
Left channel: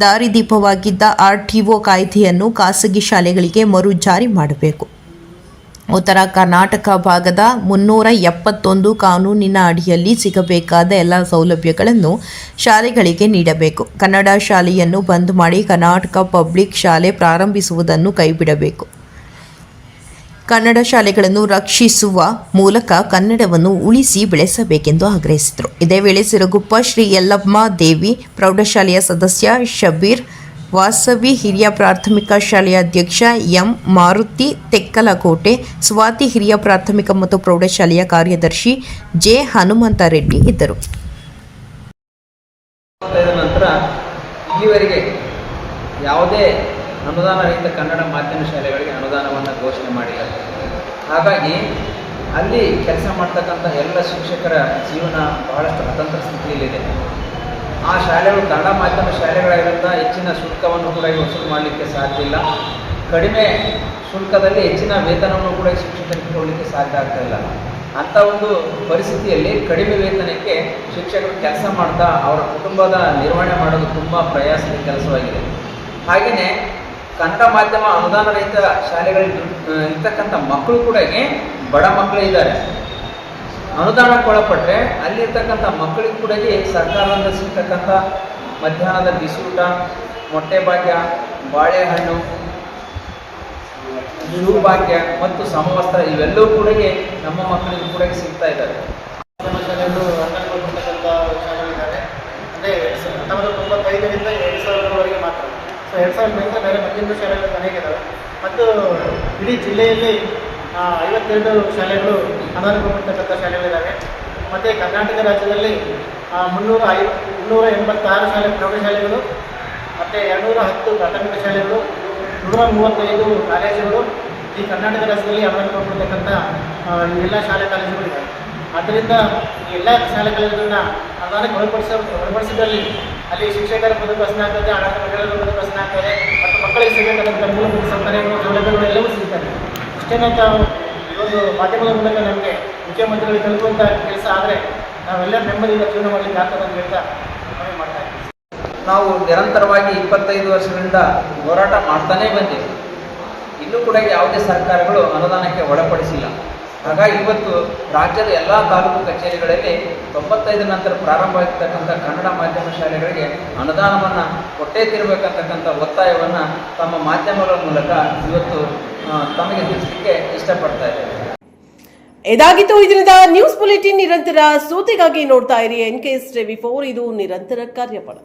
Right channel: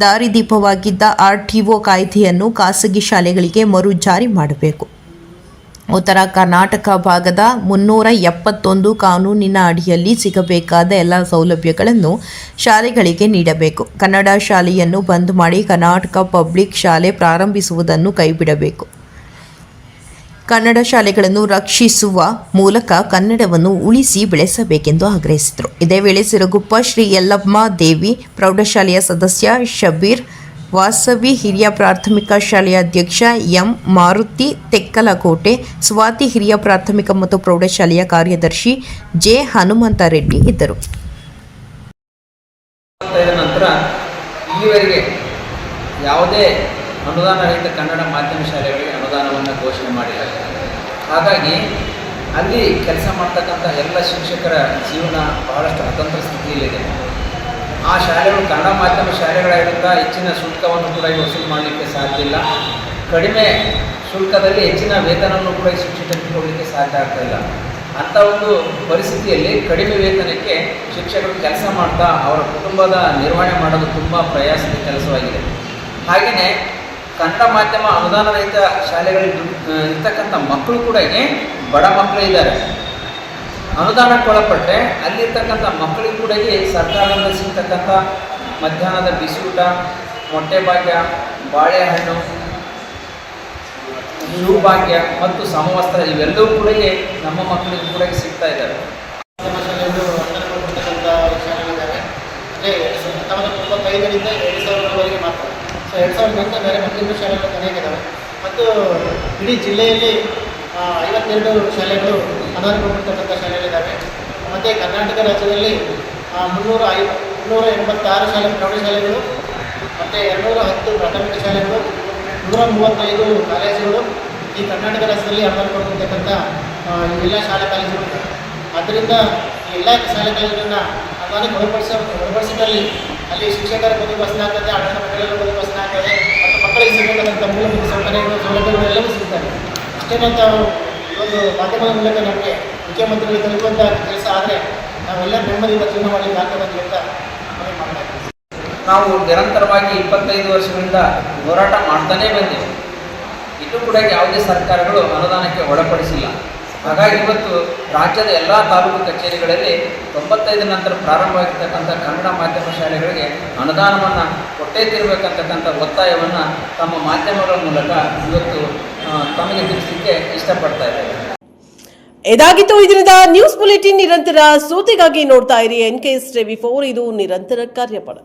ದಾರಿದೀಪವಾಗಿದ್ದ RTO ಕಾಯ್ದೆಯನ್ನು ಖಾಸಗಿ ಶಾಲೆಗಳಿಗೆ ಮರು ಜಾರಿ ಮಾಡಬೇಕು. ಉತ್ತರ ಕರ್ನಾಟಕ ಭಾಗದ 371 ಕಾನೂನಿನ ಅಡಿಯಲ್ಲಿ ಸಿಗಬೇಕಾದ ಎಲ್ಲ ಸೌಲಭ್ಯಗಳನ್ನು ಶಾಲೆಗಳಿಗೆ ನೀಡಬೇಕು. ಕನ್ನಡ ಶಾಲೆಯನ್ನು ಬಂದ್ ಮಾಡಿ ಕರ್ನಾಟಕ ಪಬ್ಲಿಕ್ ಶಾಲೆ ಪ್ರಾರಂಭಿಸುವುದನ್ನು ಕೈಬಿಡಬೇಕು. ಕನ್ನಡ ಶಾಲೆಗಳನ್ನು ರಕ್ಷಿಸುವ ಮೂಲಕ ಕನ್ನಡವನ್ನು ಉಳಿಸಿ ಬೆಳೆಸಬೇಕೆಂದು ಆಗ್ರಹಿಸಿದರು. ಇದೇ ವೇಳೆ ಸಿರುಗುಪ್ಪ ಶ್ರೀ ಯಲ್ಲಮ್ಮ ದೇವಿ ಪ್ರೌಢಶಾಲೆಯ ಸದಸ್ಯ ಶಬೀರ್ ವಾಸವಿ, ಹಿರಿಯ ಪ್ರಾಥಮಿಕ ಶಾಲೆಯ ಅಧ್ಯಕ್ಷ ಎಂ ಮಾರುತಿ ತೆಕ್ಕಲಕೋಟೆ, ಸ್ವಾತಿ ಹಿರಿಯ ಪ್ರಾಥಮಿಕ ಮತ್ತು ಪ್ರೌಢಶಾಲೆಯ ಕಾರ್ಯದರ್ಶಿ ಜೆ ಹನುಮಂತ ರೆಡ್ಡಿ ಇದ್ದರು. ನಂತರ ಇಲ್ಲಿವರೆಗೆ ಯಾವುದೇ ಅನುದಾನ ರಹಿತ ಕನ್ನಡ ಮಾಧ್ಯಮ ಶಾಲೆಗಳಿಗೆ ಅನುದಾನವನ್ನು ಘೋಷಣೆ ಮಾಡಿಲ್ಲ. ಹಾಗಾಗಿ ಅಲ್ಲಿ ಕೆಲಸ ಮಾಡ್ತಕ್ಕಂಥ ಎಲ್ಲ ಶಿಕ್ಷಕರ ಜೀವನ ಬಹಳಷ್ಟು ಅತಂತ್ರ ಸ್ಥಿತಿಯಲ್ಲಿದೆ. ಆ ಶಾಲೆಗಳು ಕನ್ನಡ ಮಾಧ್ಯಮ ಶಾಲೆಗಳಾಗಿರುತ್ತಾ ಹೆಚ್ಚಿನ ಶುಲ್ಕವನ್ನು ಕೂಡ ವಸೂಲು ಮಾಡಲಿಕ್ಕೆ ಸಾಧ್ಯ ಇಲ್ಲ. ಕಡಿಮೆ ಶುಲ್ಕದಲ್ಲಿ ಹೆಚ್ಚಿನ ವೇತನವನ್ನು ಕೂಡ ಶಿಕ್ಷಕರಿಗೆ ಕೊಡಲಿಕ್ಕೆ ಸಾಧ್ಯ ಆಗ್ತಾ ಇಲ್ಲ. ಅಂಥ ಒಂದು ಪರಿಸ್ಥಿತಿಯಲ್ಲಿ ಕಡಿಮೆ ವೇತನಕ್ಕೆ ಶಿಕ್ಷಕರು ಕೆಲಸ ಮಾಡ್ತಾ ಅವರ ಕುಟುಂಬದ ನಿರ್ವಹಣೆ ಮಾಡೋದು ತುಂಬ ಪ್ರಯಾಸದ ಕೆಲಸವಾಗಿದೆ. ಹಾಗೆಯೇ ಕನ್ನಡ ಮಾಧ್ಯಮ ಅನುದಾನ ರಹಿತ ಶಾಲೆಗಳಿಗೆ ಇರ್ತಕ್ಕಂಥ ಮಕ್ಕಳು ಕೂಡ ಬಡ ಮಕ್ಕಳು ಇದ್ದಾರೆ. ಅನುದಾನಕ್ಕೆ ಒಳಪಟ್ಟರೆ ಅಲ್ಲಿರ್ತಕ್ಕಂಥ ಮಕ್ಕಳಿಗೂ ಕೂಡ ಸರ್ಕಾರದಿಂದ ಸಿಗ್ತಕ್ಕಂಥ ಮಧ್ಯಾಹ್ನದ ಬಿಸಿ ಊಟ, ಮೊಟ್ಟೆ ಭಾಗ್ಯ, ಬಾಳೆಹಣ್ಣು, ಶೂ ಭಾಗ್ಯ ಮತ್ತು ಸಮವಸ್ತ್ರ ಇವೆಲ್ಲವೂ ಕೂಡ ನಮ್ಮ ಮಕ್ಕಳಿಗೂ ಕೂಡ ಸಿಗ್ತಾ ಇದ್ದಾವೆ. ಮಾಧ್ಯಮ ಶಾಲೆಗಳು ಅನುದಾನಗೊಳ್ಪಡ್ತಕ್ಕಂಥ ಶಾಲೆಗಳಿದ್ದಾವೆ. ಅಂದರೆ 1995ರಿಂದ 2000ರವರೆಗೆ ಮಾತ್ರ. ಸೊ 2000 ಬೇರೆ ಮಧ್ಯಂತರ ಶಾಲೆಗಳು ಅನೇಕ ಇದ್ದಾವೆ. ಮತ್ತು ಇಡೀ ಜಿಲ್ಲೆಯಲ್ಲಿ 52 ಶಾಲೆಗಳು ಅನುದಾನಗೊಳ್ಪಡ್ತಕ್ಕಂಥ ಶಾಲೆಗಳಿದ್ದಾವೆ. ಮತ್ತು ಕರ್ನಾಟಕ ರಾಜ್ಯದಲ್ಲಿ 386 ಪ್ರೌಢಶಾಲೆಗಳು ಮತ್ತು 210 ಪ್ರಾಥಮಿಕ ಶಾಲೆಗಳು, 135 ಕಾಲೇಜುಗಳು ಈ ಕರ್ನಾಟಕ ರಾಜ್ಯದಲ್ಲಿ ಅನುದಾನಗೊಳ್ಪಡ್ತಕ್ಕಂಥ ಇವೆಲ್ಲ ಶಾಲಾ ಕಾಲೇಜುಗಳಿವೆ. ಆದ್ದರಿಂದ ಎಲ್ಲ ಶಾಲಾ ಕಾಲೇಜುಗಳನ್ನು ಅನುದಾನಕ್ಕೆ ಒಳಪಡಿಸಿದಲ್ಲಿ ಅಲ್ಲಿ ಶಿಕ್ಷಕರ ಬದುಕು ಹಸನಾಗ್ತದೆ, ಆಡಳಿತ ಮಂಡಳಿಗಳ ಬದುಕು ಹಸನಾಗ್ತದೆ ಮತ್ತು ಮಕ್ಕಳಿಗೆ ಸಿಗಬೇಕಾದಂಥ ಮೂಲಭೂತ ಸೌಲಭ್ಯಗಳು ಎಲ್ಲವೂ ಸಿಗ್ತವೆ. ಅಷ್ಟೇನಂತ ಒಂದು ಮಾಧ್ಯಮದ ಮೂಲಕ ನಮಗೆ ಮುಖ್ಯಮಂತ್ರಿಗಳಿಗೆ ತಲುಪುವಂಥ ಕೆಲಸ ಆದರೆ ನಾವೆಲ್ಲ ನೆಮ್ಮದಿಯಿಂದ ಜೀವನ ಮಾಡಲಿಕ್ಕೆ ಆಗ್ತದೆ ಅಂತ ಹೇಳ್ತಾ ಮನವಿ ಮಾಡ್ತಾ ಇದ್ದೀವಿ. ನಾವು ನಿರಂತರವಾಗಿ 25 ವರ್ಷಗಳಿಂದ ಹೋರಾಟ ಮಾಡ್ತಾನೇ ಬಂದಿವೆ. ಇಲ್ಲೂ ಕೂಡ ಯಾವುದೇ ಸರ್ಕಾರಗಳು ಅನುದಾನಕ್ಕೆ ಒಳಪಡಿಸಿಲ್ಲ. ಹಾಗಾಗಿ ಇವತ್ತು ರಾಜ್ಯದ ಎಲ್ಲ ತಾಲೂಕು ಕಚೇರಿಗಳಲ್ಲಿ 95 ನಂತರ ಪ್ರಾರಂಭವಾಗಿರ್ತಕ್ಕಂಥ ಕನ್ನಡ ಮಾಧ್ಯಮ ಶಾಲೆಗಳಿಗೆ ಅನುದಾನವನ್ನು ಕೊಟ್ಟೇ ತಿರಬೇಕಂತಕ್ಕಂಥ ಒತ್ತಾಯವನ್ನು ತಮ್ಮ ಮಾಧ್ಯಮಗಳ ಮೂಲಕ ಇವತ್ತು ತಮಗೆ ತಿಳಿಸಲಿಕ್ಕೆ ಇಷ್ಟಪಡ್ತಾ ಇದ್ದೇನೆ. ಇದಾಗಿತ್ತು ಇದರಿಂದ ನ್ಯೂಸ್ ಬುಲೆಟಿನ್. ನಿರಂತರ ಸುದ್ದಿಗಾಗಿ ನೋಡ್ತಾ ಇರಿ NKS TV4, ಇದು ನಿರಂತರ ಕಾರ್ಯಪಡ.